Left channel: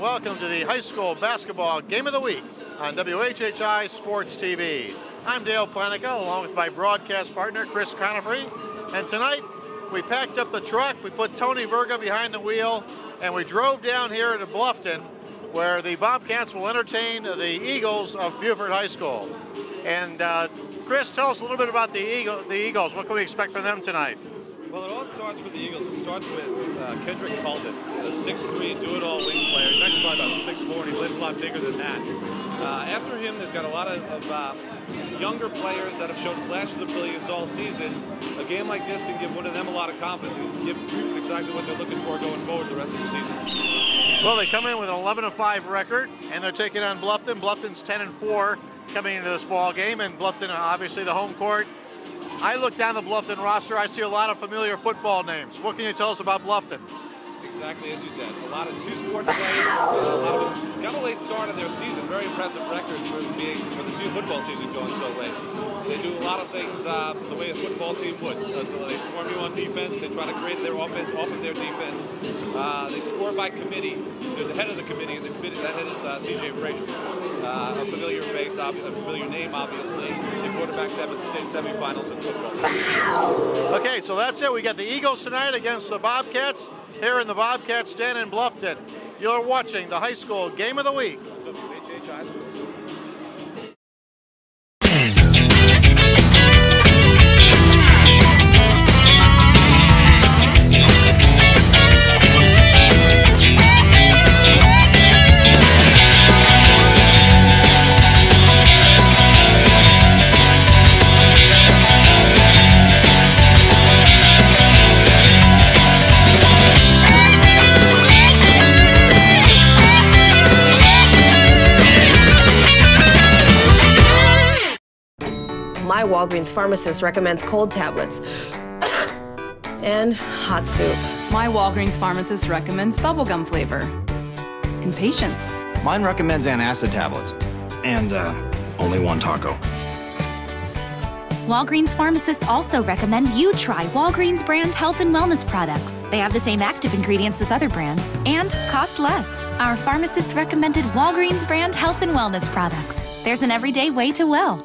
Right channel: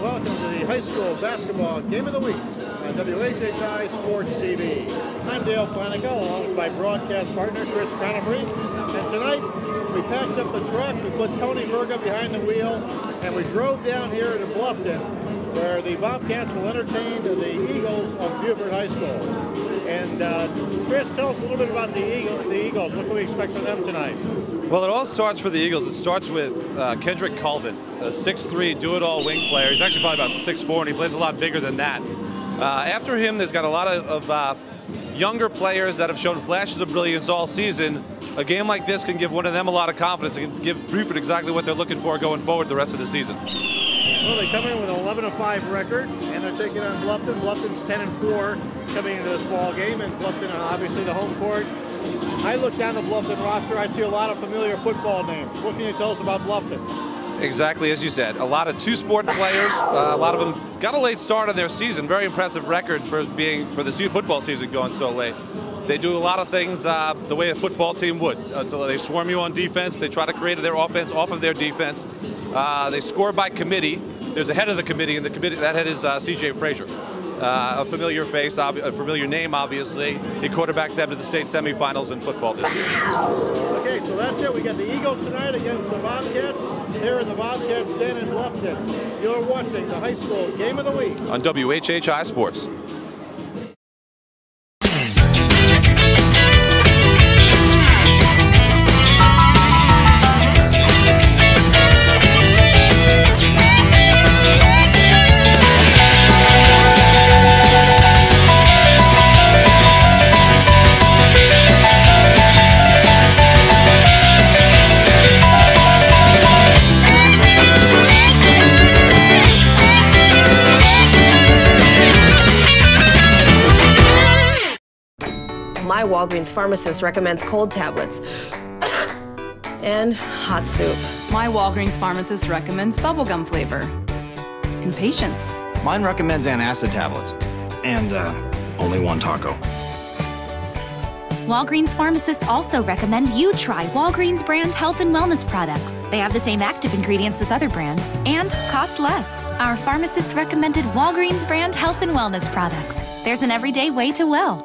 and welcome to the high school basketball game of the week on WHHI Sports TV. I'm Dale Planicka, along with my broadcast partner, Chris Conefry. And tonight, we packed up the truck, we put Tony Verga behind the wheel, and we drove down here to Bluffton, where the Bobcats will entertain the Eagles of Beaufort High School. And Chris, tell us a little bit about the Eagles. What can we expect from them tonight? Well, it all starts for the Eagles. It starts with Kendrick Colvin, a 6'3", do-it-all wing player. He's actually probably about 6'4", and he plays a lot bigger than that. After him, there's got a lot of younger players that have shown flashes of brilliance all season. A game like this can give one of them a lot of confidence. It can give Beaufort exactly what they're looking for going forward the rest of the season. Well, they come in with an 11-5 record, and they're taking on Bluffton. Bluffton's 10-4 coming into this ball game, and Bluffton, obviously, the home court. I look down the Bluffton roster, I see a lot of familiar football names. What can you tell us about Bluffton? Exactly as you said. A lot of two-sport players. A lot of them got a late start on their season. Very impressive record for the football season going so late. They do a lot of things the way a football team would. So they swarm you on defense. They try to create their offense off of their defense. They score by committee. There's a head of the committee, and that head is C.J. Frazier. A familiar face, a familiar name, obviously. He quarterbacked them to the state semifinals in football this year. Okay, so that's it. We got the Eagles tonight against the Bobcats here in the Bobcats Den in Bluffton. You're watching the high school game of the week on WHHI Sports. My Walgreens pharmacist recommends cold tablets and hot soup. My Walgreens pharmacist recommends bubblegum flavor and patience. Mine recommends antacid tablets and only one taco. Walgreens pharmacists also recommend you try Walgreens brand health and wellness products. They have the same active ingredients as other brands and cost less. Our pharmacist recommended Walgreens brand health and wellness products. There's an everyday way to well.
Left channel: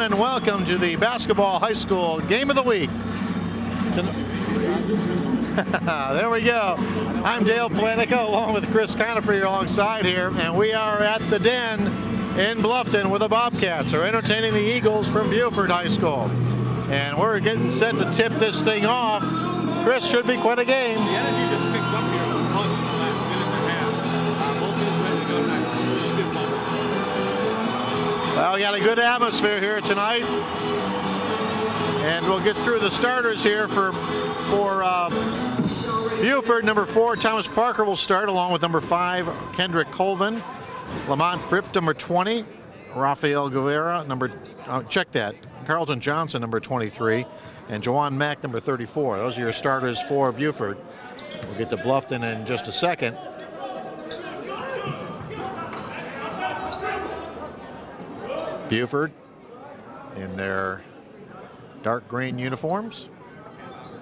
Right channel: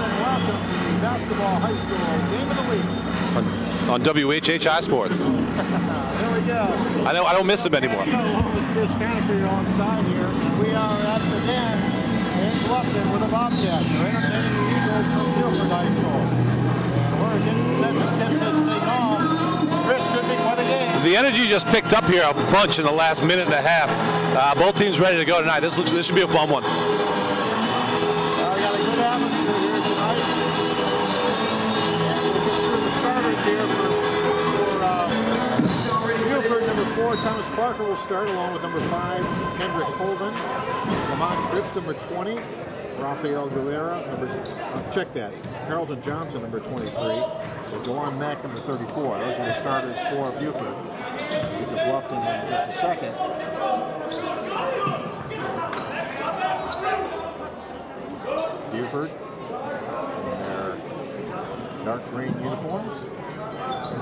And welcome to the basketball high school game of the week on WHHI Sports. There we go. I don't miss it anymore. Planicka, along with Chris Conefry alongside here, and we are at the Den in Bluffton where the Bobcats are entertaining the Eagles from Beaufort High School. And And we're getting set to tip this thing off. Chris, should be quite a game. The energy just picked up here a bunch in the last minute and a half. Both teams ready to go tonight. This should be a fun one. Well, we got a good atmosphere here tonight. And we'll get through the starters here for Beaufort. Number 4, Thomas Parker will start, along with number 5, Kendrick Colvin. Lamont Fripp, number 20. Rafael Guevara, Carlton Johnson, number 23. And Jawan Mack, number 34. Those are your starters for Beaufort. We'll get to Bluffton in just a second. Beaufort in their dark green uniforms.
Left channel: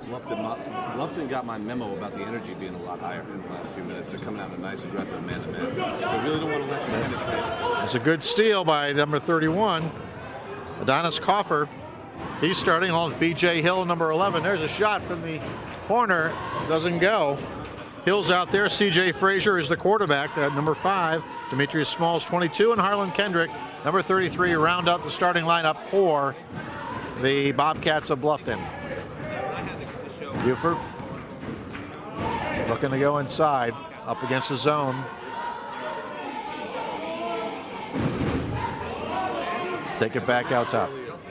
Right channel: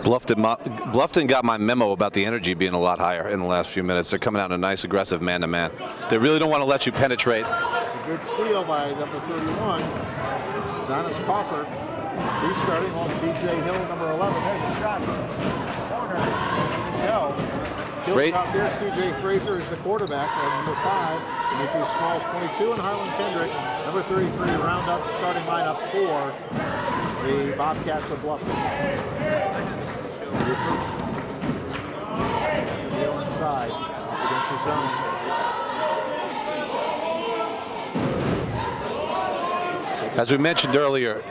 Bluffton got my memo about the energy being a lot higher in the last few minutes. They're coming out in a nice, aggressive man-to-man. They really don't want to let you penetrate. It's a good steal by number 31, Adonis Coffer. He's starting along with B.J. Hill, number 11. There's a shot from the corner. Doesn't go. Hill's out there. C.J. Frazier is the quarterback. Number 5, Demetrius Smalls, 22, and Harlan Kendrick, number 33, to round out the starting lineup for the Bobcats of Bluffton. Beaufort looking to go inside, up against the zone. As we mentioned earlier,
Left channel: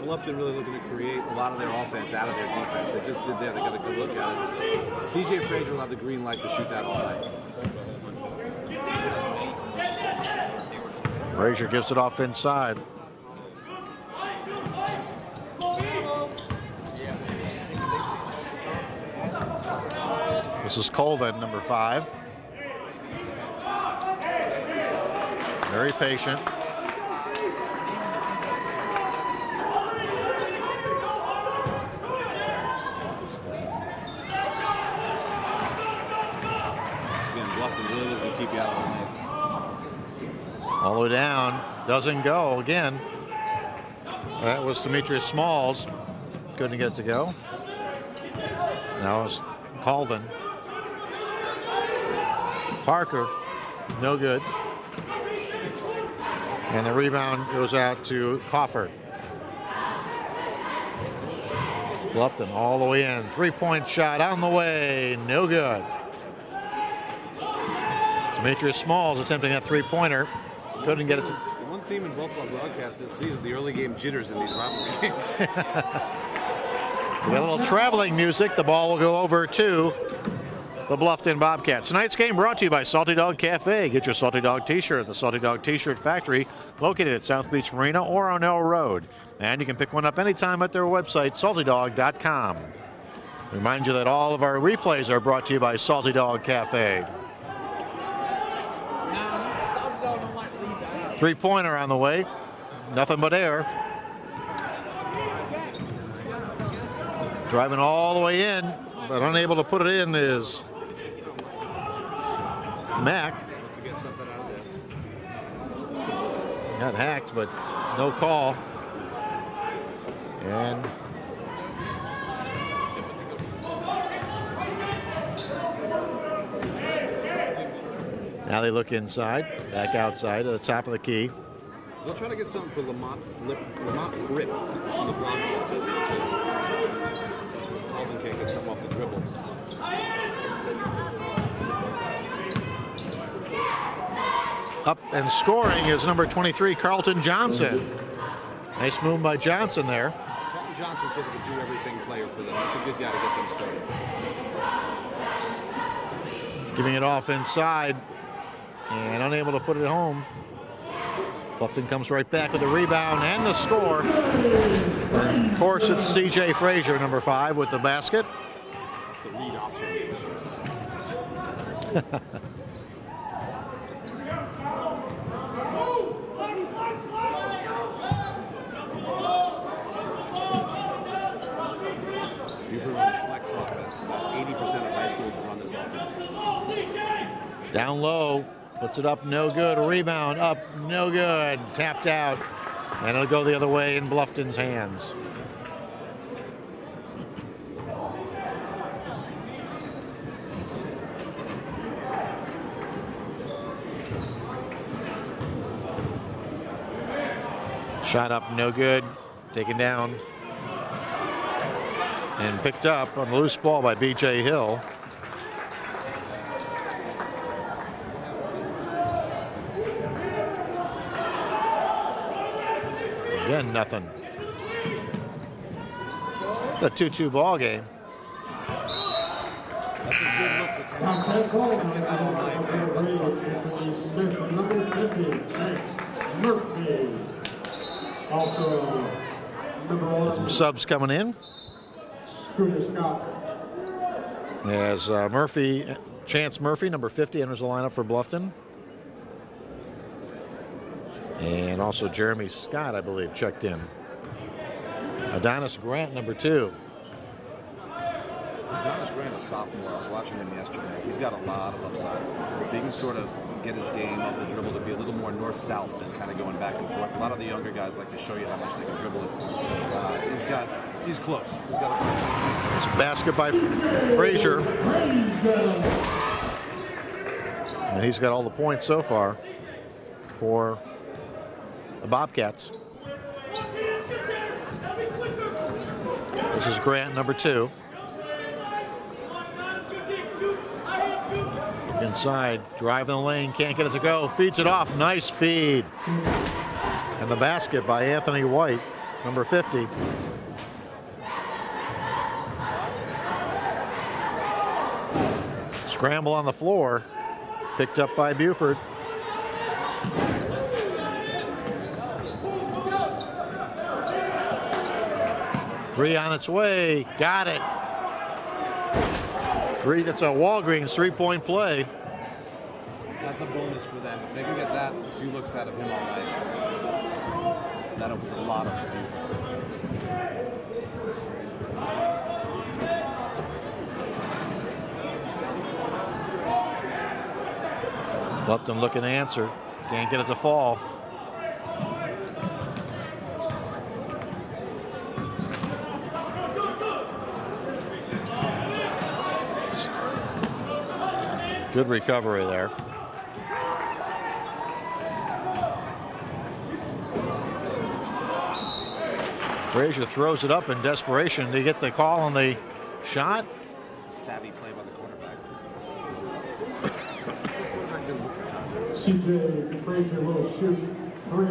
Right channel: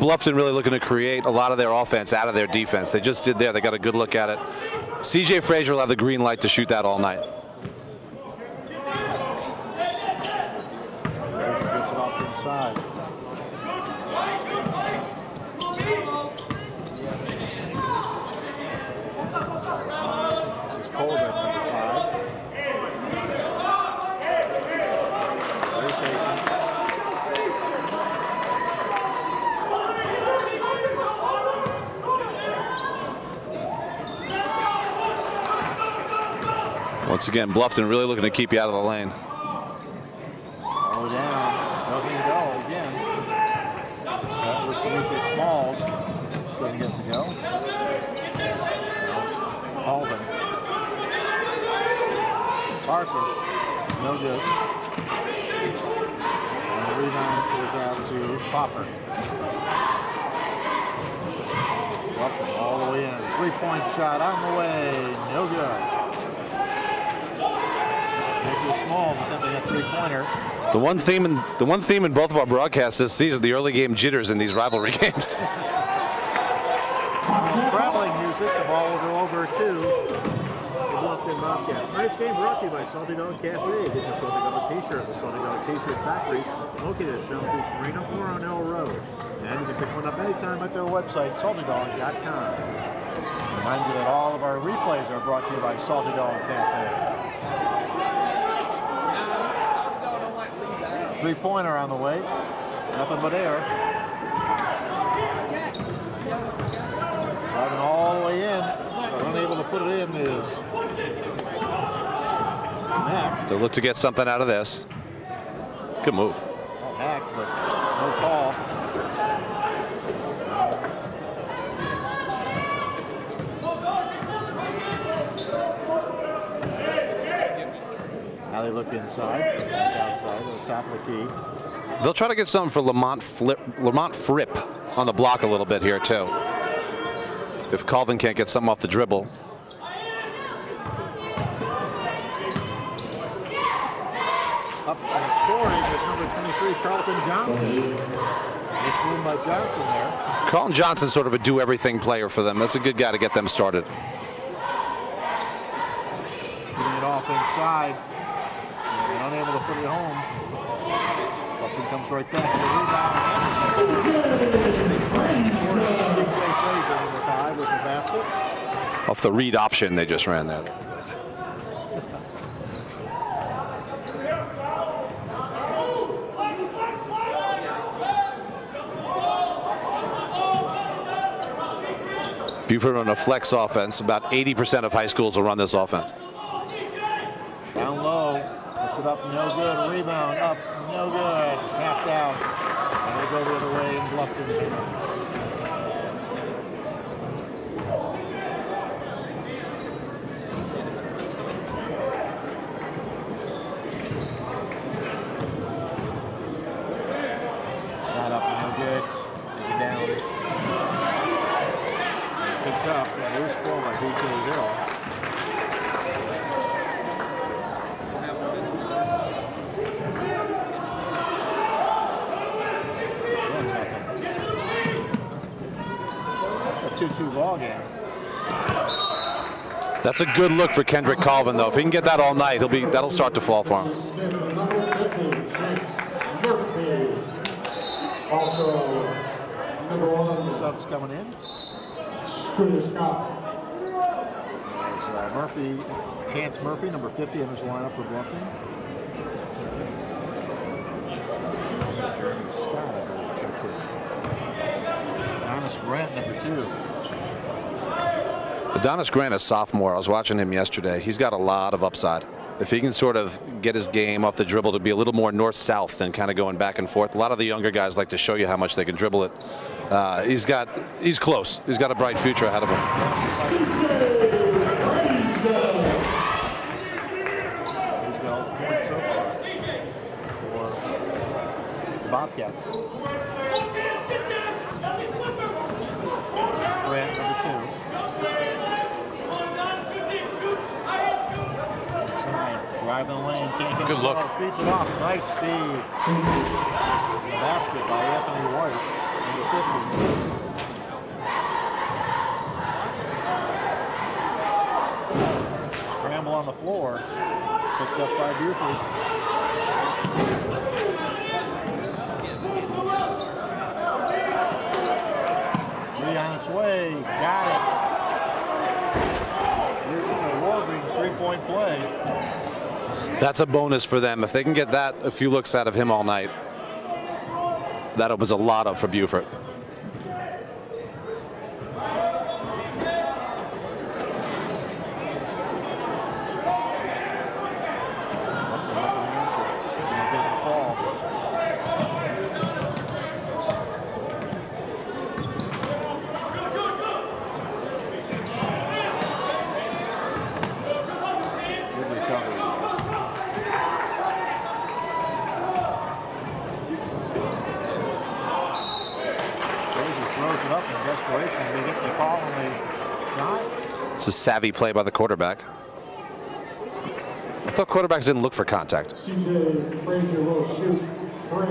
Bluffton really looking to create a lot of their offense out of their defense. They just did there. They got a good look at it. C.J. Frazier will have the green light to shoot that all night. Frazier gives it off inside. This is Colvin, number 5. Very patient. Once again, Bluffton really looking to keep you out of the lane. All the way down. Doesn't go again. That was Demetrius Smalls. Couldn't get it to go. Now it's Colvin. Parker, no good. And the rebound goes out to Coffer. Bluffton all the way in. 3-point shot on the way, no good. Demetrius Smalls attempting a 3-pointer. The one theme in both of our broadcasts this season, the early game jitters in these rivalry games. A little traveling music. The ball will go over to the Bluffton Bobcats. Tonight's game brought to you by Salty Dog Cafe. Get your Salty Dog t-shirt at the Salty Dog T-shirt Factory, located at South Beach Marina or O'Neill Road. And you can pick one up anytime at their website, saltydog.com. Remind you that all of our replays are brought to you by Salty Dog Cafe. 3-pointer on the way. Nothing but air. Driving all the way in, but unable to put it in is Mack. They'll look to get something out of this. Good move. Got hacked, but no call. And now they look inside, back outside to the top of the key. They'll try to get something for Lamont Fripp on the block a little bit here too. If Colvin can't get something off the dribble. Up and scoring is number 23, Carlton Johnson. Nice move by Johnson there. Carlton Johnson's sort of a do-everything player for them. That's a good guy to get them started. Giving it off inside and unable to put it home. Bluffton comes right back with the rebound and the score. Of course, it's C.J. Frazier, number 5, with the basket. Off the read option, they just ran that. Beaufort on a flex offense. About 80% of high schools will run this offense. Down low, puts it up, no good. A rebound, up, no good. Tapped out, and it'll go the other way in Bluffton's hands. Shot up, no good. Taken down And picked up on a loose ball by B.J. Hill. Again, nothing. A 2-2 ball game. That's a good look for Kendrick Colvin, though. If he can get that all night, that'll start to fall for him. Some subs coming in. As Chance Murphy, number 50, enters the lineup for Bluffton. And also Jeremy Scott, I believe, checked in. Adonis Grant, number 2. Adonis Grant, a sophomore. I was watching him yesterday. He's got a lot of upside. If he can sort of get his game off the dribble to be a little more north-south than kind of going back and forth. A lot of the younger guys like to show you how much they can dribble it. He's close. He's got a bright future ahead of him. Basket by Frazier. And he's got all the points so far for the Bobcats. This is Grant, number 2. Inside, driving the lane, can't get it to go, feeds it off, nice feed. And the basket by Anthony White, number 50. Scramble on the floor, picked up by Beaufort. Three on its way, got it. It's a Walgreens three-point play. That's a bonus for them. If they can get that, a few looks out of him all night, that opens a lot up for Beaufort. Bluffton looking to answer. Can't get it to fall. Good recovery there. Frazier throws it up in desperation. Did he get the call on the shot? It's a savvy play by the quarterback. I thought quarterbacks didn't look for contact. CJ Frazier will shoot 3.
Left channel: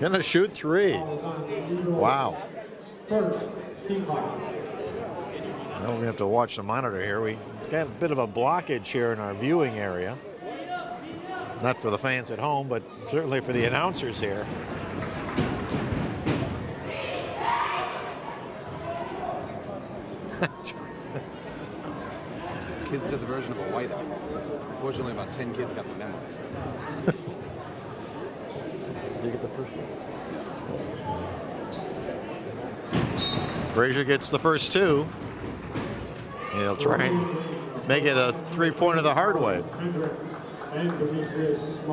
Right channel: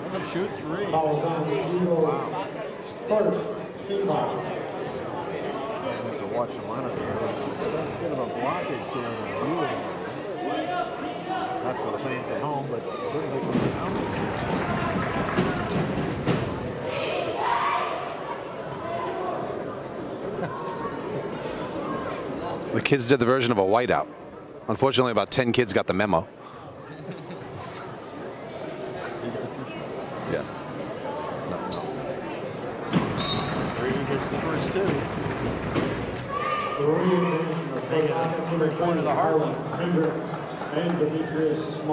Gonna shoot 3. Wow. First, team foul. We have to watch the monitor here. We have a bit of a blockage here in our viewing area. Not for the fans at home, but certainly for the announcers here. The kids did the version of a whiteout. Unfortunately, about 10 kids got the memo. Yeah. Frazier gets the first 2. He'll try and make it a three-pointer the hard way.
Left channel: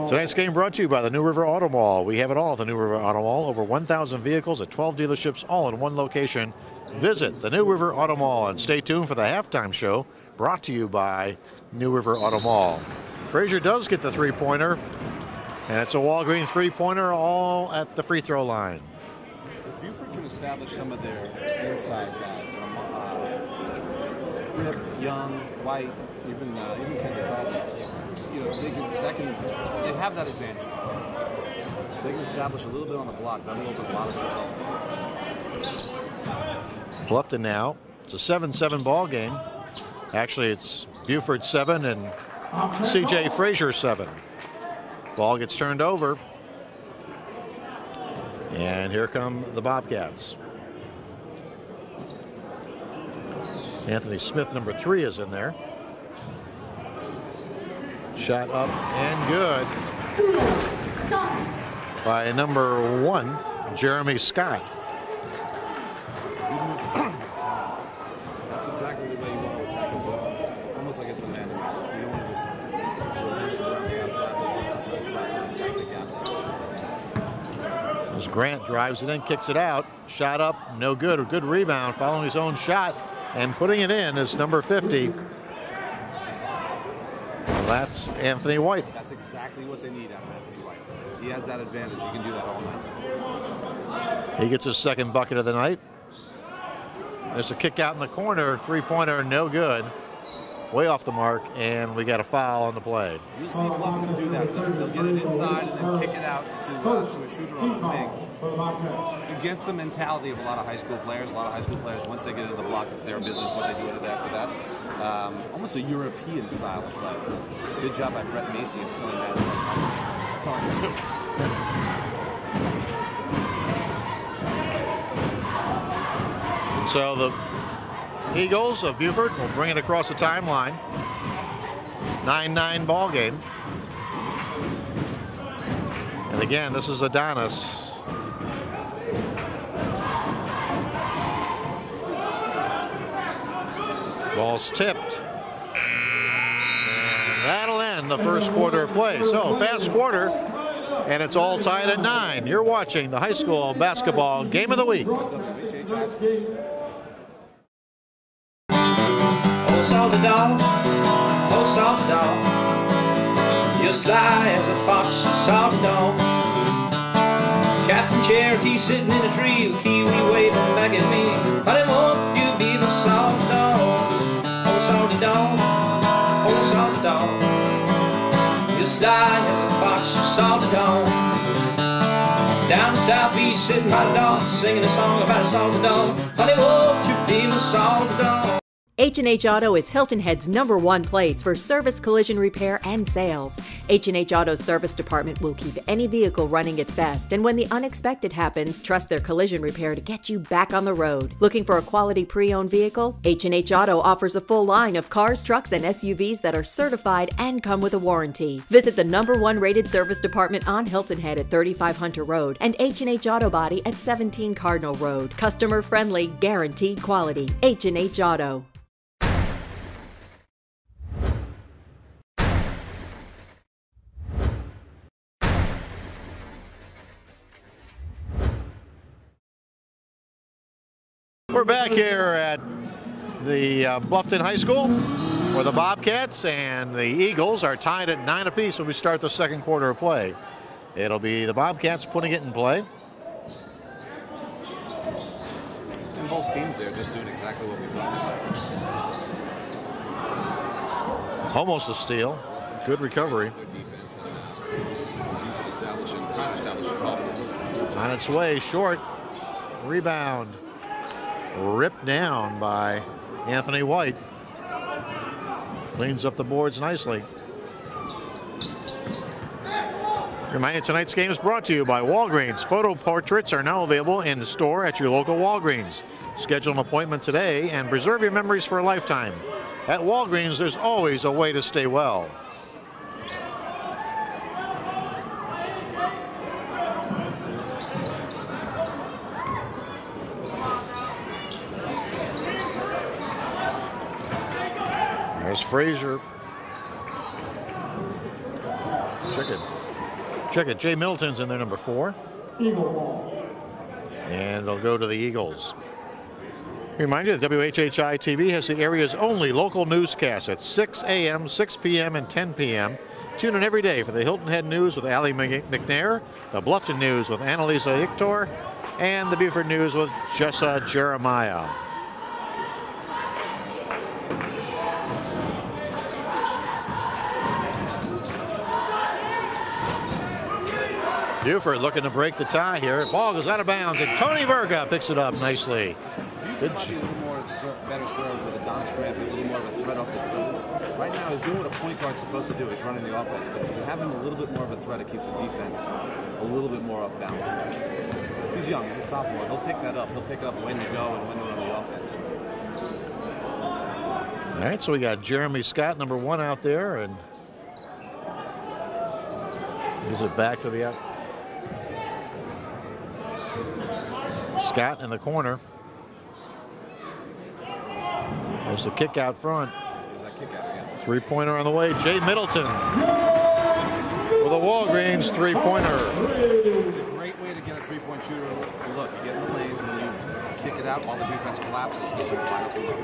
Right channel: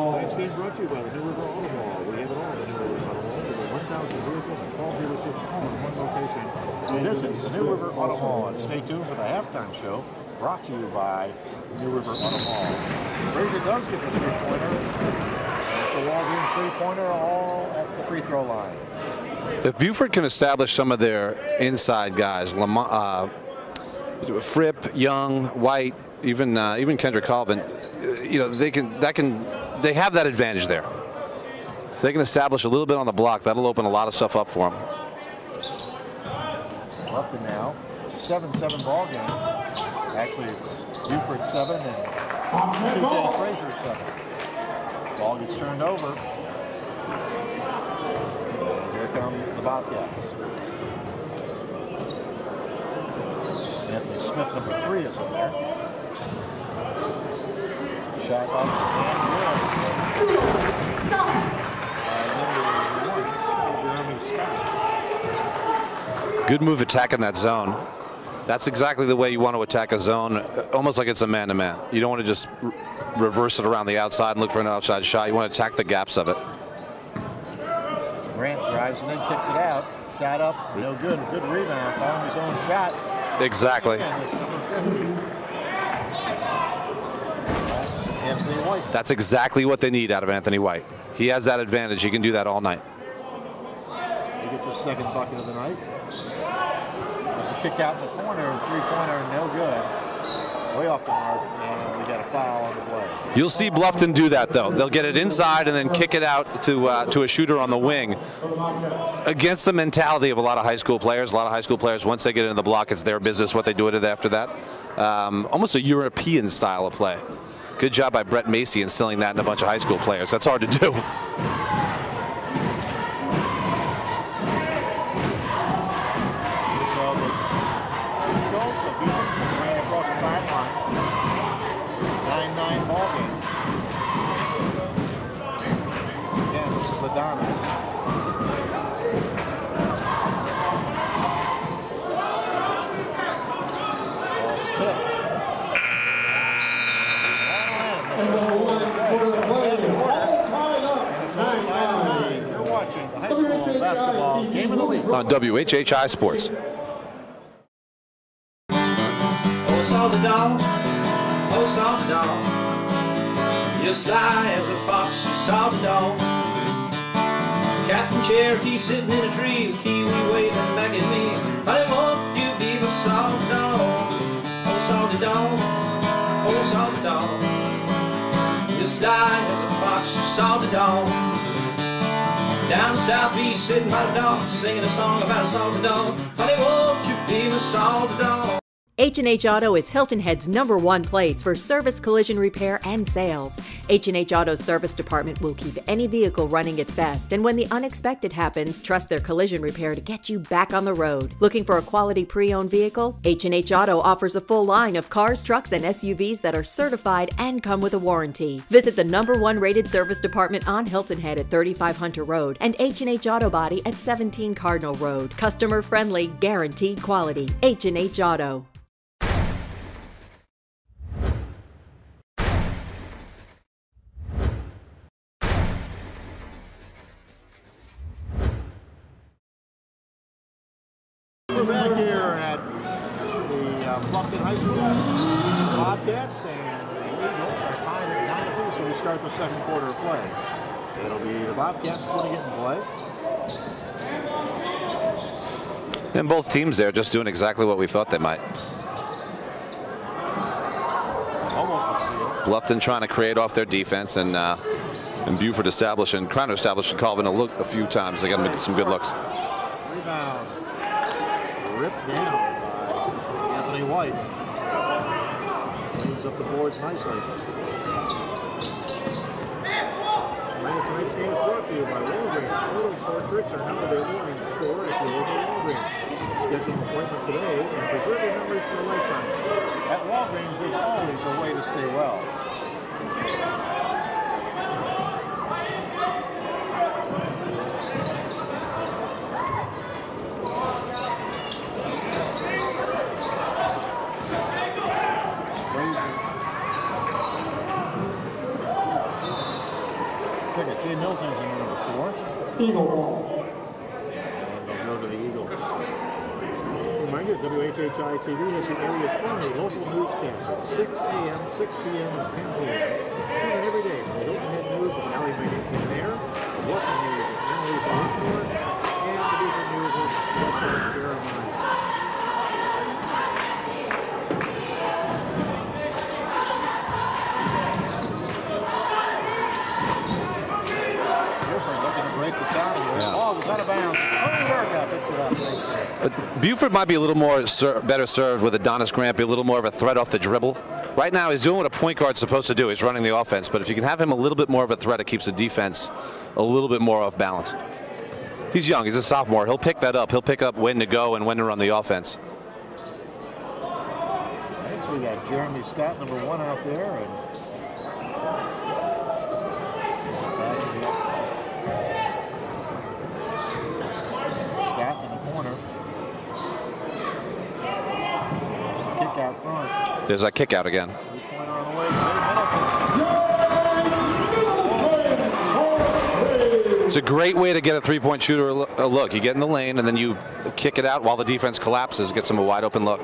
Tonight's game brought to you by the New River Auto Mall. We have it all at the New River Auto Mall. Over 1,000 vehicles and 12 dealerships all in one location. Visit the New River Auto Mall and stay tuned for the halftime show brought to you by New River Auto Mall. Frazier does get the three-pointer. And it's a Walgreens three-pointer all at the free throw line. If Beaufort can establish some of their inside guys, Fripp, Young, White, even Kendrick Colvin, you know, they have that advantage there. If they can establish a little bit on the block, that'll open a lot of stuff up for them. Bluffton now. It's a 7-7 ball game. Actually, it's Beaufort 7 and CJ Frazier 7. Ball gets turned over. And here come the Bobcats. Anthony Smith, number 3, is in there. Shot up and good. By number 1, Jeremy Scott. Good move attacking that zone. That's exactly the way you want to attack a zone, almost like it's a man-to-man. You don't want to just reverse it around the outside and look for an outside shot. You want to attack the gaps of it. As Grant drives it in, kicks it out. Shot up, no good. A good rebound following his own shot. And exactly. Putting it in is number 50. That's Anthony White. That's exactly what they need out of Anthony White. He has that advantage. He can do that all night. He gets his second bucket of the night. There's a kick out in the corner, three-pointer, no good. Way off the mark, and we got a foul on the play. You'll see Bluffton do that, though. They'll get it inside and then kick it out to a shooter on the wing. Against the mentality of a lot of high school players. A lot of high school players, once they get into the block, it's their business what they do with it after that. Almost a European style of play. Good job by Brett Macy instilling that in a bunch of high school players. That's hard to do. So the Eagles of Beaufort will bring it across the timeline. 9-9 ball game. And again, this is Adonis. Ball's tipped. That'll end the first quarter of play. So fast quarter, and it's all tied at 9. You're watching the high school basketball game of the week on WHHI Sports. Oh, salty dog, oh, salty dog, you're sly as a fox, you salty dog. Captain Cherokee sitting in a tree, kiwi waving back at me. Honey, won't you be the salty dog? Oh, salty dog, oh, salty dog, you're sly as a fox, you salty dog. Down southeast, sitting by the dog, singing a song about a salty dog. Honey, won't you be the salty dog? H&H Auto is Hilton Head's #1 place for service, collision repair, and sales. H&H Auto's service department will keep any vehicle running its best, and when the unexpected happens, trust their collision repair to get you back on the road. Looking for a quality pre-owned vehicle? H&H Auto offers a full line of cars, trucks, and SUVs that are certified and come with a warranty. Visit the #1 rated service department on Hilton Head at 35 Hunter Road and H&H Auto Body at 17 Cardinal Road. Customer friendly, guaranteed quality. H&H Auto. We're back here at the Bluffton High School, where the Bobcats and the Eagles are tied at 9 apiece when we start the second quarter of play. It'll be the Bobcats putting it in play. And both teams there just doing exactly what we thought they might. Almost a steal. Bluffton trying to create off their defense, and Beaufort trying to establish a Calvin a look a few times. They're going to make some good looks. Rebound. Ripped down by Anthony White. Cleans up the boards nicely. Reminder, tonight's game is brought to you by Walgreens. Photo portraits are now available in the store at your local Walgreens. Schedule an appointment today and preserve your memories for a lifetime. At Walgreens, there's always a way to stay well. Frazier. Check it. Jay Milton's in there, #4. Eagle ball. And they'll go to the Eagles. Remind you that WHHI-TV has the area's only local newscast at 6 a.m., 6 p.m., and 10 p.m. Tune in every day for the Hilton Head News with Allie McNair, the Bluffton News with Annalisa Hictor, and the Beaufort News with Jessa Jeremiah. Beaufort looking to break the tie here. Yeah. Ball goes out of bounds, and Tony Murga picks it up nicely. Beaufort might be a little more better served with Adonis Grant, be a little more of a threat off the dribble. Right now, he's doing what a point guard's supposed to do. He's running the offense, but if you can have him a little bit more of a threat, it keeps the defense a little bit more off balance. He's young. He's a sophomore. He'll pick that up. He'll pick up when to go and when to run the offense. All right, so we got Jeremy Scott, #1 out there, and moves it back to the up. Scott in the corner. There's a kick out front. There's that kick out again. Three-pointer on the way. Jay Middleton. The Walgreens three-pointer. It's a great way to get a three-point shooter a look. You get in the lane and then you kick it out while the defense collapses. Gets them a wide open look.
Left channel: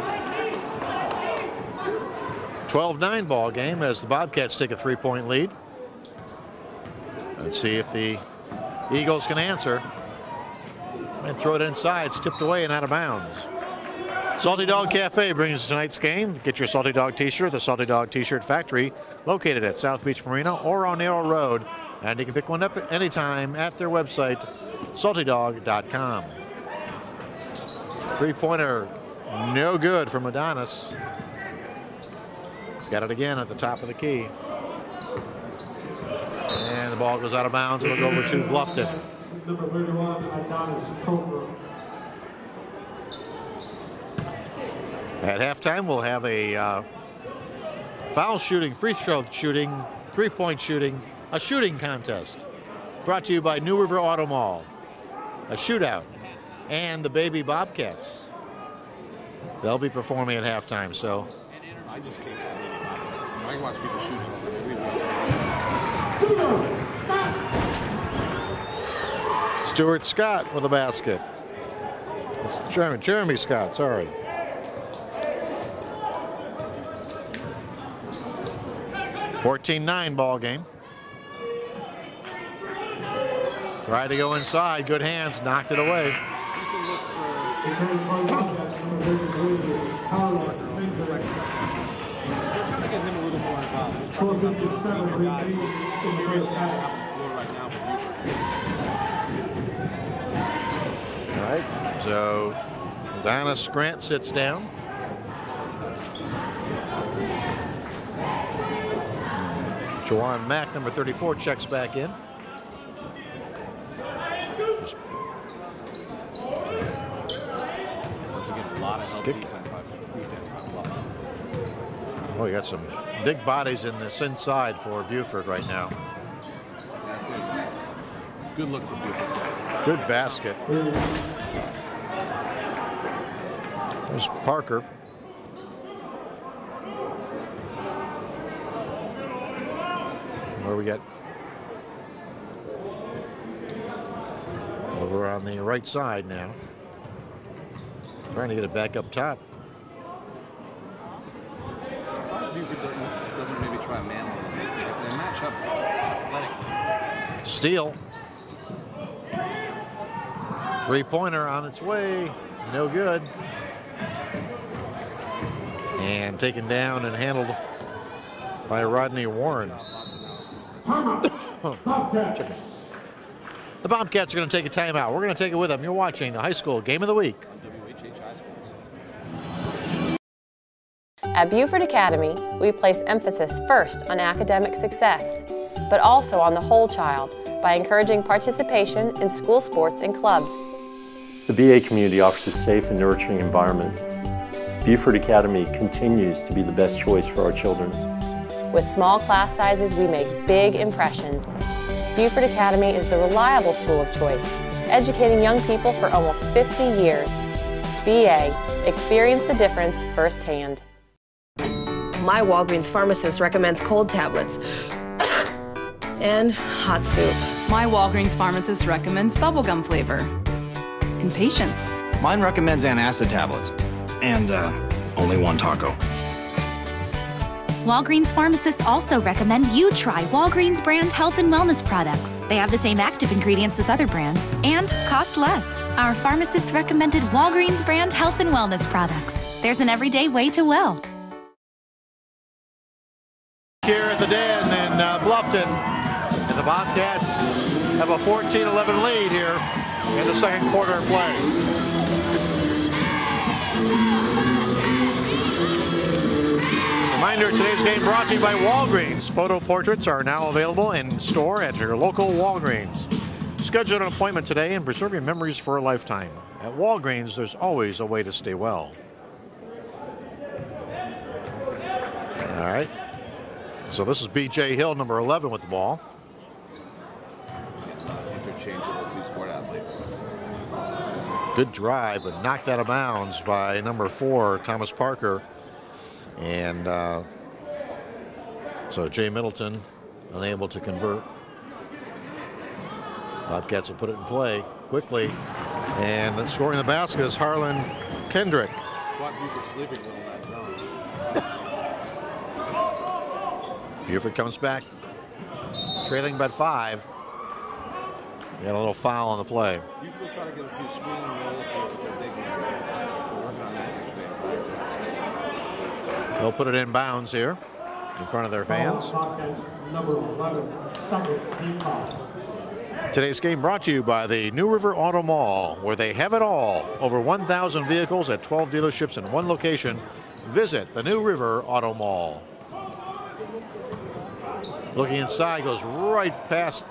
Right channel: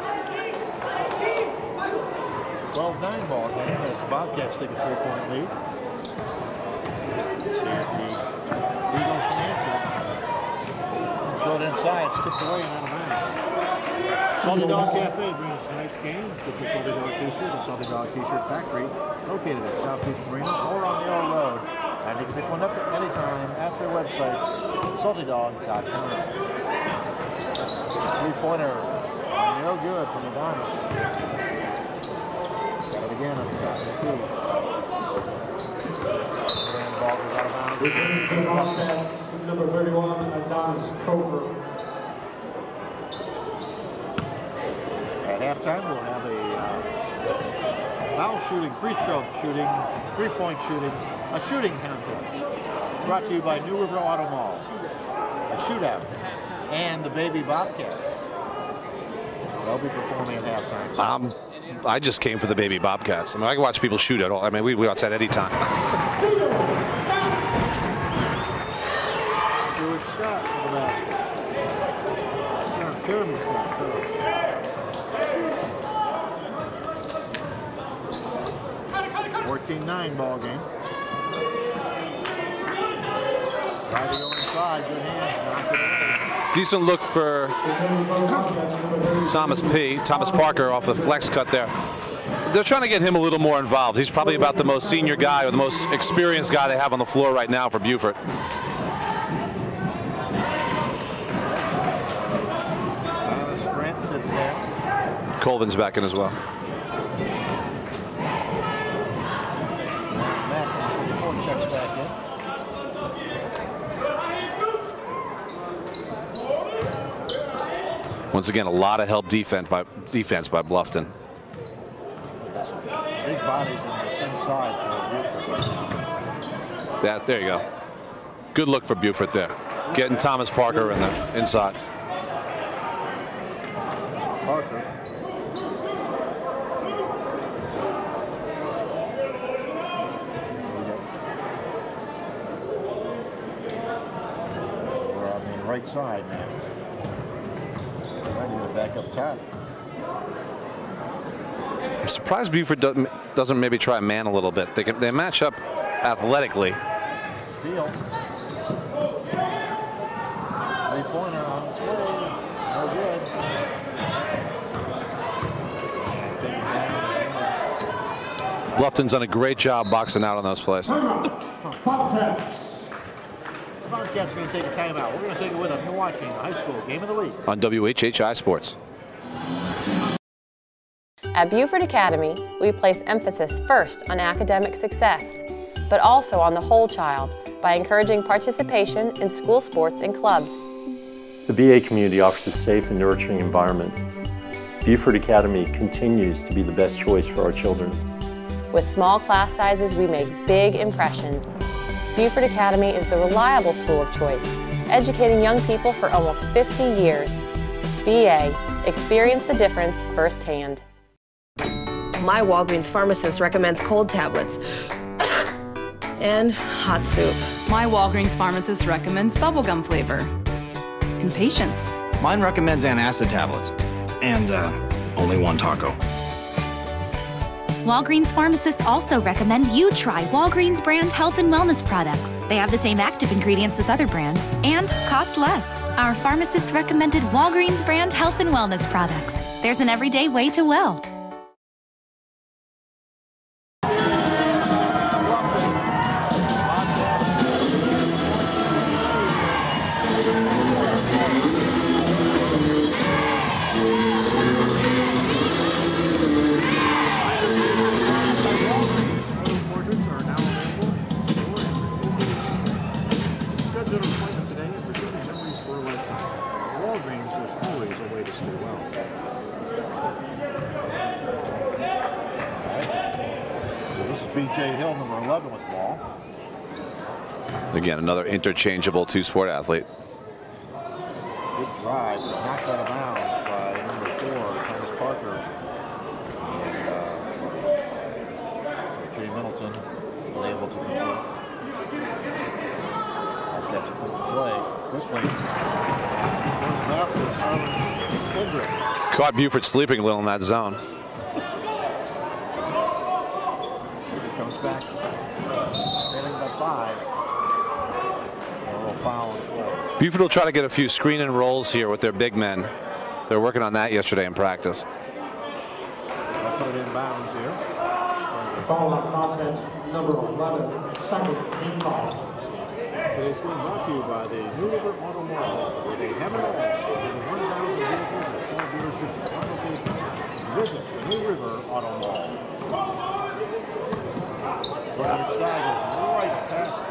12-9 ball game as the Bobcats take a three-point lead. Let's see if the Eagles can answer. And throw it inside. It's tipped away and out of bounds. Salty Dog Cafe brings tonight's game. Get your Salty Dog t-shirt at the Salty Dog T-shirt Factory, located at South Beach Marina or on Narrow Road. And you can pick one up at any time at their website, saltydog.com. Three-pointer, no good from Adonis. He's got it again at the top of the key. And the ball goes out of bounds. It'll go over to Bluffton. Number 31, Adonis Cover. At halftime, we'll have a foul shooting, free throw shooting, three-point shooting, a shooting contest. Brought to you by New River Auto Mall, a shootout, and the Baby Bobcats. They'll be performing at halftime. So I just came for the Baby Bobcats. I mean, I can watch people shoot at all. I mean, we outside any time. Stuart Scott for the basket. Jeremy Scott, sorry. (14-9) ball game. Tried to go inside, good hands, knocked it away. Decent look for Thomas Parker off the flex cut there. They're trying to get him a little more involved. He's probably about the most senior guy or the most experienced guy they have on the floor right now for Beaufort. All right, so Adonis Grant sits down. Colvin's back in as well. Juwan Mack, number 34, checks back in. Once again, a lot of help defense by Bluffton. Oh, you got some big bodies in this inside for Beaufort right now. There you go. Good look for Beaufort there. Good Getting basket. Thomas Parker in the inside. There's Parker. What do we get? Over on the right side now. Trying to get it back up top. I'm surprised Beaufort doesn't maybe try man a little bit. They match up athletically. Steal. Three-pointer on its way. No good. And taken down and handled by Bluffton's done a Rodney great Ward. job boxing out on those plays. The Bobcats are going to take a timeout. We're going to take it with them. You're watching the high school game of the week on WHHI Sports. At Beaufort Academy, we place emphasis first on academic success, but also on the whole child by encouraging participation in school sports and clubs. The BA community offers a safe and nurturing environment. Beaufort Academy continues to be the best choice for our children. With small class sizes, we make big impressions. Beaufort Academy is the reliable school of choice, educating young people for almost 50 years. BA, experience the difference firsthand. My Walgreens pharmacist recommends cold tablets and hot soup. My Walgreens pharmacist recommends bubblegum flavor. And patience. Mine recommends antacid tablets. And only one taco. Walgreens pharmacists also recommend you try Walgreens brand health and wellness products. They have the same active ingredients as other brands and cost less. Our pharmacist recommended Walgreens brand health and wellness products. There's an everyday way to well. Here in the den and Bluffton. And the Bobcats have a 14-11 lead here in the second quarter of play. Reminder, today's game brought to you by Walgreens. Photo portraits are now available in store at your local Walgreens. Schedule an appointment today and preserve your memories for a lifetime. At Walgreens, there's always a way to stay well. All right. So this is B.J. Hill, number 11, with the ball. Again, another interchangeable two-sport athlete. Good drive, but knocked out of bounds by number 4, Thomas Parker. And so Jay Middleton unable to convert. Bobcats will put it in play quickly. And scoring the basket is Harlan Kendrick. Caught Beaufort sleeping a little in that zone. Beaufort comes back, trailing by 5. Got a little foul on the play. Beaufort will try to get a few screen and rolls here with their big men. They're working on that yesterday in practice. We'll put it in bounds here in front of their fans. Number 11, second team call. Today's game brought to you by the New River Auto Mall, where they have it all. Over 1,000 vehicles at 12 dealerships in one location. Visit the New River Auto Mall. Looking inside, goes right past,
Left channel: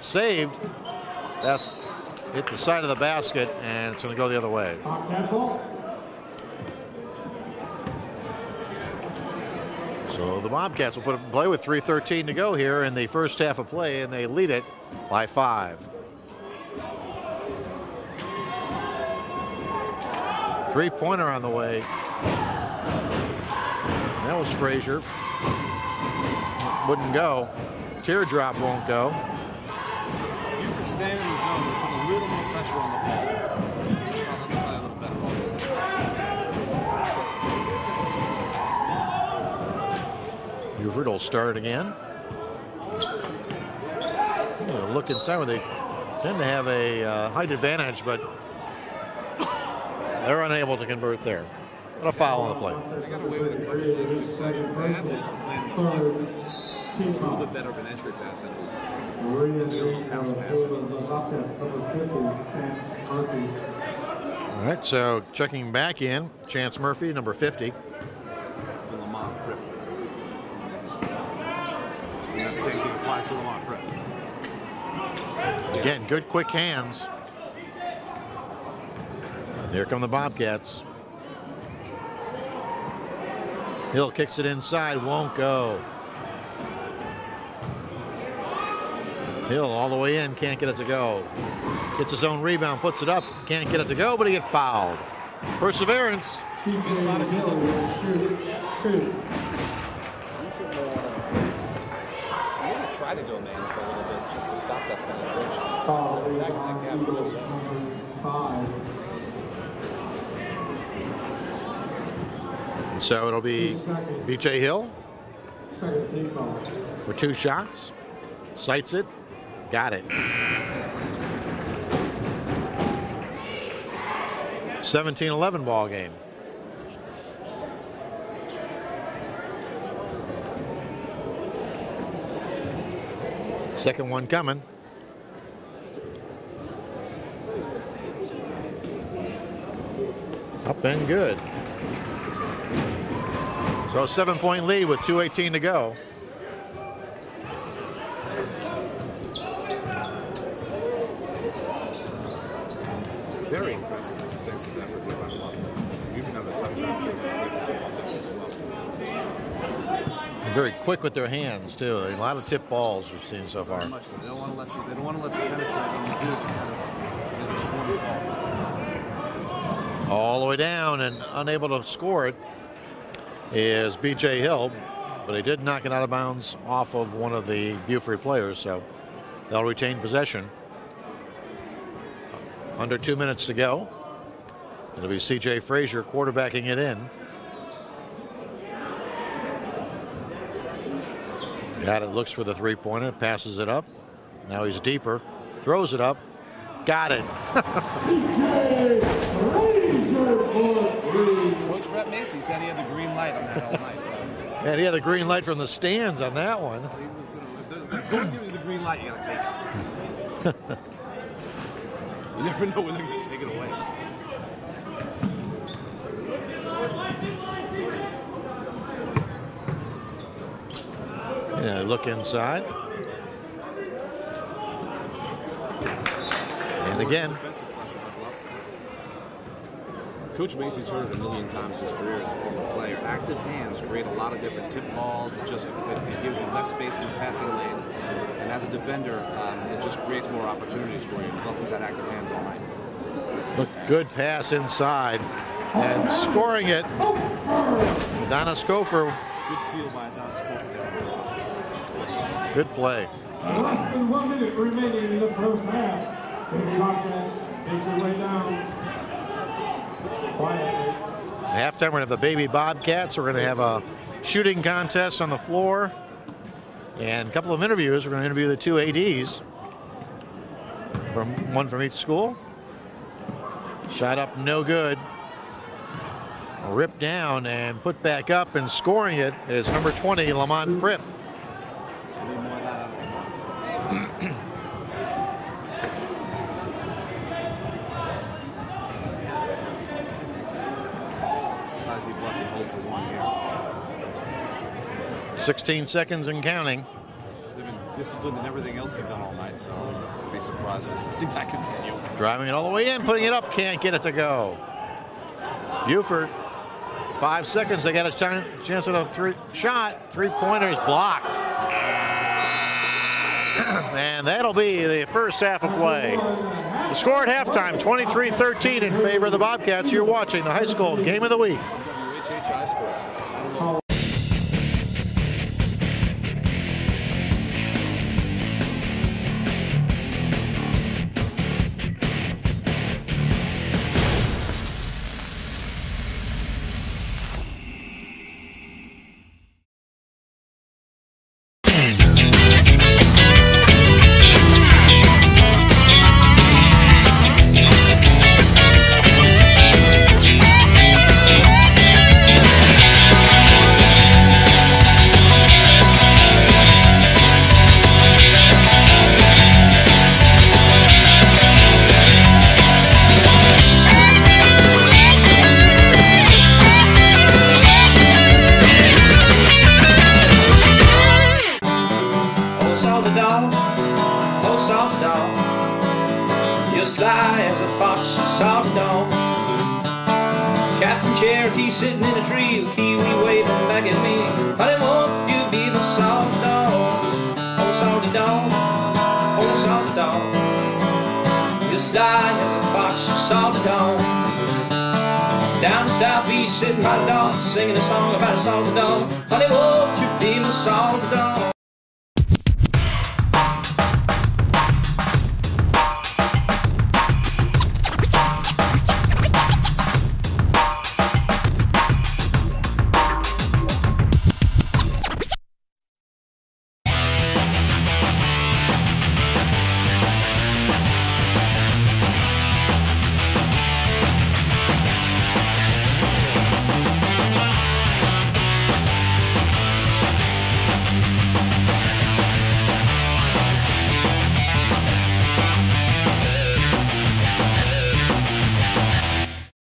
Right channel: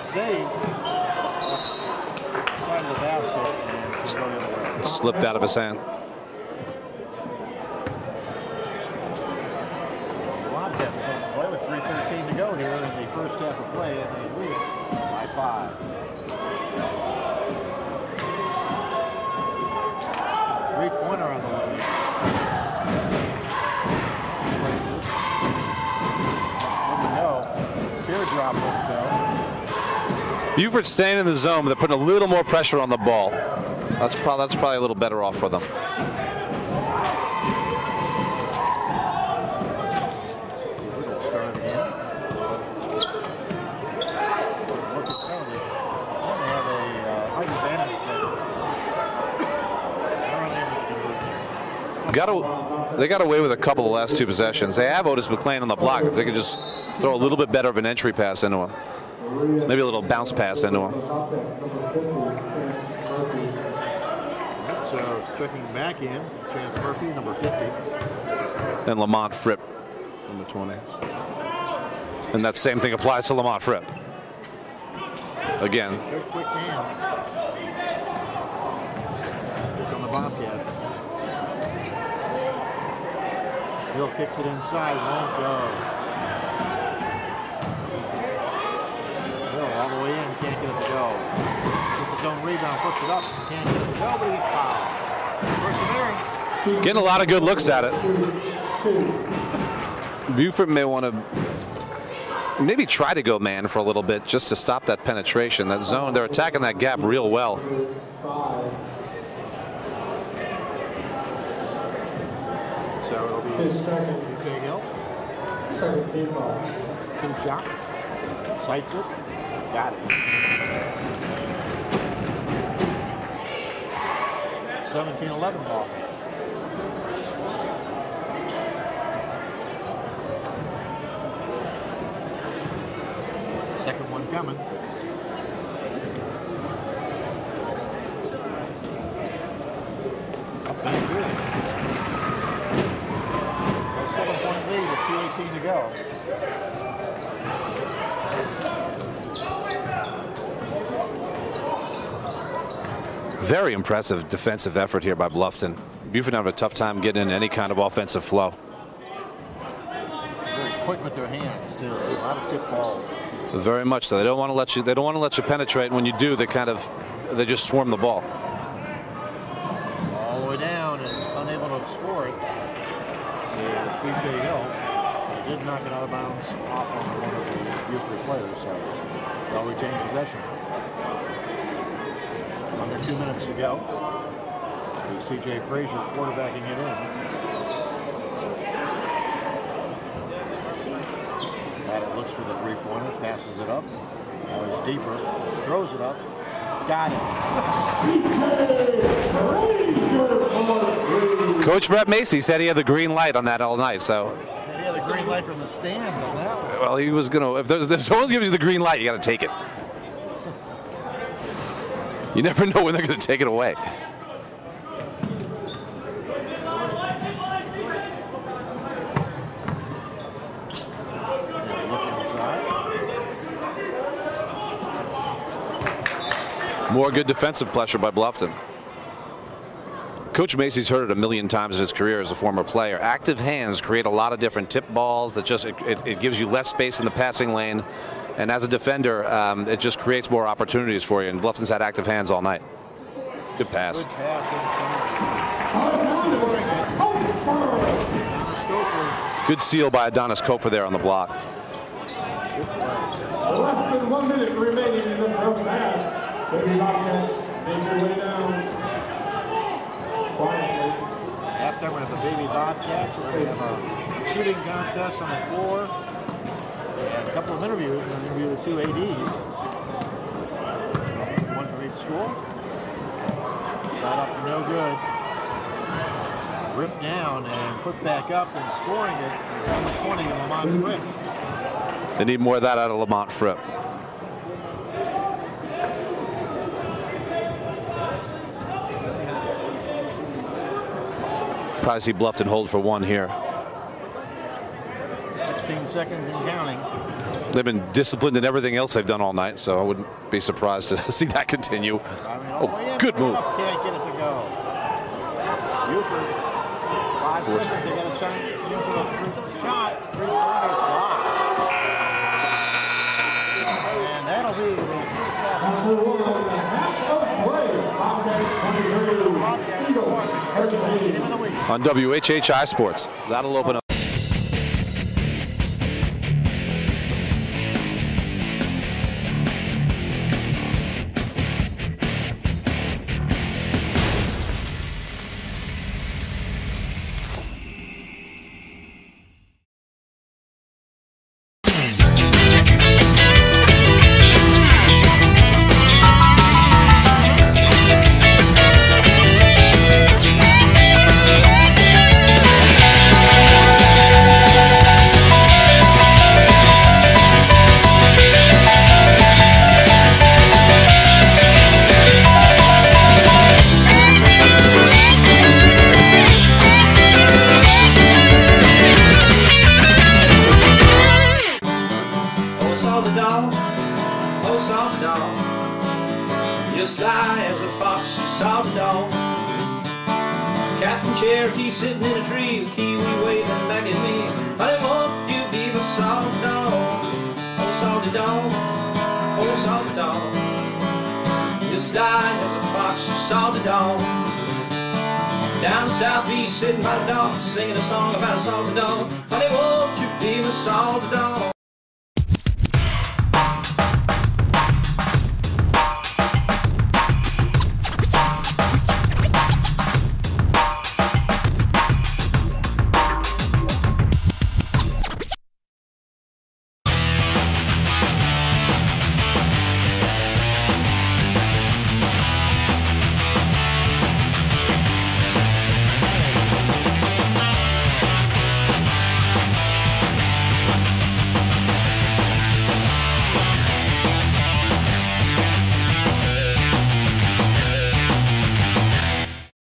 saved. That's hit the side of the basket, and it's going to go the other way. Slipped out of his hand. So the Bobcats put it in play with 3:13 to go here in the first half of play, and they lead it by 5. Three-pointer on the way. That was Frazier. Wouldn't go. Teardrop won't go. Beaufort staying in the zone, but they're putting a little more pressure on the ball. That's probably a little better off for them. Beaufort will start again. Look inside where they tend to have a height advantage, but they're unable to convert there. They got away with a couple of the last 2 possessions. They have Otis McLean on the block. They could just throw a little bit better of an entry pass into him. Maybe a little bounce pass into him. All right, so checking back in, Chance Murphy, number 50. And Lamont Fripp, number 20. And that same thing applies to Lamont Fripp. Again, good quick hands. Here come the Bobcats. Hill kicks it inside, won't go. Hill all the way in, can't get it to go. Gets his own rebound, puts it up, can't get it to go, but he gets fouled. Perseverance. Getting a lot of good looks at it. Beaufort may want to maybe try to go man for a little bit just to stop that penetration. That zone, they're attacking that gap real well. So it'll be B.J. Hill for 2 shots. Sights it. Got it. 17-11 ball game. Second one coming. Up and good. So 7-point lead with 2:18 to go. Very impressive defensive effort here by Bluffton. Beaufort having a tough time getting in any kind of offensive flow. Very quick with their hands too. A lot of tip balls we've seen so Very far. much so. They don't want to let you. They don't want to let you penetrate. When you do, they just swarm the ball. All the way down and unable to score it is B.J. Hill, but he did knock it out of bounds off of one of the Beaufort players, so they'll retain possession. Under 2 minutes to go. It'll be C.J. Frazier quarterbacking it in. Got it, looks for the three-pointer, passes it up. Now he's deeper, throws it up. Got it. Coach Brett Macy said he had the green light on that all night. So yeah, he had the green light from the stands on that one. Well, he was gonna. If someone gives you the green light, you got to take it. You never know when they're going to take it away. Yeah, look inside. More good defensive pressure by Bluffton. Coach Macy's heard it a million times in his career as a former player. Active hands create a lot of different tip balls that just it gives you less space in the passing lane. And as a defender, it just creates more opportunities for you. And Bluffton's had active hands all night. Good pass. Good pass inside. And scoring it. Adonis Kofer. Good seal by Adonis Kofer there on the block. Good play. Less than 1 minute remaining in the first half. Baby Bobcats make their way down. Quietly. Halftime, we're going to have the Baby Bobcats. We're going to have a shooting contest on the floor. And a couple of interviews. We're going to interview the 2 ADs. One from each school. Shot up, no good. ripped down and put back up, and scoring it is number 20, Lamont Fripp. They need more of that out of Lamont Fripp. Probably see Bluffton hold for one here. 16 seconds and counting. They've been disciplined in everything else they've done all night, so I wouldn't be surprised to see that continue. Driving it all the way in, putting it up, can't get it to go. Beaufort, 5 seconds, they got a chance at a shot. Three-pointer is blocked. And that'll be the first half of play. The score at halftime, 23-13 in favor of the Bobcats. You're watching the high school game of the week on WHHI Sports. That'll open up. Sitting in a tree, a kiwi waving back at me. Honey, won't you be my salty dog? Oh, salty dog, oh, salty dog. You sly as a fox, salty dog. Down southeast, sitting by the dog, singing a song about a salty dog. Honey, won't you be my salty dog?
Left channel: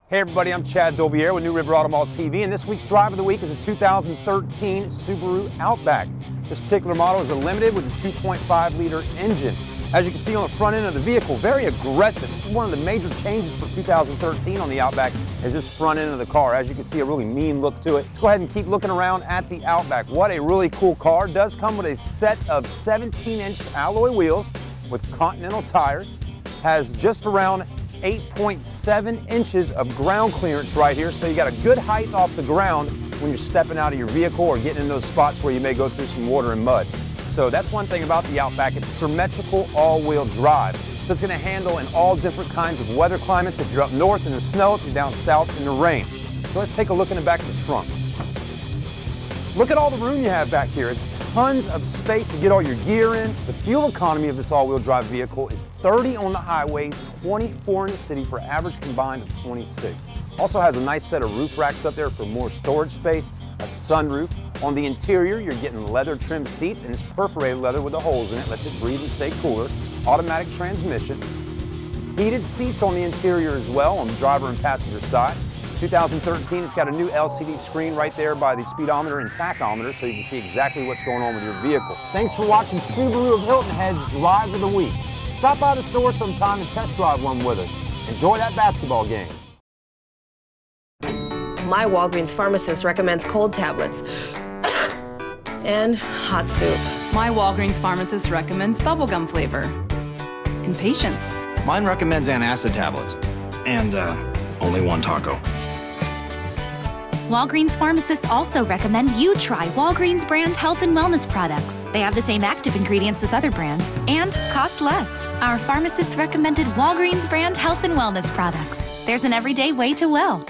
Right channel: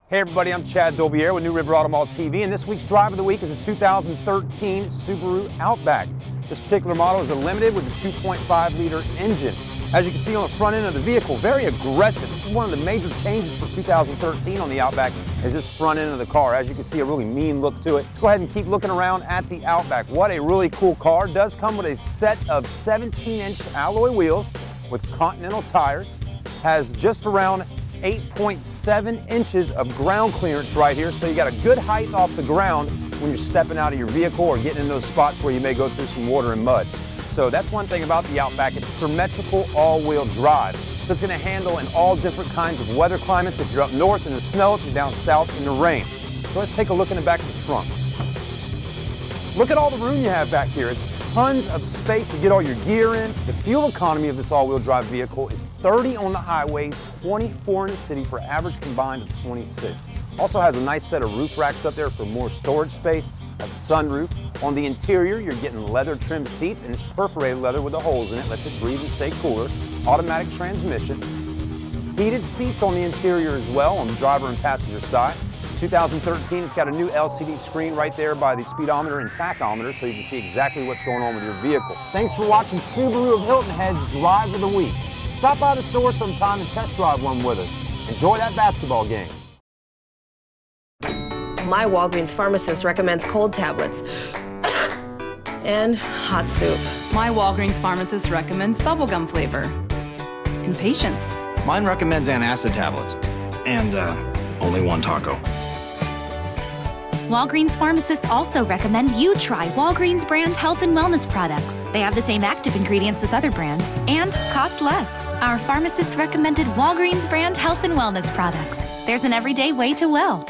Hey everybody, I'm Chad Dolbier with New River Automall TV, and this week's Drive of the Week is a 2013 Subaru Outback. This particular model is a limited with a 2.5-liter engine. As you can see on the front end of the vehicle, very aggressive. This is one of the major changes for 2013 on the Outback, is this front end of the car. As you can see, a really mean look to it. Let's go ahead and keep looking around at the Outback. What a really cool car. It does come with a set of 17-inch alloy wheels with Continental tires. Has just around 8.7 inches of ground clearance right here, so you got a good height off the ground when you're stepping out of your vehicle or getting in those spots where you may go through some water and mud. So that's one thing about the Outback. It's symmetrical all-wheel drive, so it's going to handle in all different kinds of weather climates. If you're up north in the snow, if you're down south in the rain. So let's take a look in the back of the trunk. Look at all the room you have back here. It's tons of space to get all your gear in. The fuel economy of this all-wheel drive vehicle is 30 on the highway, 24 in the city for average combined of 26. Also has a nice set of roof racks up there for more storage space, a sunroof. On the interior, you're getting leather trimmed seats, and it's perforated leather with the holes in it, lets it breathe and stay cooler. Automatic transmission. Heated seats on the interior as well on the driver and passenger side. 2013, it's got a new LCD screen right there by the speedometer and tachometer, so you can see exactly what's going on with your vehicle. Thanks for watching Subaru of Hilton Head's Drive of the Week. Stop by the store sometime and test drive one with us. Enjoy that basketball game. My Walgreens pharmacist recommends cold tablets and hot soup. My Walgreens pharmacist recommends bubblegum flavor and patience. Mine recommends antacid tablets and only one taco. Walgreens pharmacists also recommend you try Walgreens brand health and wellness products. They have the same active ingredients as other brands and cost less. Our pharmacist recommended Walgreens brand health and wellness products. There's an everyday way to well.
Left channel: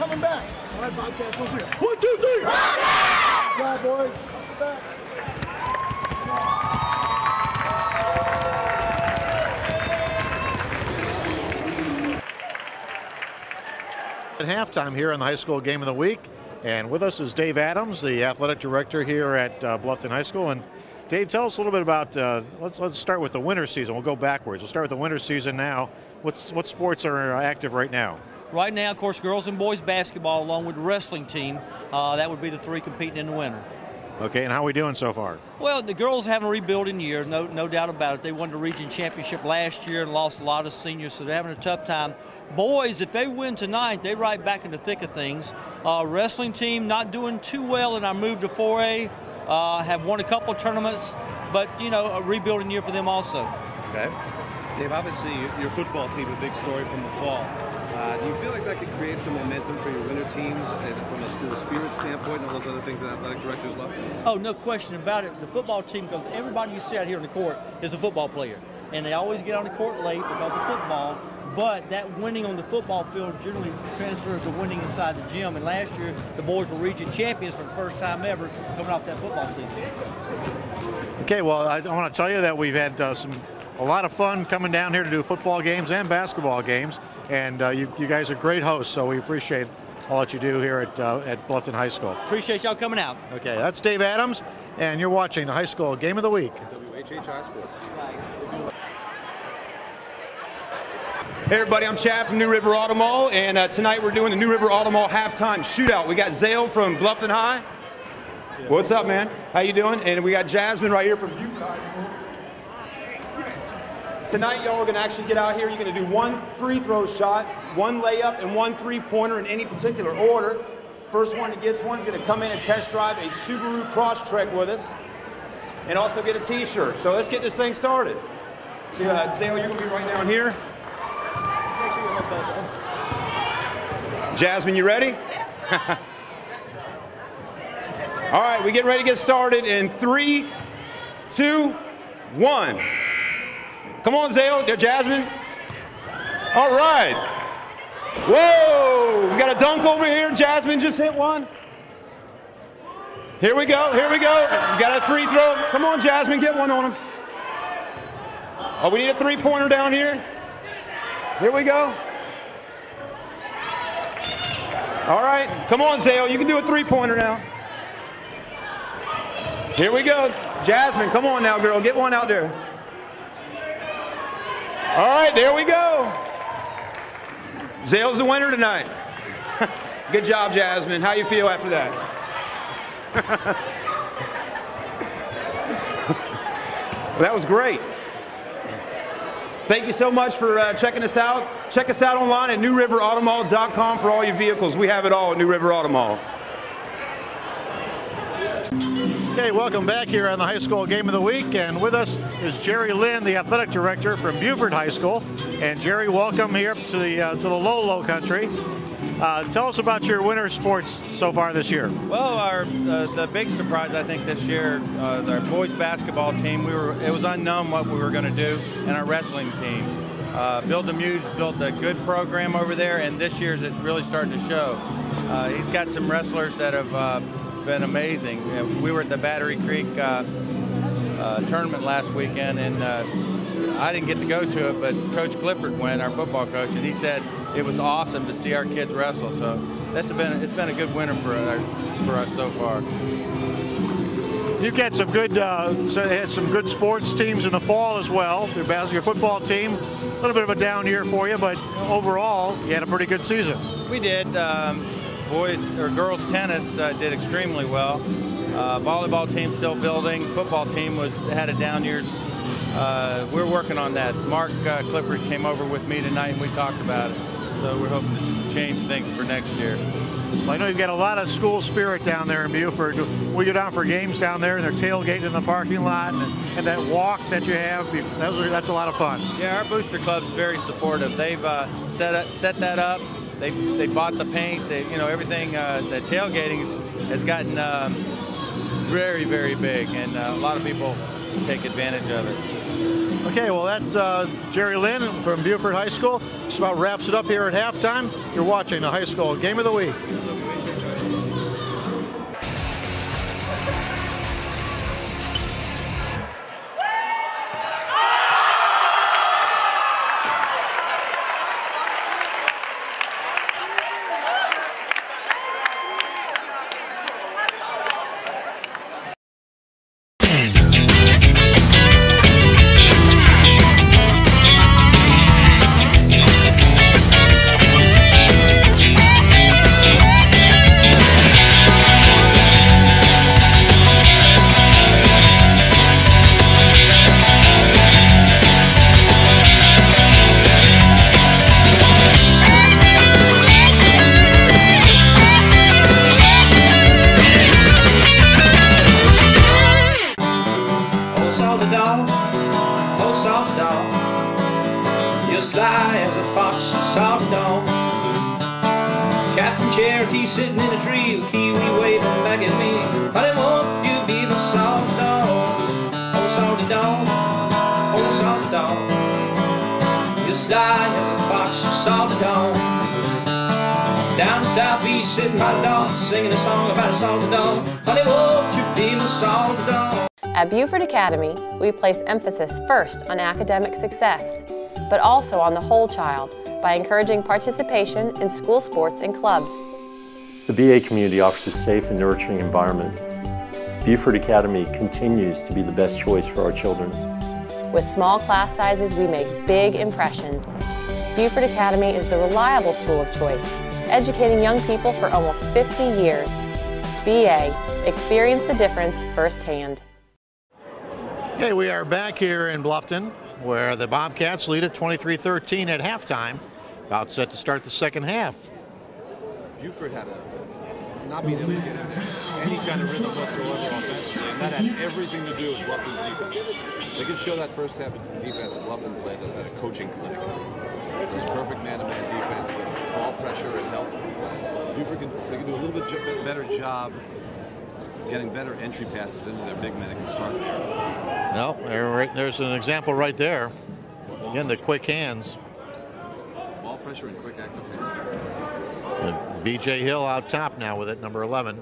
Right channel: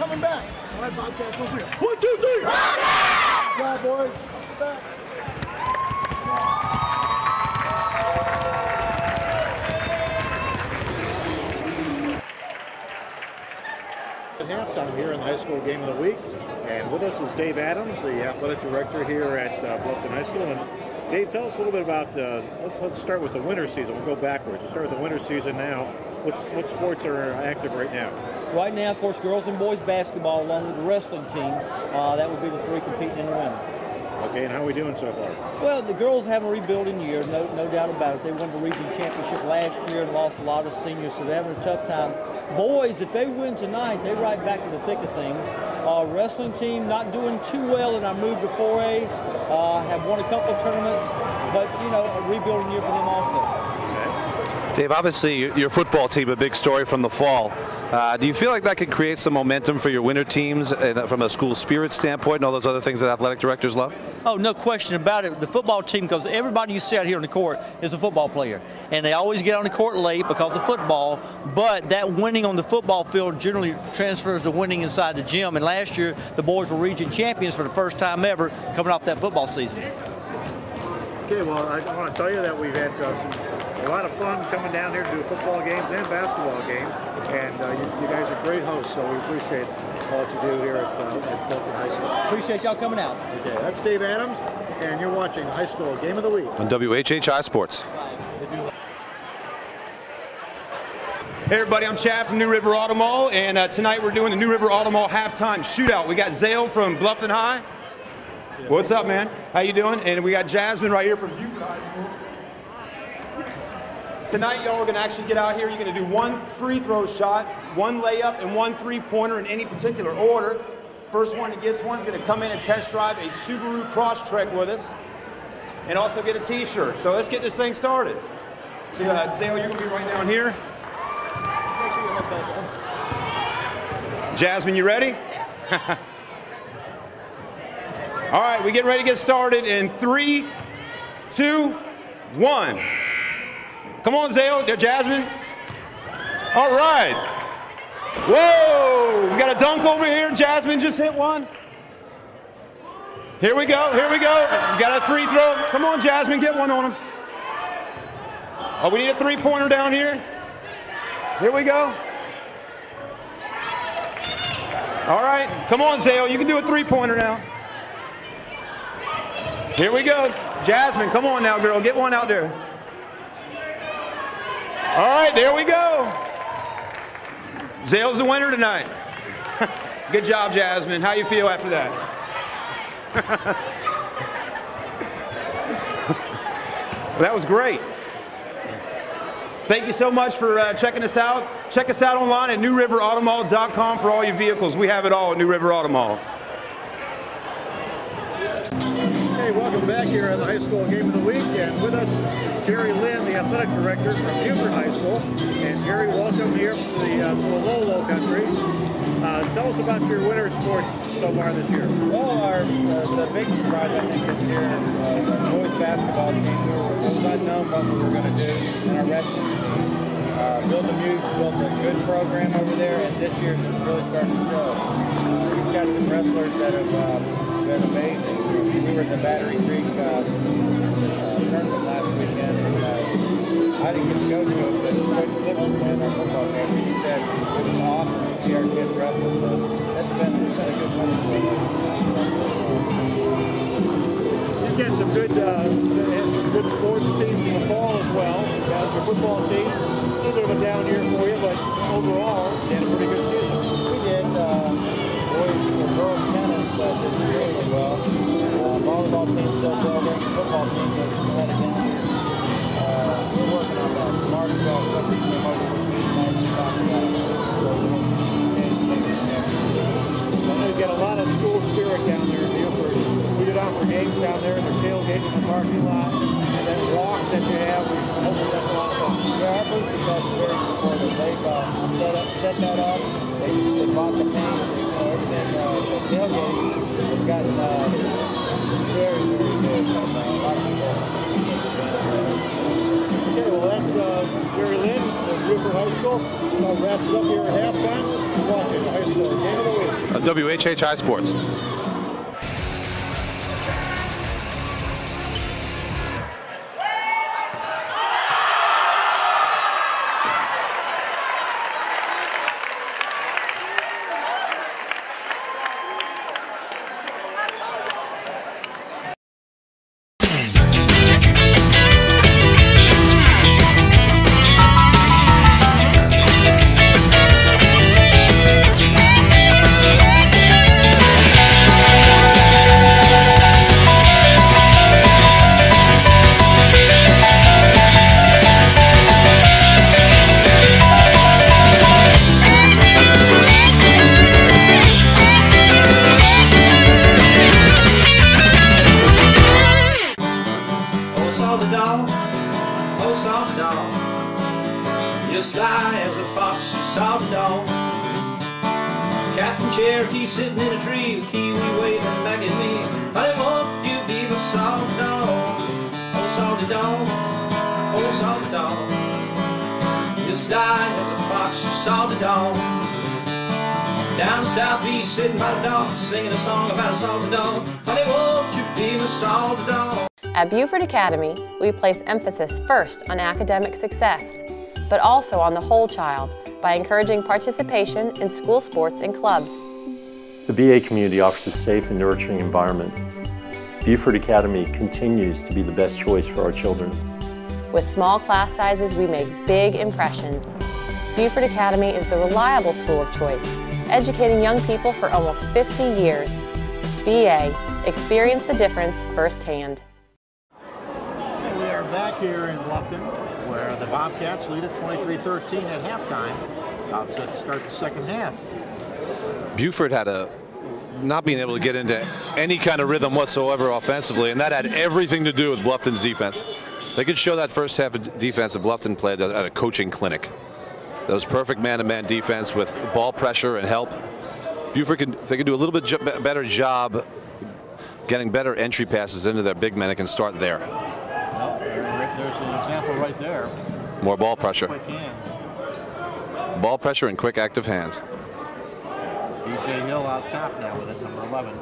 coming back. All right, Bobcats on 3. 1, 2, 3. Good job, boys. Sit back. At halftime here in the high school game of the week, and with us is Dave Adams, the athletic director here at Bluffton High School. And Dave, tell us a little bit about, let's start with the winter season. We'll go backwards. We'll start with the winter season now. What sports are active right now? Right now, of course, girls and boys basketball along with the wrestling team. That would be the 3 competing in the winter. Okay, and how are we doing so far? Well, the girls have a rebuilding year, no doubt about it. They won the region championship last year and lost a lot of seniors, so they're having a tough time. Boys, if they win tonight, they right back in the thick of things. Wrestling team not doing too well in our move to 4A. Have won a couple of tournaments, but, you know, a rebuilding year for them also. Dave, obviously your football team, a big story from the fall. Do you feel like that could create some momentum for your winter teams from a school spirit standpoint and all those other things that athletic directors love? Oh, no question about it. The football team, because everybody you see out here on the court is a football player. And they always get on the court late because of football, but that winning on the football field generally transfers to winning inside the gym. And last year, the boys were region champions for the first time ever coming off that football season. Okay, well, I want to tell you that we've had a lot of fun coming down here to do football games and basketball games. And you guys are great hosts, so we appreciate all that you do here at Bluffton High School. Appreciate y'all coming out. Okay, that's Dave Adams, and you're watching the High School Game of the Week on WHHI Sports. Hey everybody, I'm Chad from New River Auto Mall, and tonight we're doing the New River Auto Mall halftime shootout. We got Zale from Bluffton High. What's up, man? How you doing? And we got Jasmine right here from Beaufort High School. Tonight, y'all are going to actually get out here. You're going to do 1 free throw shot, 1 layup, and 1 3-pointer in any particular order. First one that gets one is going to come in and test drive a Subaru Crosstrek with us, and also get a T-shirt. So let's get this thing started. So, Zale, you're going to be right down here. Jasmine, you ready? All right, we get ready to get started in 3, 2, 1. Come on, Zale, Jasmine. All right. Whoa, we got a dunk over here. Jasmine just hit one. Here we go, here we go. We got a free throw. Come on, Jasmine, get one on him. Oh, we need a 3-pointer down here. Here we go. All right, come on, Zale, you can do a 3-pointer now. Here we go. Jasmine, come on now, girl, get one out there. All right, there we go. Zale's the winner tonight. Good job, Jasmine. How you feel after that? Well, that was great. Thank you so much for checking us out. Check us out online at newriverautomall.com for all your vehicles. We have it all at New River Auto Mall. Okay, welcome back here on the High School Game of the Week, and with us is Jerry Lynn, the athletic director from Beaufort High School. And Jerry, welcome here to the Lowcountry. Tell us about your winter sports so far this year. Well, the big surprise I think this year, the boys basketball team, it was unknown what we were going to do, and our wrestling team. Bill Demue's built a good program over there, and this year's is really starting to show. He's got some wrestlers that have been amazing. We were at the Battery Creek tournament last weekend, and I didn't get to go to it, but Coach Clifford went, our football coach, and he said it was awesome to see our kids wrestle. So it's been a good winter for us so far. You get some good sports teams in the fall as well. Your football team, a little bit of a down year for you, but overall, you had a pretty good season. We did. Girls tennis did extremely well. Volleyball team still building. Football team had a down year. We're working on that. Mark Clifford came over with me tonight and we talked about it. So we hope to change things for next year. Well, I know you get a lot of school spirit down there in Beaufort. We go down for games down there, they're tailgating in the parking lot, and that walk that you have, that's a lot of fun. Yeah, our booster club is very supportive. They've set that up. They bought the paint. Everything. The tailgating has gotten very, very big, and a lot of people take advantage of it. Okay, well, that Jerry Lynn from Beaufort High School. Just about wraps it up here at halftime. You're watching the high school game of the week on WHHI Sports. Sitting in a tree, a kiwi waving back at me. Honey, won't you be my salty dog? Oh, salty dog, oh, salty dog. You sly as a fox, you salty dog. Down southeast, sitting by the dog, singing a song about a salty dog. Honey, won't you be my salty dog? At Beaufort Academy, we place emphasis first on academic success, but also on the whole child by encouraging participation in school sports and clubs. The BA community offers a safe and nurturing environment. Beaufort Academy continues to be the best choice for our children. With small class sizes, we make big impressions. Beaufort Academy is the reliable school of choice, educating young people for almost 50 years. BA, experience the difference firsthand. Hey, we are back here in Bluffton, where the Bobcats lead at 23-13 at halftime, about set to start the second half. Beaufort had not being able to get into any kind of rhythm whatsoever offensively, and that had everything to do with Bluffton's defense. They could show that first half of defense that Bluffton played at a coaching clinic. That was perfect man-to-man defense with ball pressure and help. Beaufort they could do a little bit better job getting better entry passes into their big men. It can start there. No, there's an example right there. More ball pressure. The quick hands. Ball pressure and quick active hands. B.J. Hill out top now with it, number 11.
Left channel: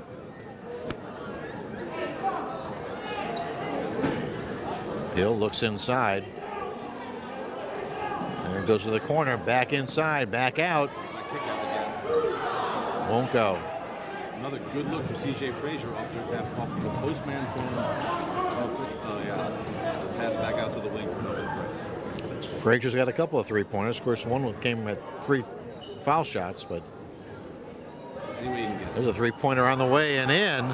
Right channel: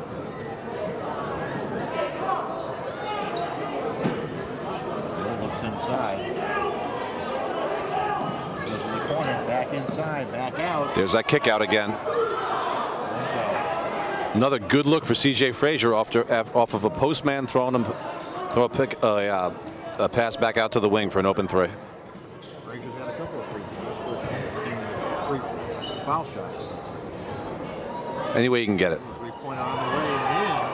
Hill looks inside. There goes to the corner, back inside, back out. There's that kick out again. Won't go. Another good look for C.J. Frazier off of a postman throwing him, a pass back out to the wing for an open three. Frazier's got a couple of three-pointers. Of course, one came with 3 foul shots, but any way you can get it. There's a three-pointer on the way and in.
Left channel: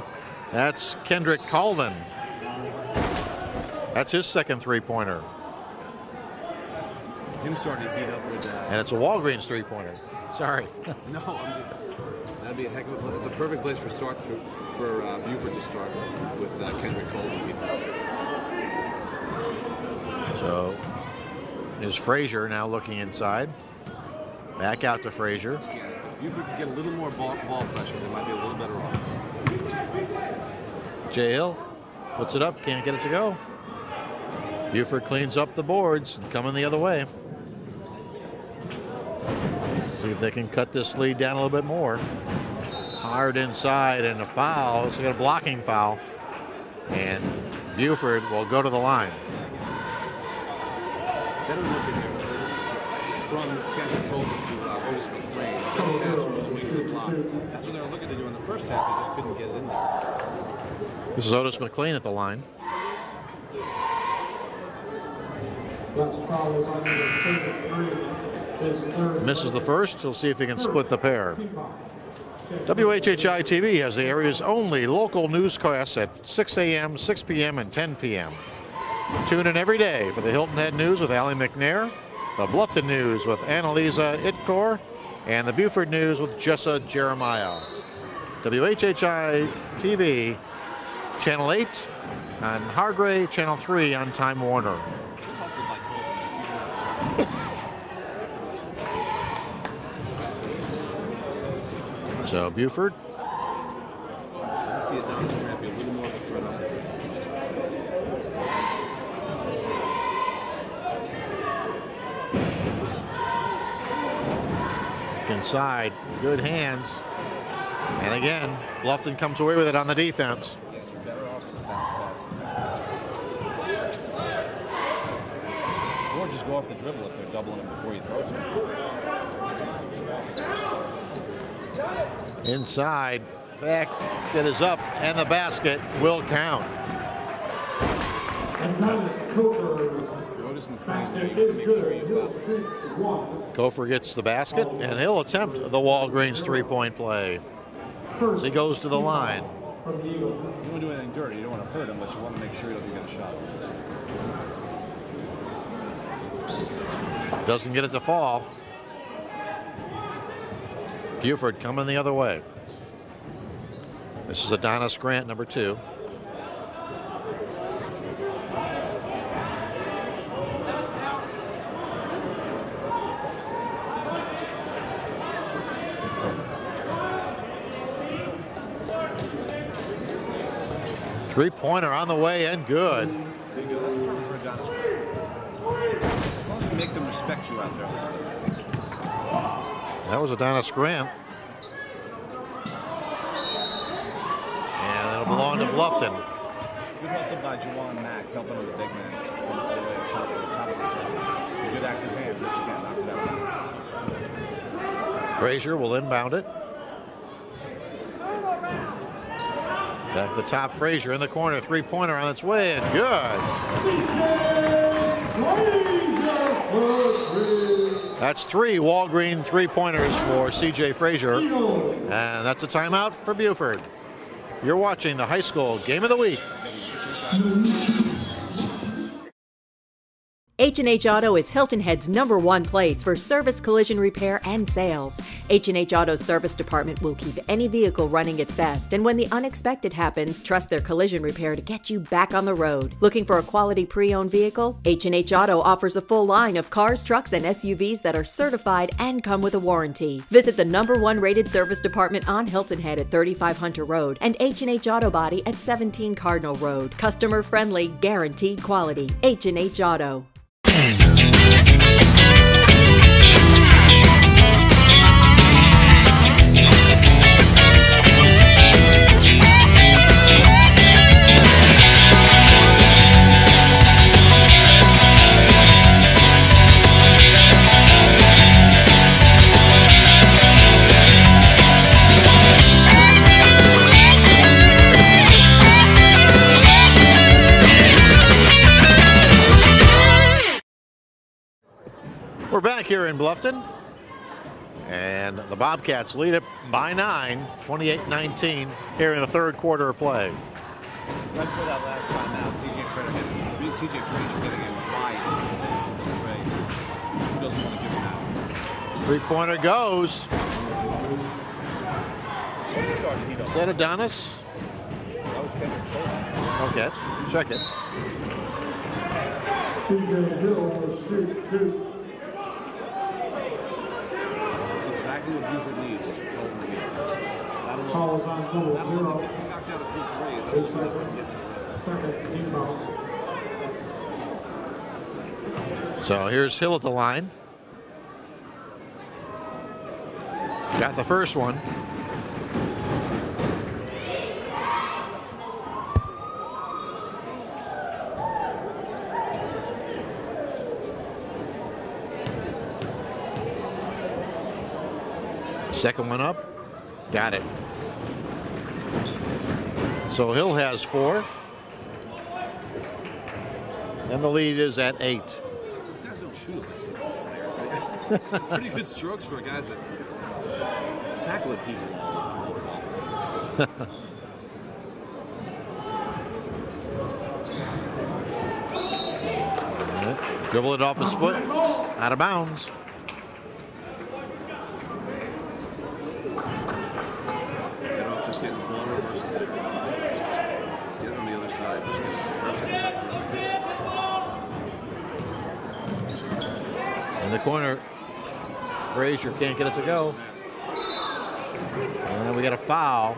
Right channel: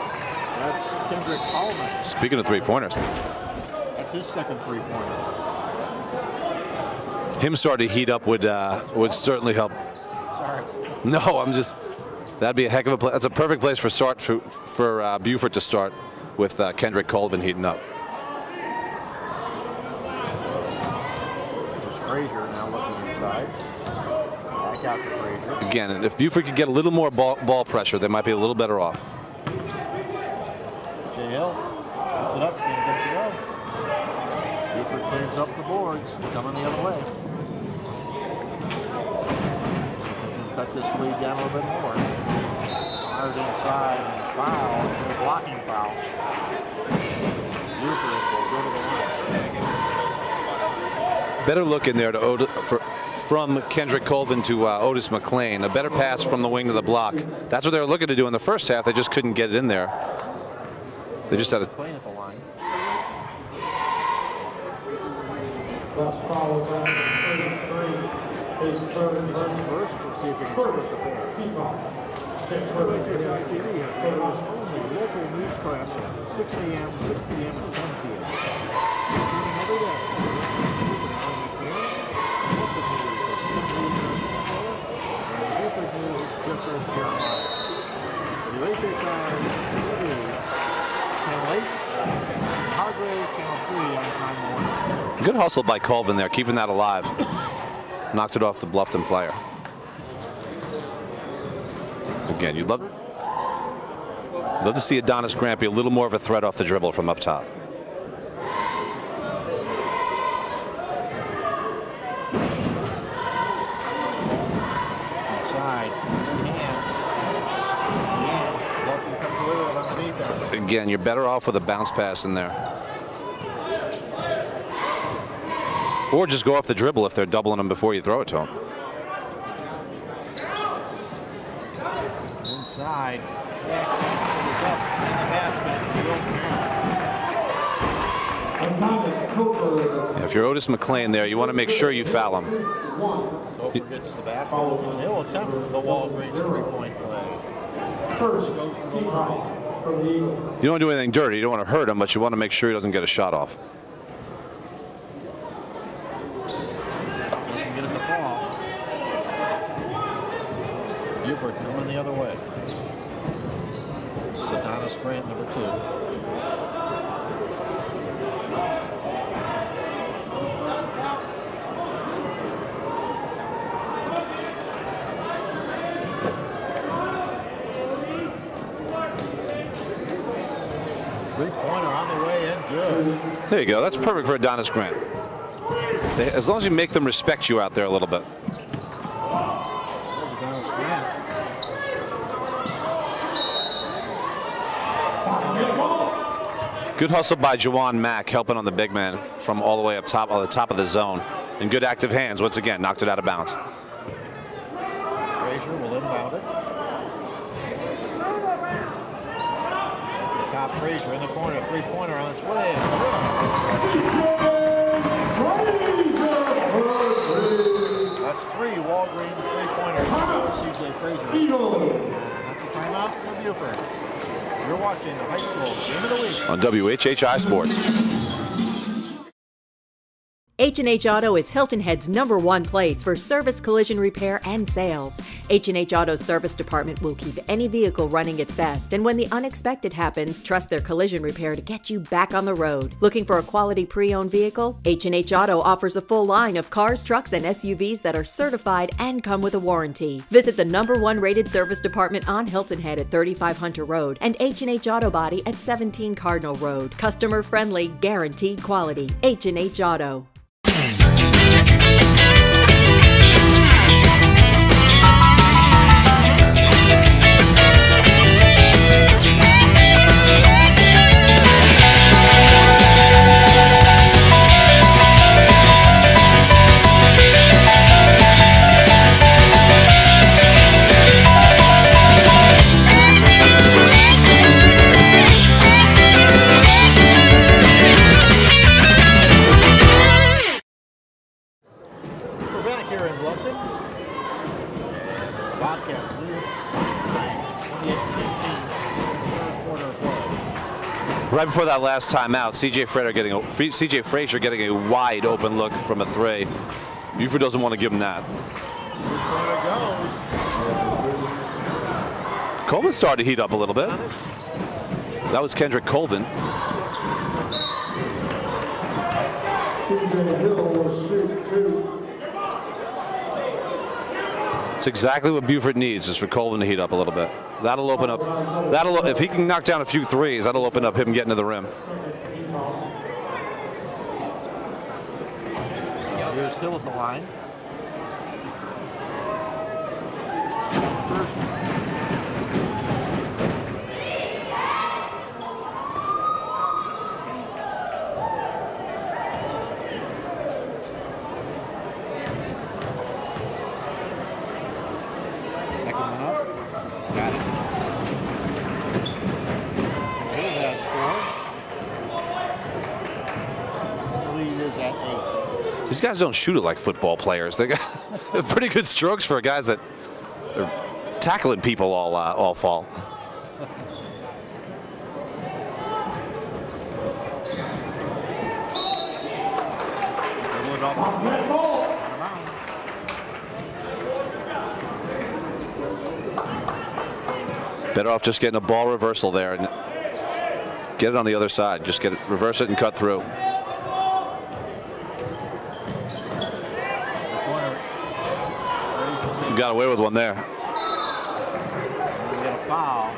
That's Kendrick Colvin. Speaking of three-pointers, that's his second three-pointer. Him starting to heat up would certainly help. Sorry. No, that'd be a heck of a play. That's a perfect place for Beaufort to start with Kendrick Colvin heating up. So here's Frazier now looking inside. Back out to Frazier. Again, and if Beaufort could get a little more ball pressure, they might be a little better off. J. Hill puts it up, can't get it to go. Beaufort cleans up the boards, coming the other way. See if they can cut this lead down a little bit more. Fired inside and a foul. So a blocking foul. And Beaufort will go to the line. Better look in there from Kendrick Colvin to Otis McLean. A better pass from the wing of the block. That's what they were looking to do in the first half. They just couldn't get it in there. This is Otis McLean at the line. Misses the first. We'll see if he can split the pair. WHHI-TV has the area's only local newscast at 6 a.m., 6 p.m., and 10 p.m. Tune in every day for the Hilton Head News with Allie McNair, the Bluffton News with Annalisa Ittor, and the Beaufort News with Jessa Jeremiah. WHHI-TV, Channel 8 on Hargray, Channel 3 on Time Warner. Good hustle by Colvin there, keeping that alive. Knocked it off the Bluffton player. So again, you'd love to see Adonis Grant be a little more of a threat off the dribble from up top. inside. Good hands. And again, Bluffton comes away with it on the defense. Again, you're better off with a bounce pass in there. Or just go off the dribble if they're doubling them before you throw it to them. Inside. Back. It is up. And the basket will count. If you're Otis McClain there, you want to make sure you foul him. Gopher gets the basket, and he'll attempt the Walgreens three-point play. As he goes to the line. You don't do anything dirty. You don't want to hurt him, but you want to make sure he doesn't get a shot off. Doesn't get it to fall. Beaufort coming the other way. This is Adonis Grant, number 2. Three-pointer on the way and good. There you go. That's perfect for Adonis Grant. As long as you make them respect you out there a little bit. That was Adonis Grant. And it'll belong to Bluffton. Good hustle by Jawan Mack, helping on the big man from all the way up top, on the top of the zone. And good active hands. Once again, knocked it out of bounds. Frazier will inbound it. At the top, Frazier in the corner, three-pointer on its way, and good. That's 3 Walgreens three-pointers for C.J. Frazier, and that's a timeout for Beaufort. You're watching the high school game of the week on WHHI Sports. H&H Auto is Hilton Head's #1 place for service, collision repair, and sales. H&H Auto's service department will keep any vehicle running its best, and when the unexpected happens, trust their collision repair to get you back on the road. Looking for a quality pre-owned vehicle? H&H Auto offers a full line of cars, trucks, and SUVs that are certified and come with a warranty. Visit the #1 rated service department on Hilton Head at 35 Hunter Road and H&H Auto Body at 17 Cardinal Road. Customer friendly, guaranteed quality. H&H Auto. We're back here in Bluffton, and the Bobcats lead it by 9, 28-19 here in the third quarter of play. Right before that last timeout, C.J. Frazier getting a wide open look from a 3. Beaufort doesn't want to give him that. Three-pointer goes. Colvin started to heat up a little bit. Adonis? That was Kendrick Colvin. Okay, check it. It's exactly what Beaufort needs, is for Colvin to heat up a little bit. That'll open up. If he can knock down a few threes, that'll open up him getting to the rim. So here's Hill at the line. Got the first one. Second one up. Got it. So Hill has 4. And the lead is at 8. These guys don't shoot it like football players. They're pretty good strokes for guys that are tackling people all fall. Dribble it off his foot. Out of bounds. Better off just getting a ball reversal there and get it on the other side. Just get it, reverse it, and cut through. In the corner, Frazier can't got away with one there. And we get a foul.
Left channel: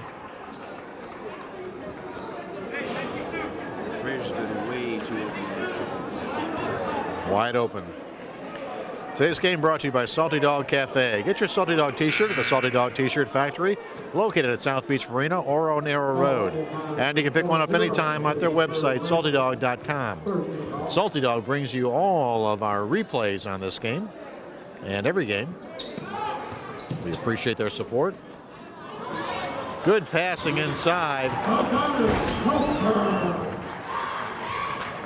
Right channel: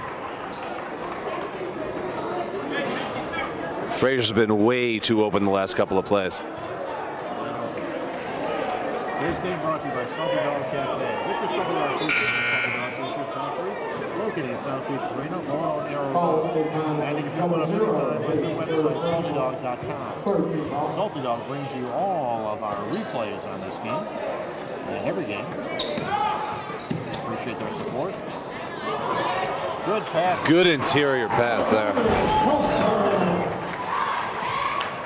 Frazier's been way too open the last couple of plays. Wide open. Today's game brought to you by Salty Dog Cafe. Get your Salty Dog t-shirt at the Salty Dog T-shirt Factory, located at South Beach Marina or on Arrow Road. And you can pick one up anytime at their website, saltydog.com. Salty Dog brings you all of our replays on this game and every game. We appreciate their support. Good pass. Good inside. interior pass there.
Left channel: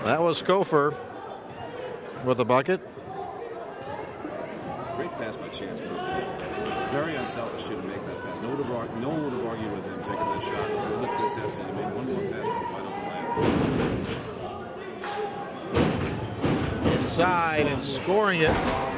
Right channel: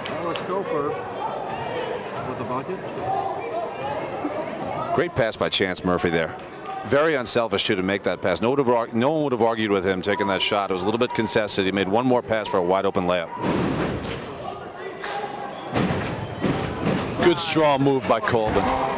That was Conefry with the bucket. Great pass by Chance Murphy there. Very unselfish too to make that pass. No one would have argued with him taking that shot. It was a little bit contested. He made one more pass for a wide open layup. Good strong move by Colvin.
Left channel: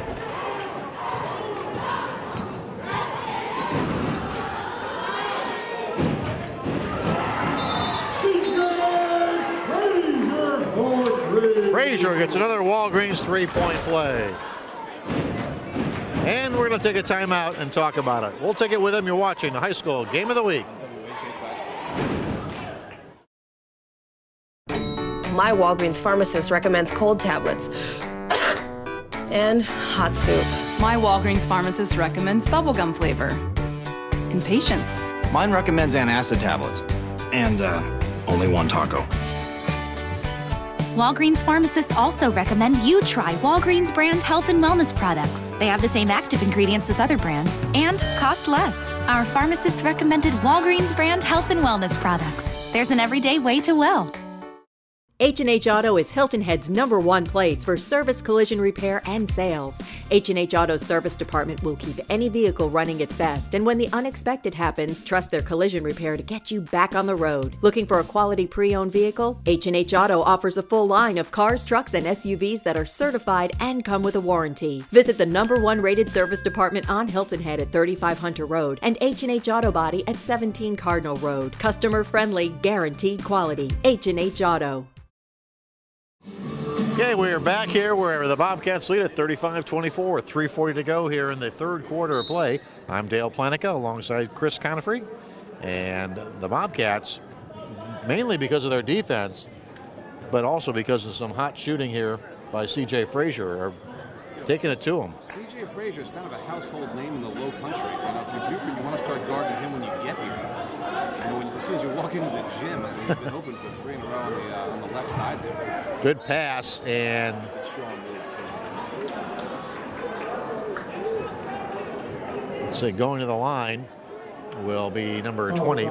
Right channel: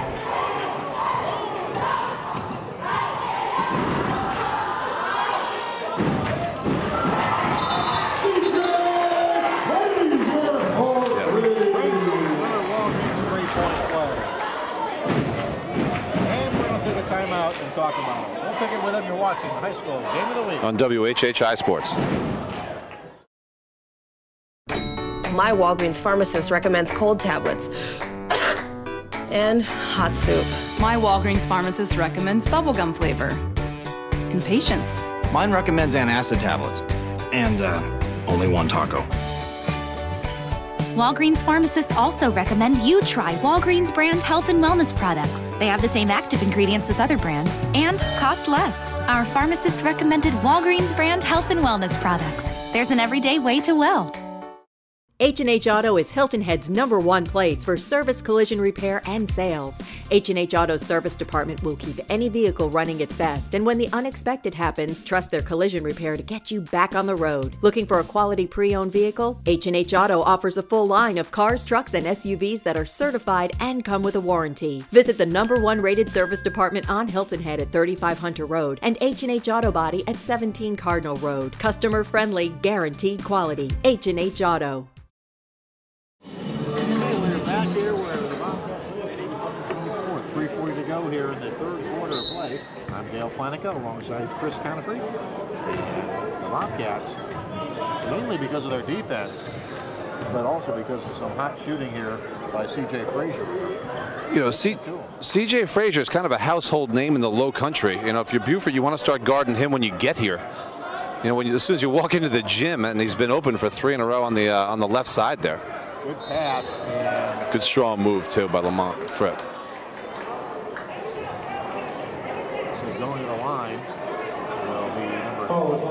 Frazier gets another Walgreens three-point play. And we're going to take a timeout and talk about it. We'll take it with him. You're watching the high school game of the week on WHHI Sports. My Walgreens pharmacist recommends cold tablets and hot soup. My Walgreens pharmacist recommends bubblegum flavor and patience. Mine recommends antacid tablets and only one taco. Walgreens pharmacists also recommend you try Walgreens brand health and wellness products. They have the same active ingredients as other brands and cost less. Our pharmacist recommended Walgreens brand health and wellness products. There's an everyday way to well. H&H Auto is Hilton Head's #1 place for service, collision repair, and sales. H&H Auto's service department will keep any vehicle running its best, and when the unexpected happens, trust their collision repair to get you back on the road. Looking for a quality pre-owned vehicle? H&H Auto offers a full line of cars, trucks, and SUVs that are certified and come with a warranty. Visit the #1 rated service department on Hilton Head at 35 Hunter Road and H&H Auto Body at 17 Cardinal Road. Customer friendly, guaranteed quality. H&H Auto. Okay, we're back here where the Bobcats lead at 35-24 with 3:40 to go here in the third quarter of play. I'm Dale Planicka alongside Chris Conefry. And the Bobcats, mainly because of their defense, but also because of some hot shooting here by C.J. Frazier. You know, taking it to him. C.J. Frazier is kind of a household name in the Lowcountry. You know, if you're Beaufort, you want to start guarding him when you get here. You know, as soon as you walk into the gym, and he's been open for 3 in a row on the left side there. Good pass and good strong move too by Lamont Fripp. So going to the line will be number 20,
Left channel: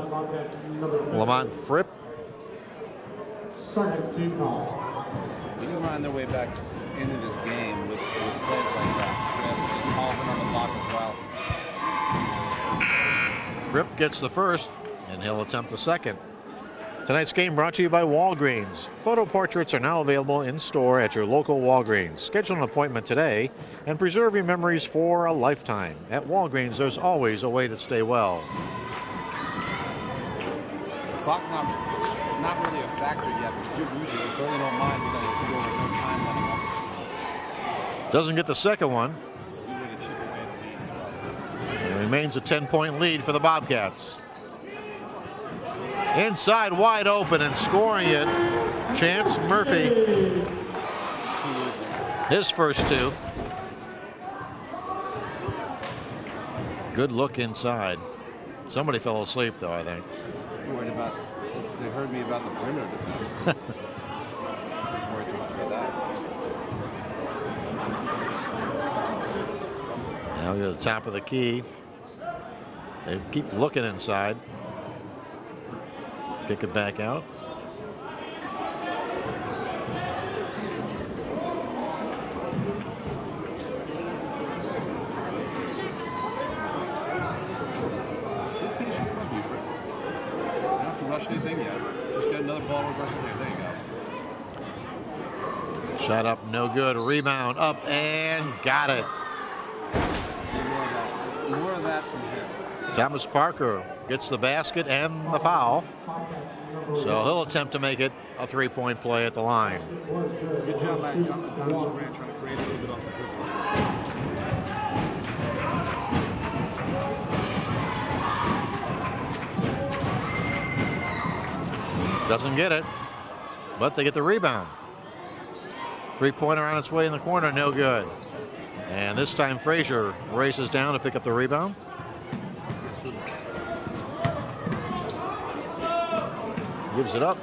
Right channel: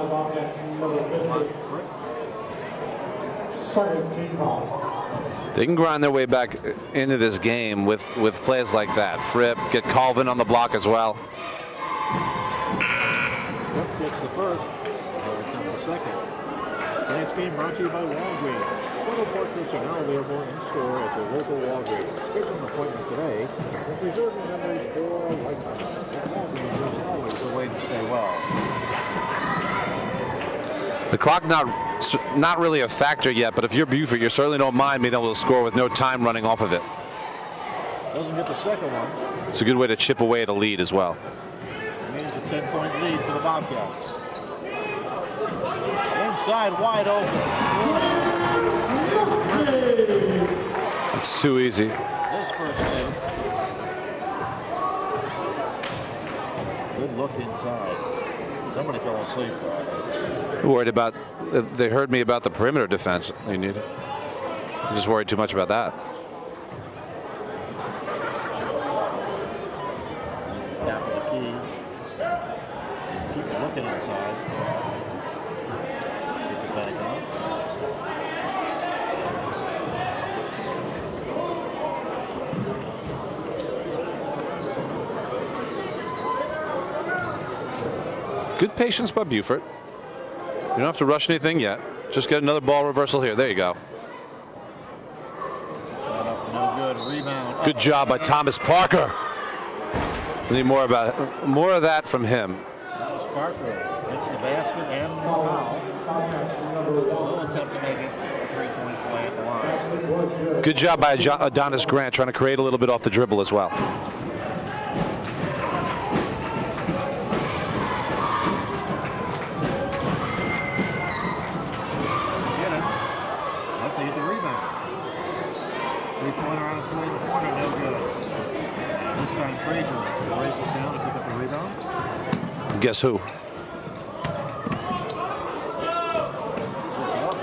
Lamont Fripp. They can grind their way back into this game with plays like that. Fripp, get Colvin on the block as well. Fripp gets the first, and he'll attempt the second. Tonight's game brought to you by Walgreens. Photo portraits are now available in store at your local Walgreens. Schedule an appointment today and preserve your memories for a lifetime. At Walgreens, there's always a way to stay well. The clock not really a factor yet, but if you're Beaufort, you certainly don't mind being able to score with no time running off of it. Doesn't get the second one. It's a good way to chip away at a lead as well. It remains a 10-point lead for the Bobcats. Inside, wide open and scoring it. Chance Murphy. It's too easy. His first two. Good look inside. Somebody fell asleep, though, I think. Worried about, they heard me about the perimeter defense. I mean, I'm just worried too much about that. Now to the top of the key. They keep looking inside. Kick it back out. Good patience by Beaufort. You don't have to rush anything yet. Just get another ball reversal here. There you go. Shot up, no good. Rebound. Good job by Thomas Parker. Need more of that from him. Thomas Parker gets the basket and the foul. So he'll attempt to make it a three-point play at the line. Good job by Adonis Grant trying to create a little bit off the dribble as well. Doesn't get it, but they get the rebound. Three-pointer on its way in the corner, no good. And this time Frazier races down to pick up the rebound. Guess who? Gives it up.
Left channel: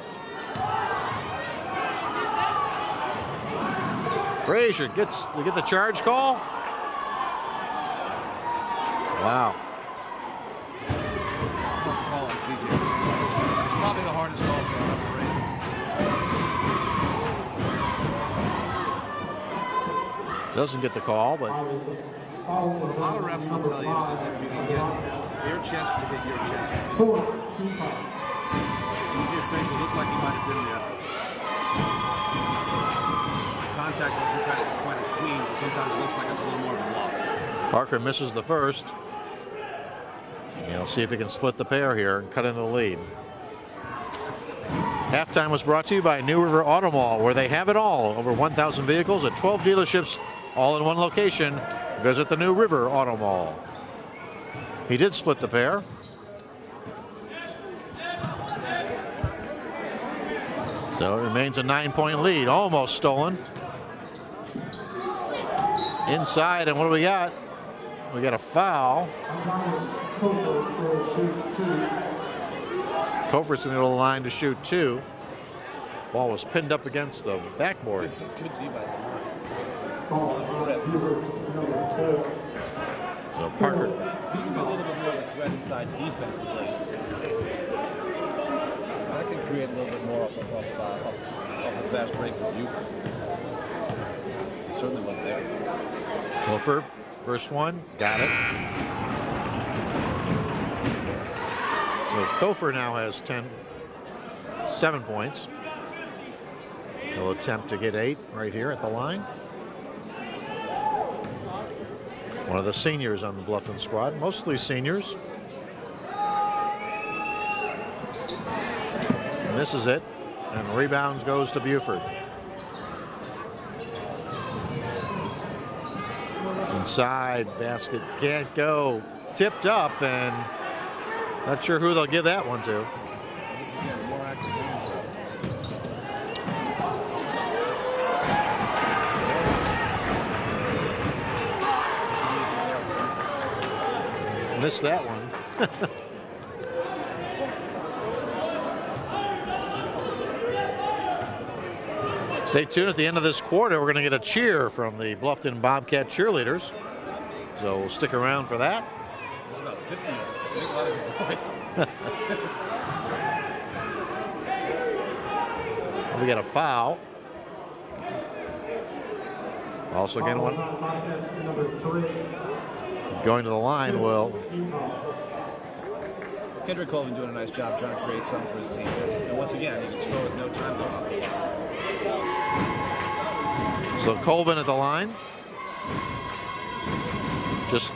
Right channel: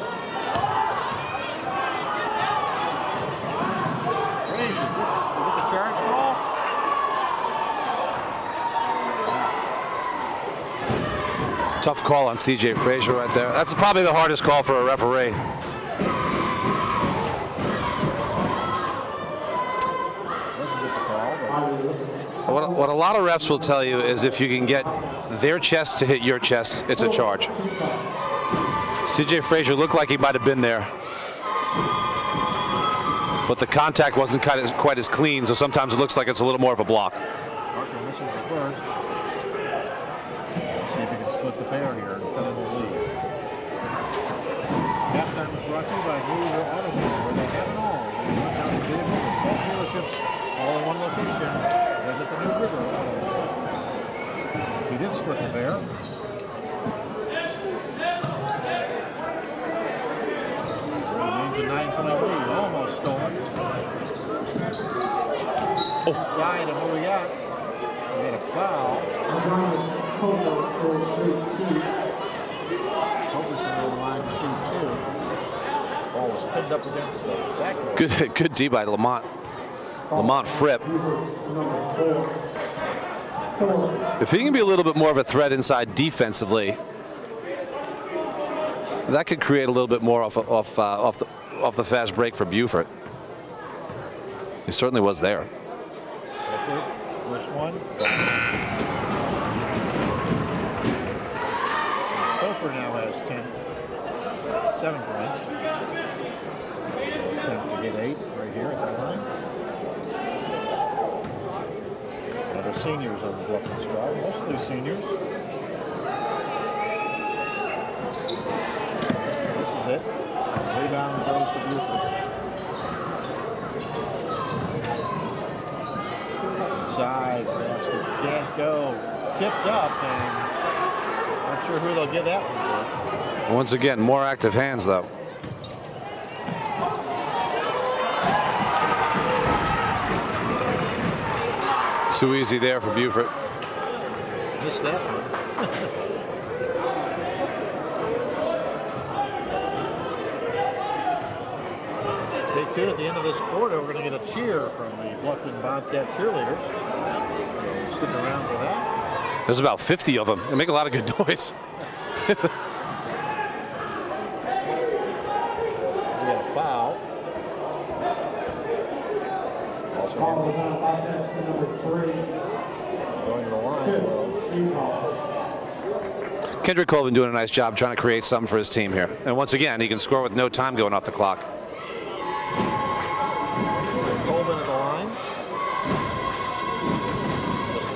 Frazier gets to get the charge call. Wow. Tough call on C.J. Frazier right there. That's probably the hardest call for a referee. Doesn't get the call. But what a lot of refs will tell you is if you can get their chest to hit your chest, it's a charge. C.J. Frazier looked like he might have been there, but the contact wasn't quite as clean, so sometimes it looks like it's a little more of a block. Parker misses the first. We'll see if he can split the pair here and cut in the lead. Halftime was brought to you by New River Auto Mall, where they have it all. Over 1,000 vehicles and 12 dealerships, all in one location. Visit the New River Auto Mall. He did split the pair. So it remains a 9-point lead, almost stolen. Inside, and what do we got? We got a foul. Cofert's in the middle of the line to shoot 2. Ball was pinned up against the backboard. Good D by Lamont. Lamont Fripp. If he can be a little bit more of a threat inside defensively, that could create a little bit more off the fast break for Beaufort. He certainly was there. Beaufort, first one, got it. So Cofer now has 7 points. He'll attempt to get 8 right here at the line. One of the seniors on the Bluffton squad, mostly seniors. This is it. And rebound goes to Beaufort. Inside, basket can't go. Tipped up, and not sure who they'll give that one to. Once again, more active hands, though. Too easy there for Beaufort. Missed that one. Stay tuned. At the end of this quarter, we're going to get a cheer from the Bluffton Bobcat cheerleaders. So we'll stick around for that. There's about 50 of them. They make a lot of good noise. We got a foul. Also got one. Going to the line, Will. Kendrick Colvin doing a nice job trying to create something for his team here. And once again, he can score with no time going off the clock. So Colvin at the line. Just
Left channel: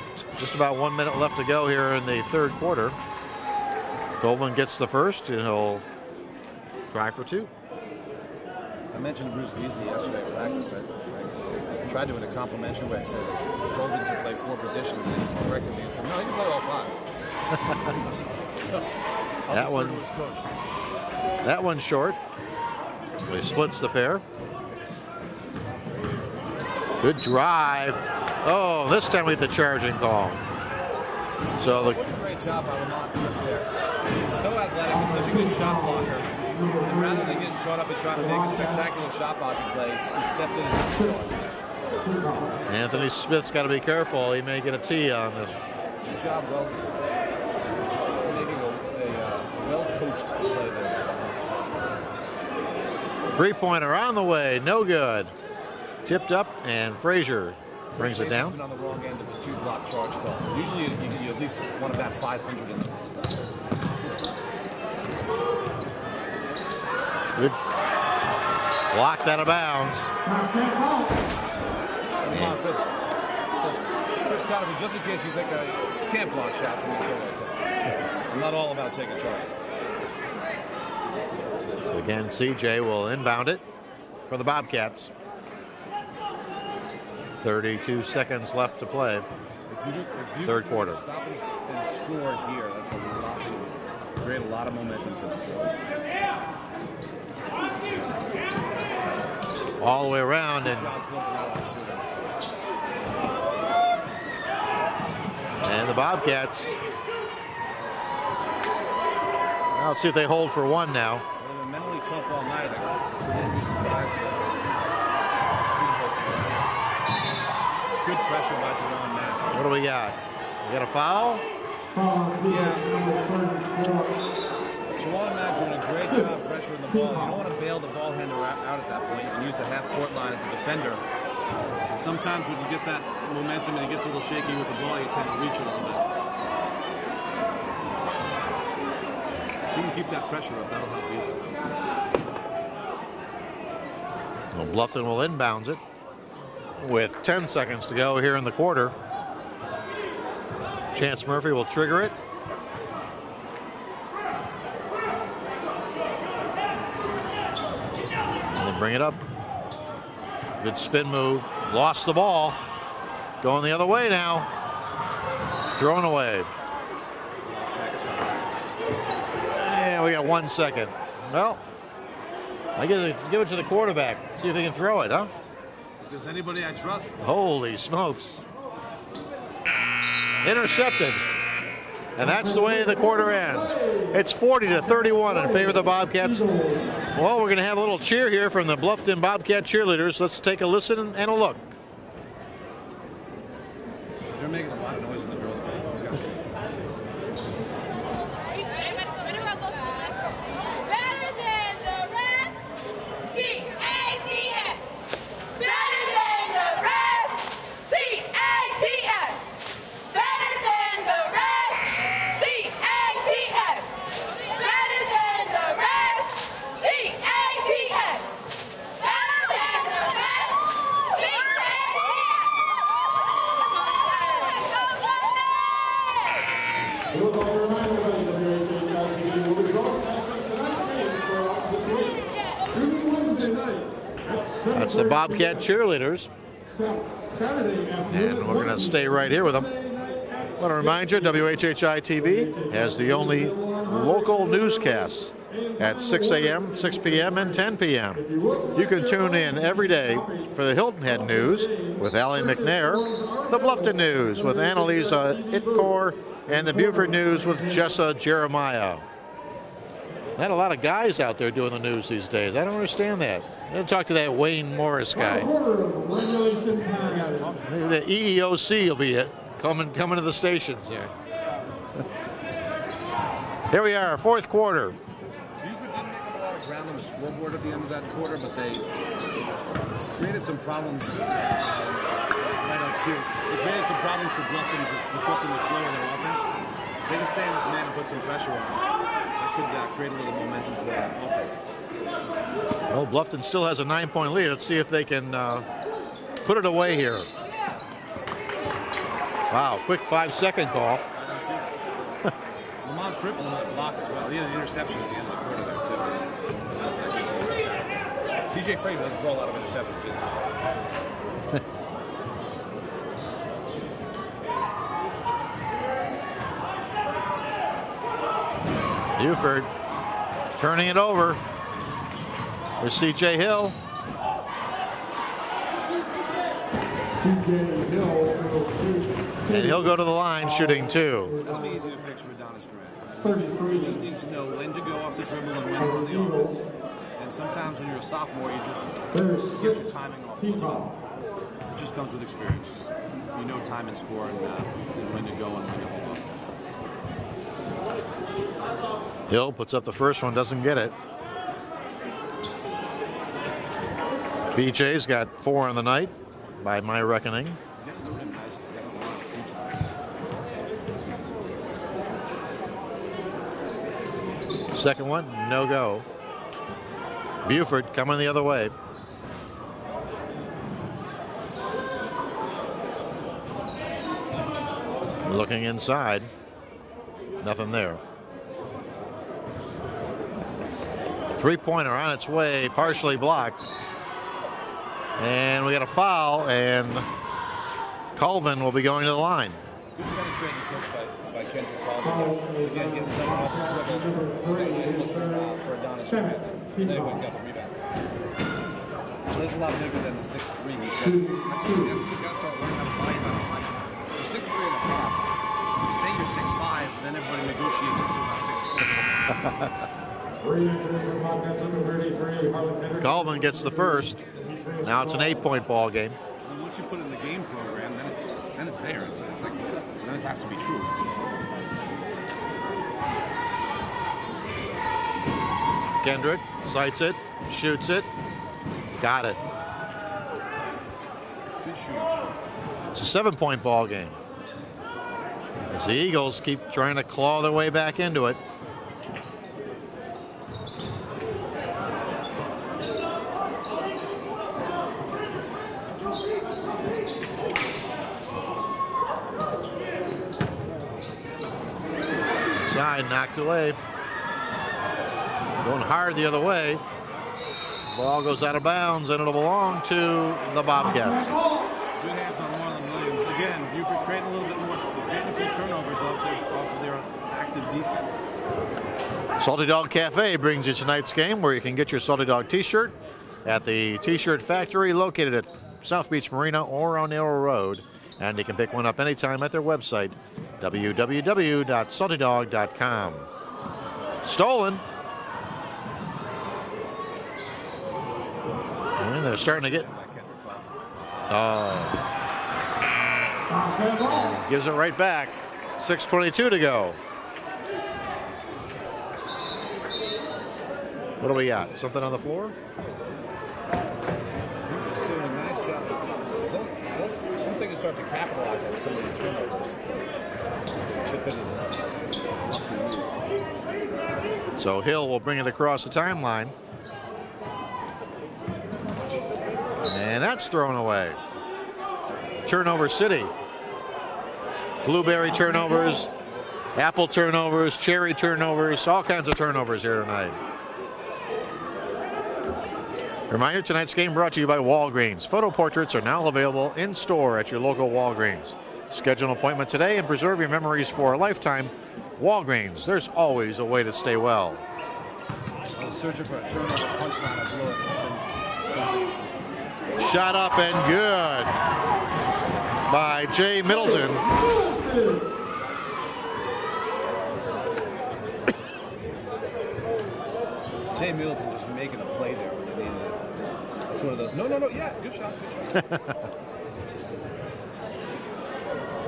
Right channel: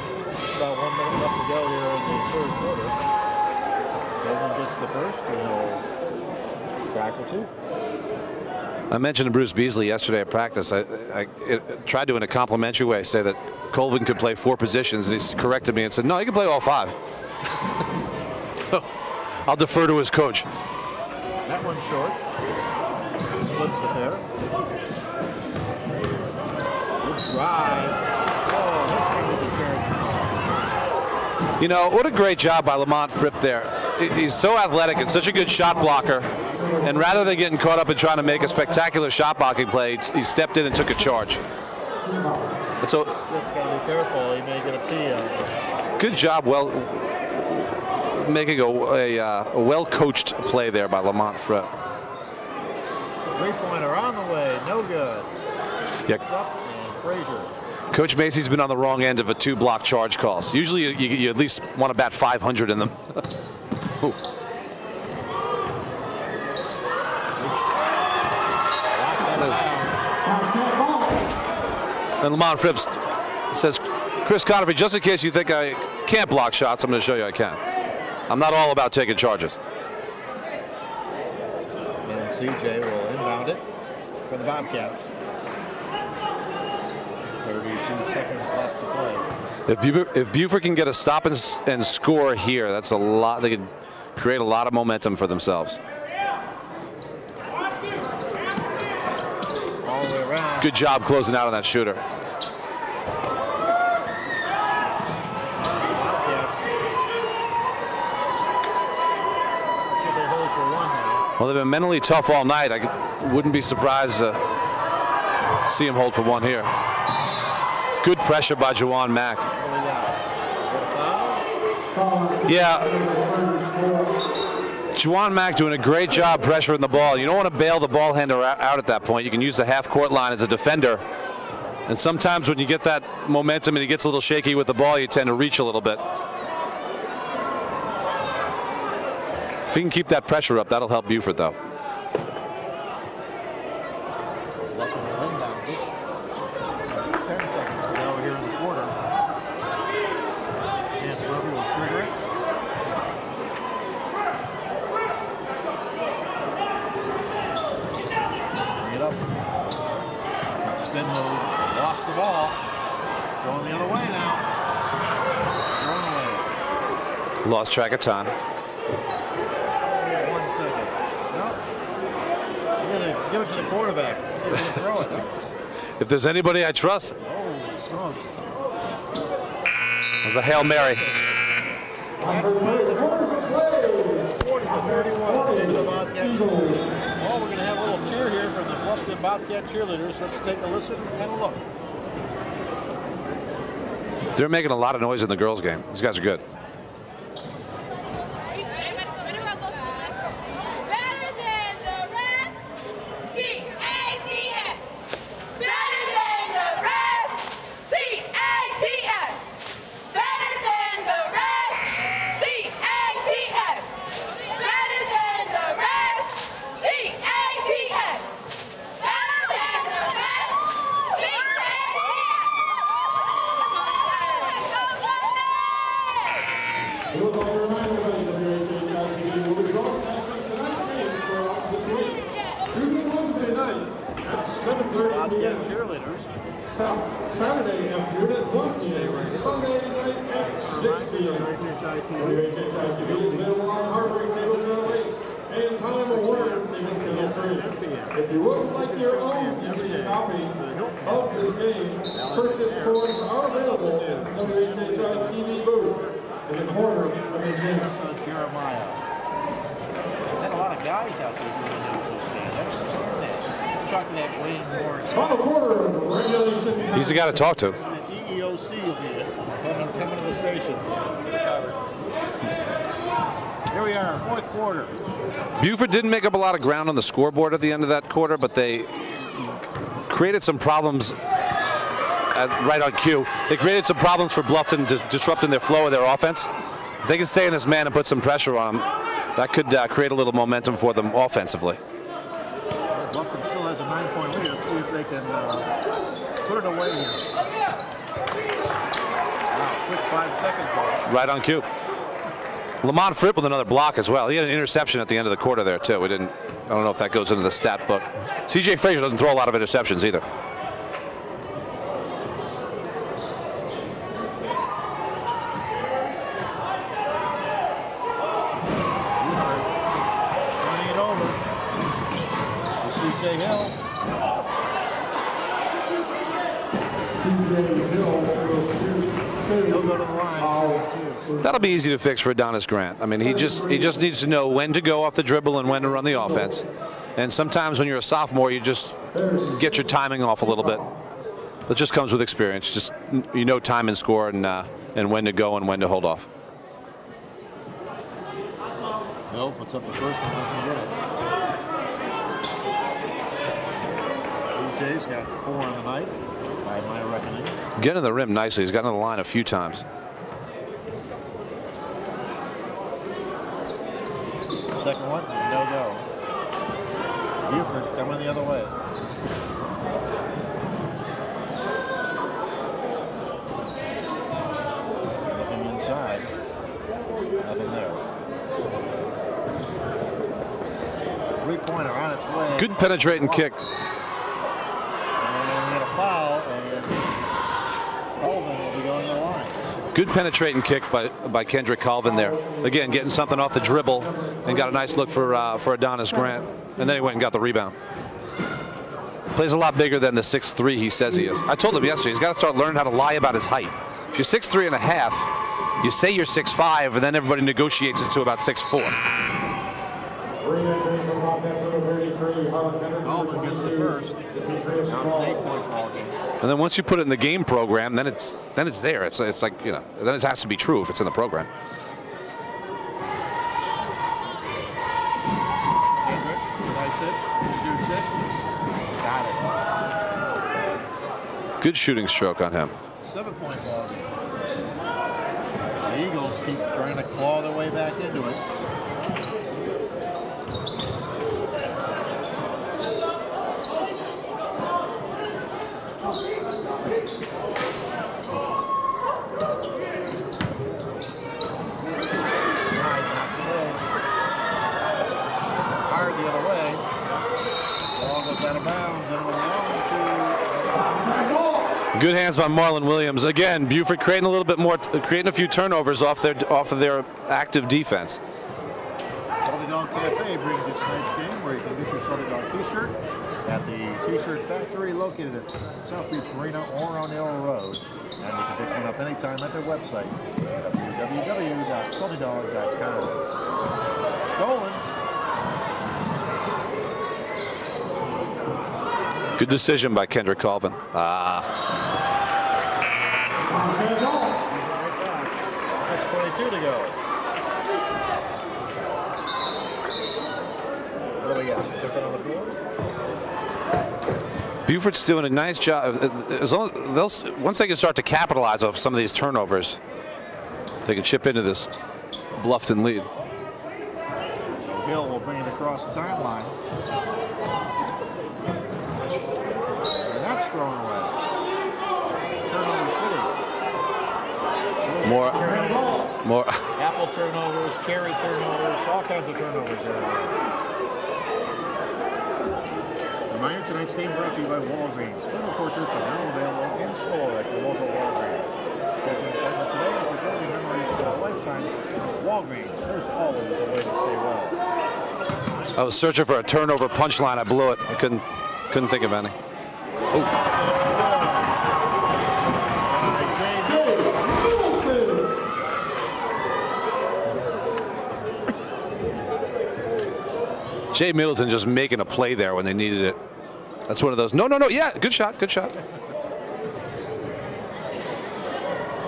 about 1 minute left to go here in the third quarter. Colvin gets the first, and he'll try for 2. I mentioned to Bruce Beasley yesterday at practice. I tried to, in a complimentary way, say that Colvin could play 4 positions, and he corrected me and said, no, he can play all 5. I'll defer to his coach. That one's short. He splits the pair. Good drive. Oh, this time with the charging call. You know, what a great job by Lamont Fripp there. He's so athletic and such a good shot blocker. And rather than getting caught up in trying to make a spectacular shot blocking play, he stepped in and took a charge. Anthony Smith's got to be careful. He may get a tee out of it. Good job. Well, making a well-coached play there by Lamont Fripp. 3-pointer on the way. No good. Tipped up, and Frazier. Coach Macy's been on the wrong end of a 2-block charge calls. Usually you at least want to bat 500 in them. Blocked out of bounds. And Lamont Fripp says, Chris Conefry, just in case you think I can't block shots, I'm going to show you I can. I'm not all about taking charges. So again, CJ will inbound it for the Bobcats. 32 seconds left to play. If Beaufort can get a stop and score here, that's a lot. They could create a lot of momentum for themselves. All the way around. Good job closing out on that shooter. Bobcats. Let's see if they hold for one now. Well, they've been mentally tough all night. Wouldn't be surprised to see them hold for one here. Good pressure by Juwan Mack. What do we got? We got a foul? Yeah. Juwan Mack doing a great job pressuring the ball. You don't want to bail the ball handler out at that point. You can use the half-court line as a defender. And sometimes when you get that momentum and he gets a little shaky with the ball, you tend to reach a little bit. If he can keep that pressure up, that'll help Beaufort, though. Well, Bluffton will inbound it with 10 seconds to go here in the quarter. Chance Murphy will trigger it. He'll bring it up. Good spin move. Lost the ball. Going the other way now. Thrown away. Lost track of time. Yeah, we got 1 second. Well, I guess they give it to the quarterback. See if they can throw it, huh? If there's anybody I trust. Holy smokes. There's a Hail Mary. And that's the way the quarter ends. It's 40-31 in favor of the Bobcats. Well, we're going to have a little cheer here from the Bluffton Bobcat cheerleaders. Let's take a listen and a look. They're making a lot of noise in the girls' game. These guys are good. That's the Bobcat cheerleaders. And we're going to stay right here with them. I want to remind you, WHHI-TV has the only local newscasts at 6 a.m., 6 p.m., and 10 p.m. You can tune in every day for the Hilton Head News with Allie McNair, the Bluffton News with Annalisa Itkor, and the Beaufort News with Jessa Jeremiah. Had a lot of guys out there doing the news these days. I don't understand that. I didn't talk to that Wayne Morris guy. He's the guy to talk to. The EEOC will be coming to the stations. Here we are, fourth quarter. Beaufort didn't make up a lot of ground on the scoreboard at the end of that quarter, but they created some problems right on cue. They created some problems for Bluffton, disrupting their flow of their offense. If they can stay in this man and put some pressure on them, that could create a little momentum for them offensively. Well, Bluffton still has a 9-point lead. Let's see if they can put it away here. Wow, quick 5-second call. Right on cue. Lamont Fripp with another block as well. He had an interception at the end of the quarter there too. I don't know if that goes into the stat book. CJ Frazier doesn't throw a lot of interceptions either. Beaufort turning it over with CJ Hill. And he'll go to the line shooting 2. That'll be easy to fix for Adonis Grant. I mean, he just needs to know when to go off the dribble and when to run the offense. And sometimes when you're a sophomore, you just get your timing off a little bit. That just comes with experience. Just time and score and when to go and when to hold off. Hill puts up the first one, doesn't get it. BJ's got 4 on the night, by my reckoning. Getting to the rim nicely. He's gotten to the line a few times. Second one, no go. Beaufort coming the other way. Looking inside. Nothing there. 3-pointer on its way. Good penetrating kick. And we got a foul, and Colvin will be going to the line. Good penetrating kick by Kendrick Colvin there. Again, getting something off the dribble and got a nice look for Adonis Grant. And then he went and got the rebound. Plays a lot bigger than the 6'3" he says he is. I told him yesterday he's got to start learning how to lie about his height. If you're 6'3 and a half, You say you're 6'5", and then everybody negotiates it to about 6'4". Colvin gets the first. Now it's an 8-point ball game. And then once you put it in the game program, then it's there. It's like, you know, then it has to be true if it's in the program. Kendrick sights it, shoots it, got it. Good shooting stroke on him. It's a 7-point ball game. As the Eagles keep trying to claw their way back into it. Side knocked away. Going hard the other way. Ball goes out of bounds, and it'll belong to the Bobcats. Good hands by Marlon Williams. Again, Beaufort creating a little bit more, creating a few turnovers off of their active defense. Salty Dog Cafe brings you tonight's game, where you can get your Salty Dog t-shirt at the T-shirt factory located at South Beach Marina or on Arrow Road. And you can pick one up anytime at their website, www.saltydog.com. Stolen. Good decision by Kendrick Colvin. Gives it right back. 6:22 to go. What do we got? Something on the floor? Beaufort's doing a nice job. As long as once they can start to capitalize off some of these turnovers, they can chip into this Bluffton lead. So Hill will bring it across the timeline. And that's thrown away. Turnover City. Blueberry turnovers, apple turnovers, cherry turnovers, all kinds of turnovers here tonight. Reminder, tonight's game brought to you by Walgreens. Photo portraits are now available in store at your local Walgreens. Schedule an appointment today and preserve your memories for a lifetime. Walgreens, there's always a way to stay well. I was searching for a turnover punchline. I blew it. I couldn't think of any. Shot up and good by Jay Middleton. Jay Middleton just making a play there when they needed it. That's one of those. No. Yeah, good shot. Good shot.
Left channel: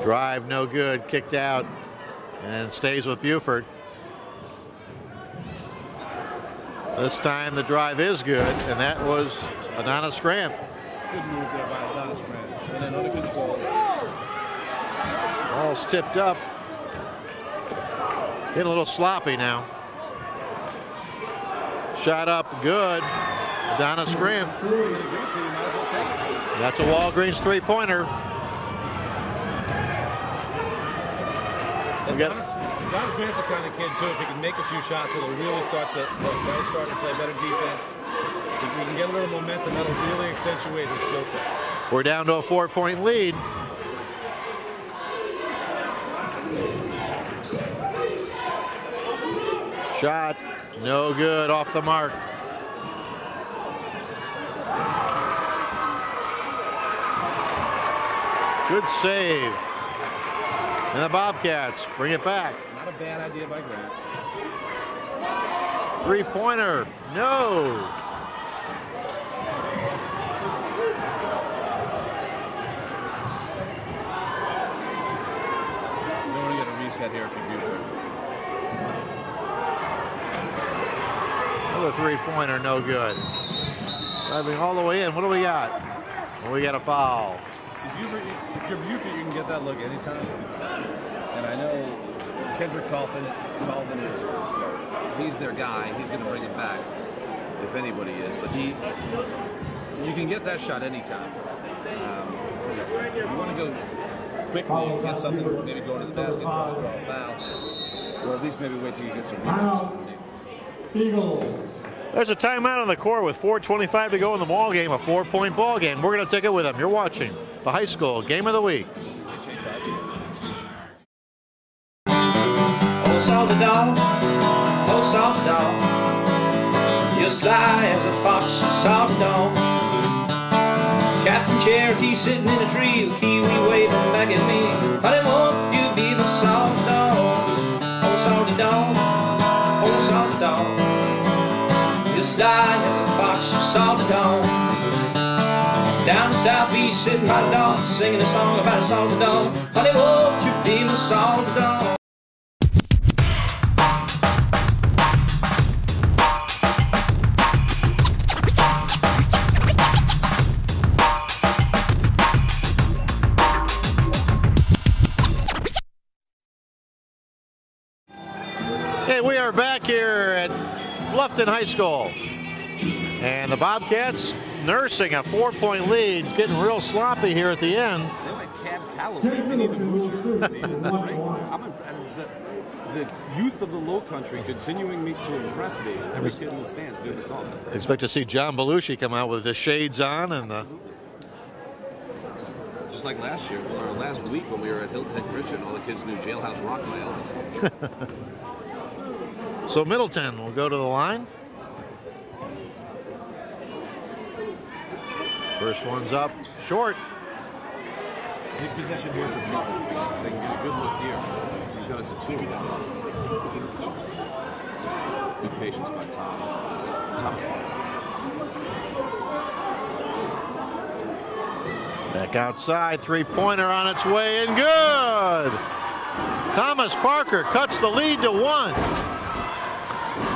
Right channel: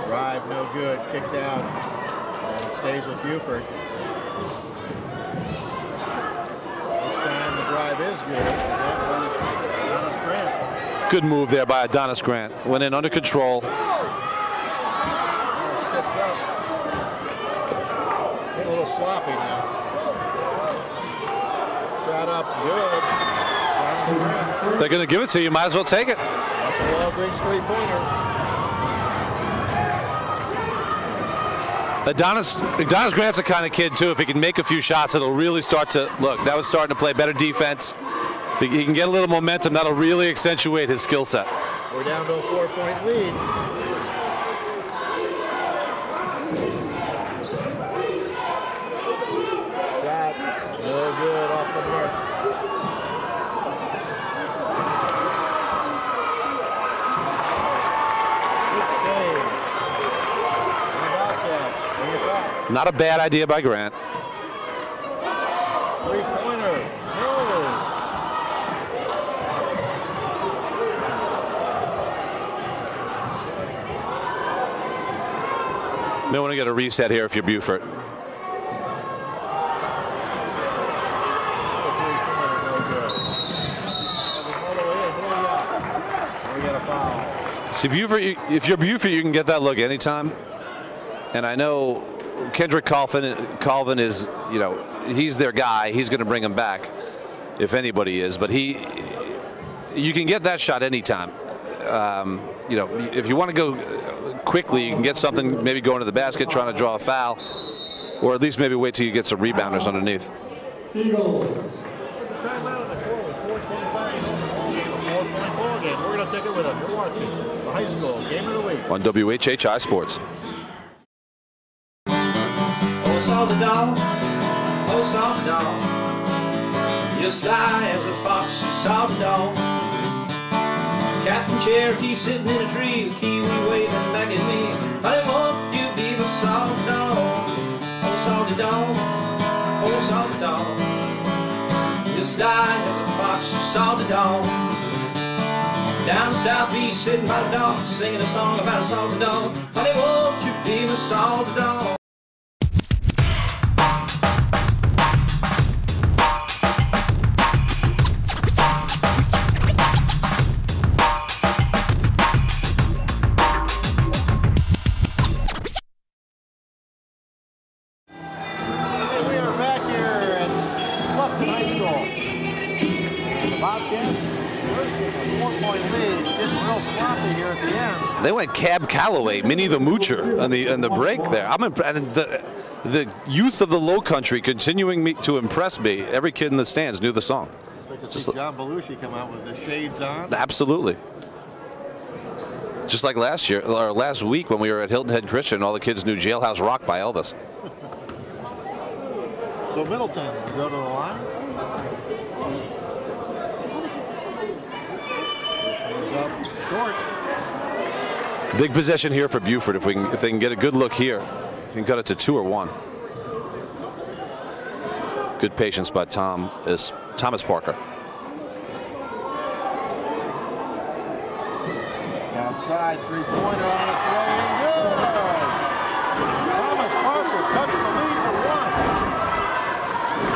Drive no good. Kicked out and stays with Beaufort. This time the drive is good, and that was Adonis Grant. Good move there by Adonis Grant. Went in under control. Ball's tipped up. Getting a little sloppy now. Shot up good. Adonis Grant. If they're going to give it to you, might as well take it. That's a Walgreens three-pointer. Adonis Grant's the kind of kid, too, if he can make a few shots, it'll really start to, look, that was starting to play better defense. If he can get a little momentum, that'll really accentuate his skill set. We're down to a 4-point lead. Shot, no good, off the mark. Good save. And the Bobcats bring it back. Not a bad idea by Grant. Three-pointer, no. May want to get a reset here if you're Beaufort. Another three-pointer, no good. Driving all the way in. What do we got? We got a foul. See, Beaufort, if you're Beaufort, you can get that look anytime. And I know Kendrick Colvin is, you know, he's their guy. He's going to bring him back, if anybody is. But you can get that shot anytime. You know, if you want to go quickly, you can get something, maybe go into the basket, trying to draw a foul, or at least maybe wait till you get some rebounders underneath. There's a timeout on the court with 4:25 to go in the ball game, a 4-point ball game. We're going to take it with them. You're watching the high school game of the week on WHHI Sports. Oh, salty dog, oh, salty dog, you're sly as a fox, you salty dog. Captain Cherokee sitting in a tree, Kiwi waving back at me. Honey, won't you be the salty sly as a fox, you saw the dawn. Down the southeast, sitting by the dock, singing a song about a salty dog. Honey, won't you be my salty dog? We are back here at Bluffton High School, and the Bobcats nursing a 4-point lead, getting real sloppy here at the end. They went Cab Calloway, Minnie the Moocher on the break there. And the youth of the Lowcountry continuing to impress me. Every kid in the stands knew the song. Expect to see John Belushi come out with the shades on. Absolutely. Just like last year, or last week when we were at Hilton Head Christian, all the kids knew Jailhouse Rock by Elvis. So Middleton will go to the line. First one's up short. Big possession here for Beaufort if they can get a good look here. And got it to 2 or 1. Good patience by Thomas Parker. Back outside, three-pointer on its way and good. Thomas Parker cuts the lead to 1.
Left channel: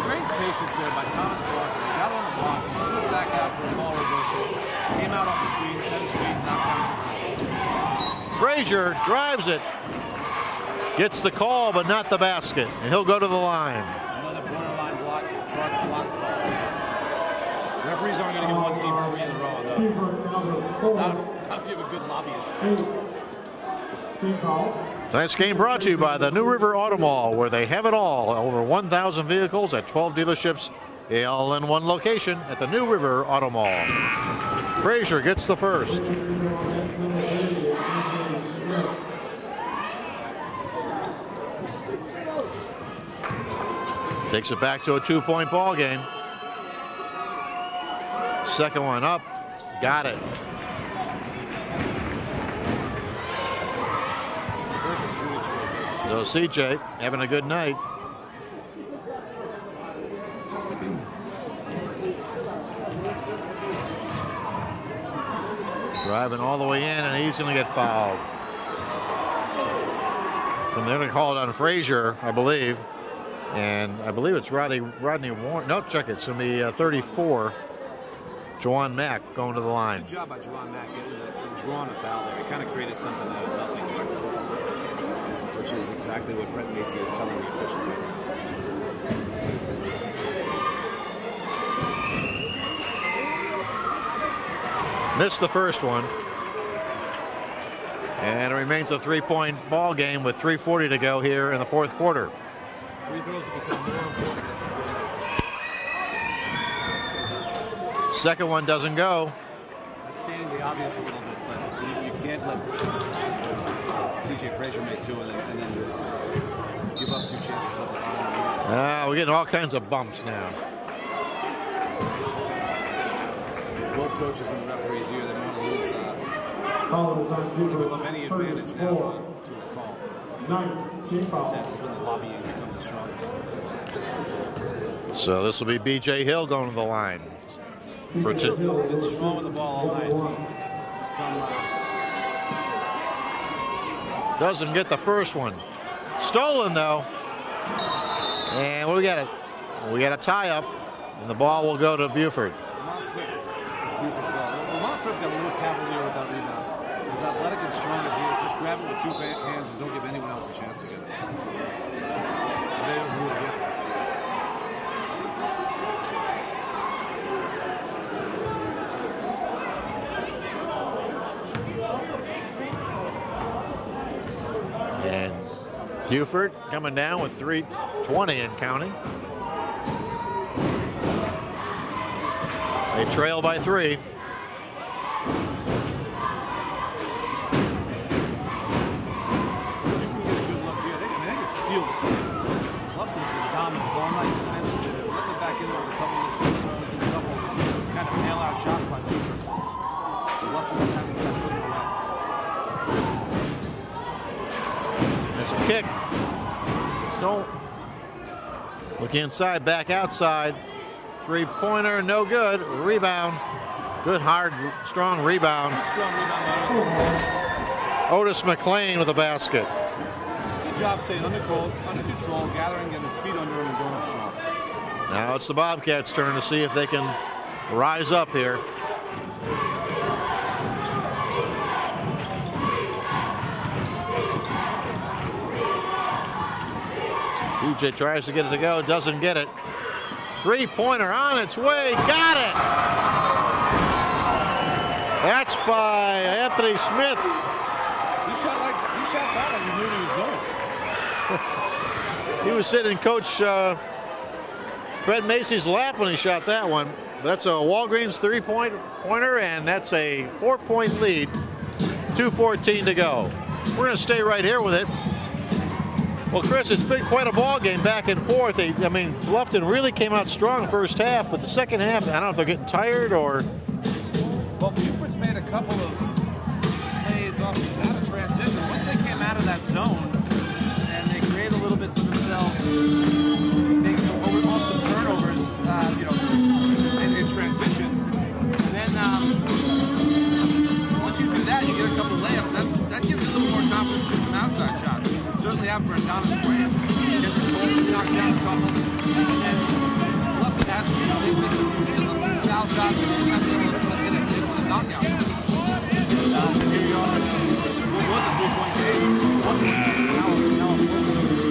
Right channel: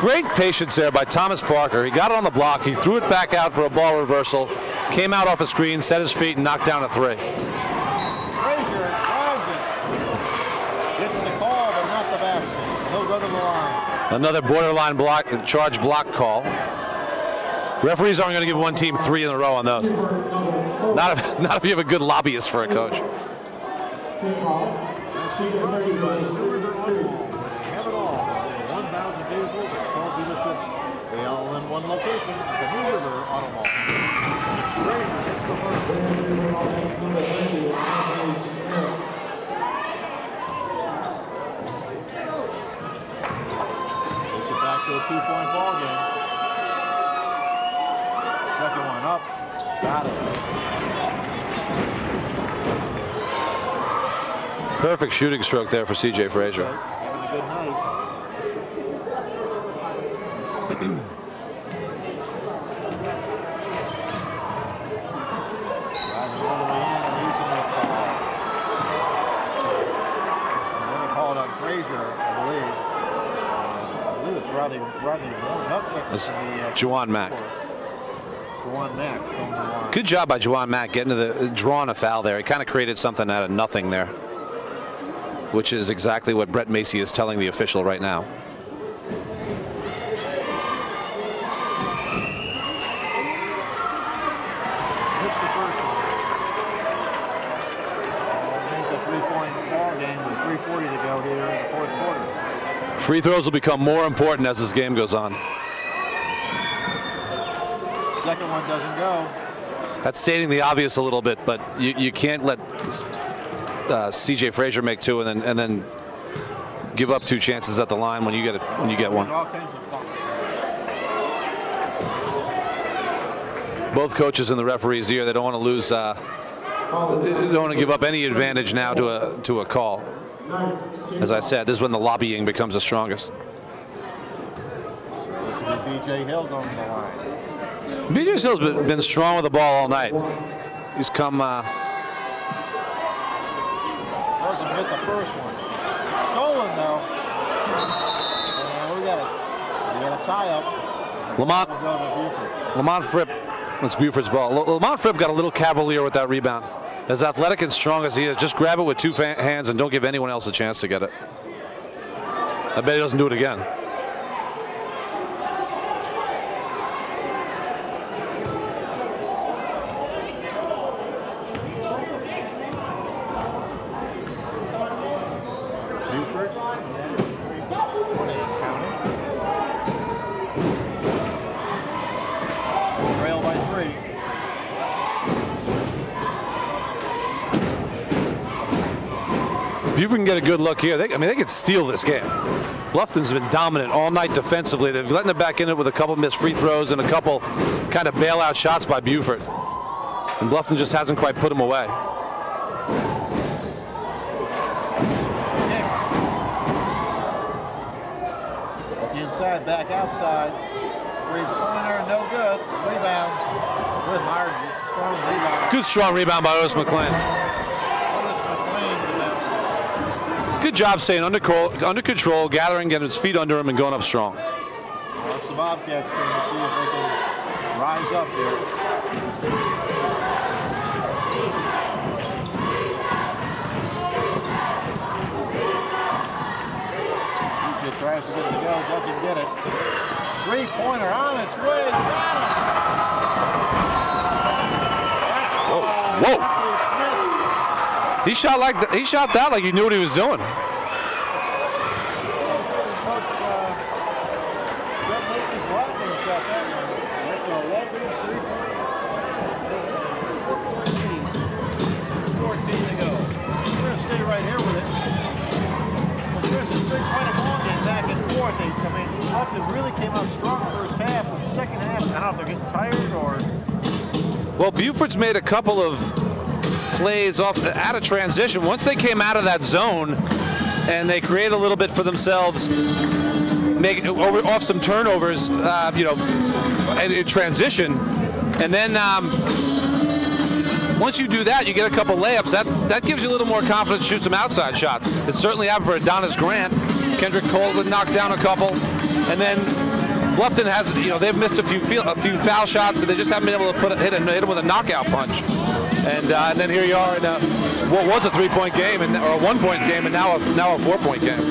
Great patience there by Thomas Parker. He got it on the block. He threw it back out for a ball reversal. Came out off the screen, set his feet, and knocked down a 3. Frazier drives it. Gets the call, but not the basket. And he'll go to the line. Another borderline block, charge block call. Referees aren't going to give one team 3 in a row on those. Not if you have a good lobbyist for a coach. Tonight's game brought to you by the New River Auto Mall, where they have it all. Over 1,000 vehicles at 12 dealerships, all in one location at the New River Auto Mall. Frazier gets the first. Takes it back to a 2-point ball game. Second one up. Got it. Perfect shooting stroke there for C.J. Frazier. Having a good night. Driving all the way in, and he's going to get fouled. So they're going to call it on Frazier, I believe. And I believe it's Rodney Moore. No, check it. It's going to be 34. Juwan Mack going to the line. Good job by Juwan Mack getting to the drawing a foul there. He kind of created something out of nothing there, which is exactly what Brett Macy is telling the official right now. Missed the first one. And it remains a 3-point ball game with 3:40 to go here in the fourth quarter. Free throws will become more important as this game goes on. Second one doesn't go. That's stating the obvious a little bit, but you can't let C.J. Frazier make 2 and then give up 2 chances at the line when you get when you get one. All kinds of bumps there. Both coaches and the referees here, they don't want to lose. They don't want to give up any advantage now to a call. As I said, this is when the lobbying becomes the strongest. So this will be B.J. Hill going to the line. B.J. Hill's been strong with the ball all night. He's come. Doesn't get the first one. Stolen though. And we got a tie up. And the ball will go to Beaufort. Lamont Fripp. It's Beaufort's ball. Lamont Fripp got a little cavalier with that rebound. As athletic and strong as he is, just grab it with 2 hands and don't give anyone else a chance to get it. I bet he doesn't do it again. And Beaufort coming down with 3:20 and counting. They trail by 3. Beaufort can get a good look here. They could steal this game. Bluffton's been dominant all night defensively. They've letting it back in it with a couple missed free throws and a couple kind of bailout shots by Beaufort. And Bluffton just hasn't quite put them away. It's a kick. Stolen. Look inside, back outside. Three-pointer, no good. Rebound. Good, hard, strong rebound. Good, strong rebound by Otis McLean. Otis McLean with a basket. Good job staying under control, gathering, getting his feet under him, and going up strong. Now it's the Bobcats' turn to see if they can rise up here. Beaufort tries to get it to go, doesn't get it. Three-pointer on its way, got it! That's by Anthony Smith. He shot that like he knew what he was doing. He was sitting in Coach Brett Macy's lap when he shot that one. That's a Walgreens three-pointer, and that's a 4-point lead. 2:14 to go. We're going to stay right here with it. Well, Chris, it's been quite a ball game back and forth. I mean, Bluffton really came out strong first half, but the second half, I don't know if they're getting tired or... Well, Beaufort's made a couple of plays out of transition. Once they came out of that zone and they create a little bit for themselves, off some turnovers, you know, in transition, and then once you do that, you get a couple layups. That gives you a little more confidence to shoot some outside shots. It certainly happened for Adonis Grant. Kendrick Colvin knocked down a couple, and then Bluffton has, you know, they've missed a few foul shots, so they just haven't been able to hit him with a knockout punch. And then here you are in what was a 3-point game, or a 1-point game, and now a 4-point game.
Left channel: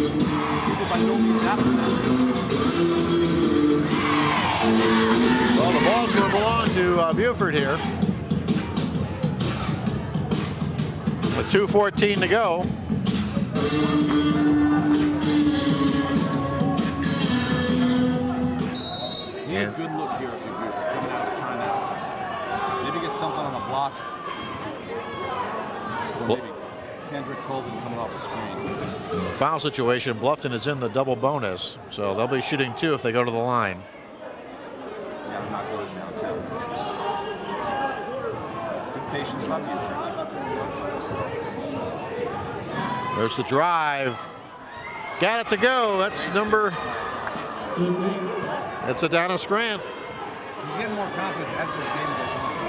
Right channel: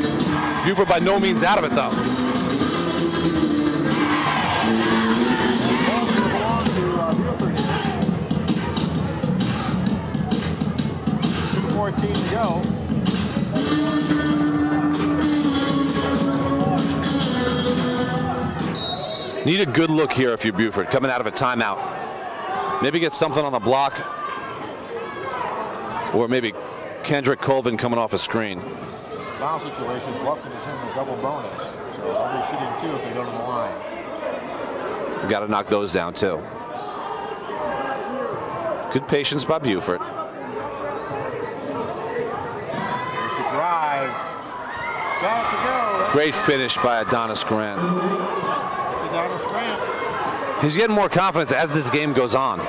Beaufort by no means out of it, though. Well, the ball's going to belong to Beaufort here. With 2:14 to go. Need a good look here if you're Beaufort, coming out of a timeout. Maybe get something on the block. Or maybe Kendrick Colvin coming off a screen. In the foul situation, Bluffton is in the double bonus, so they'll be shooting 2 if they go to the line. We got to knock those down too. Good patience by Beaufort. There's the drive. Got it to go. That's great finish by Adonis Grant. That's Adonis Grant. He's getting more confidence as this game goes on.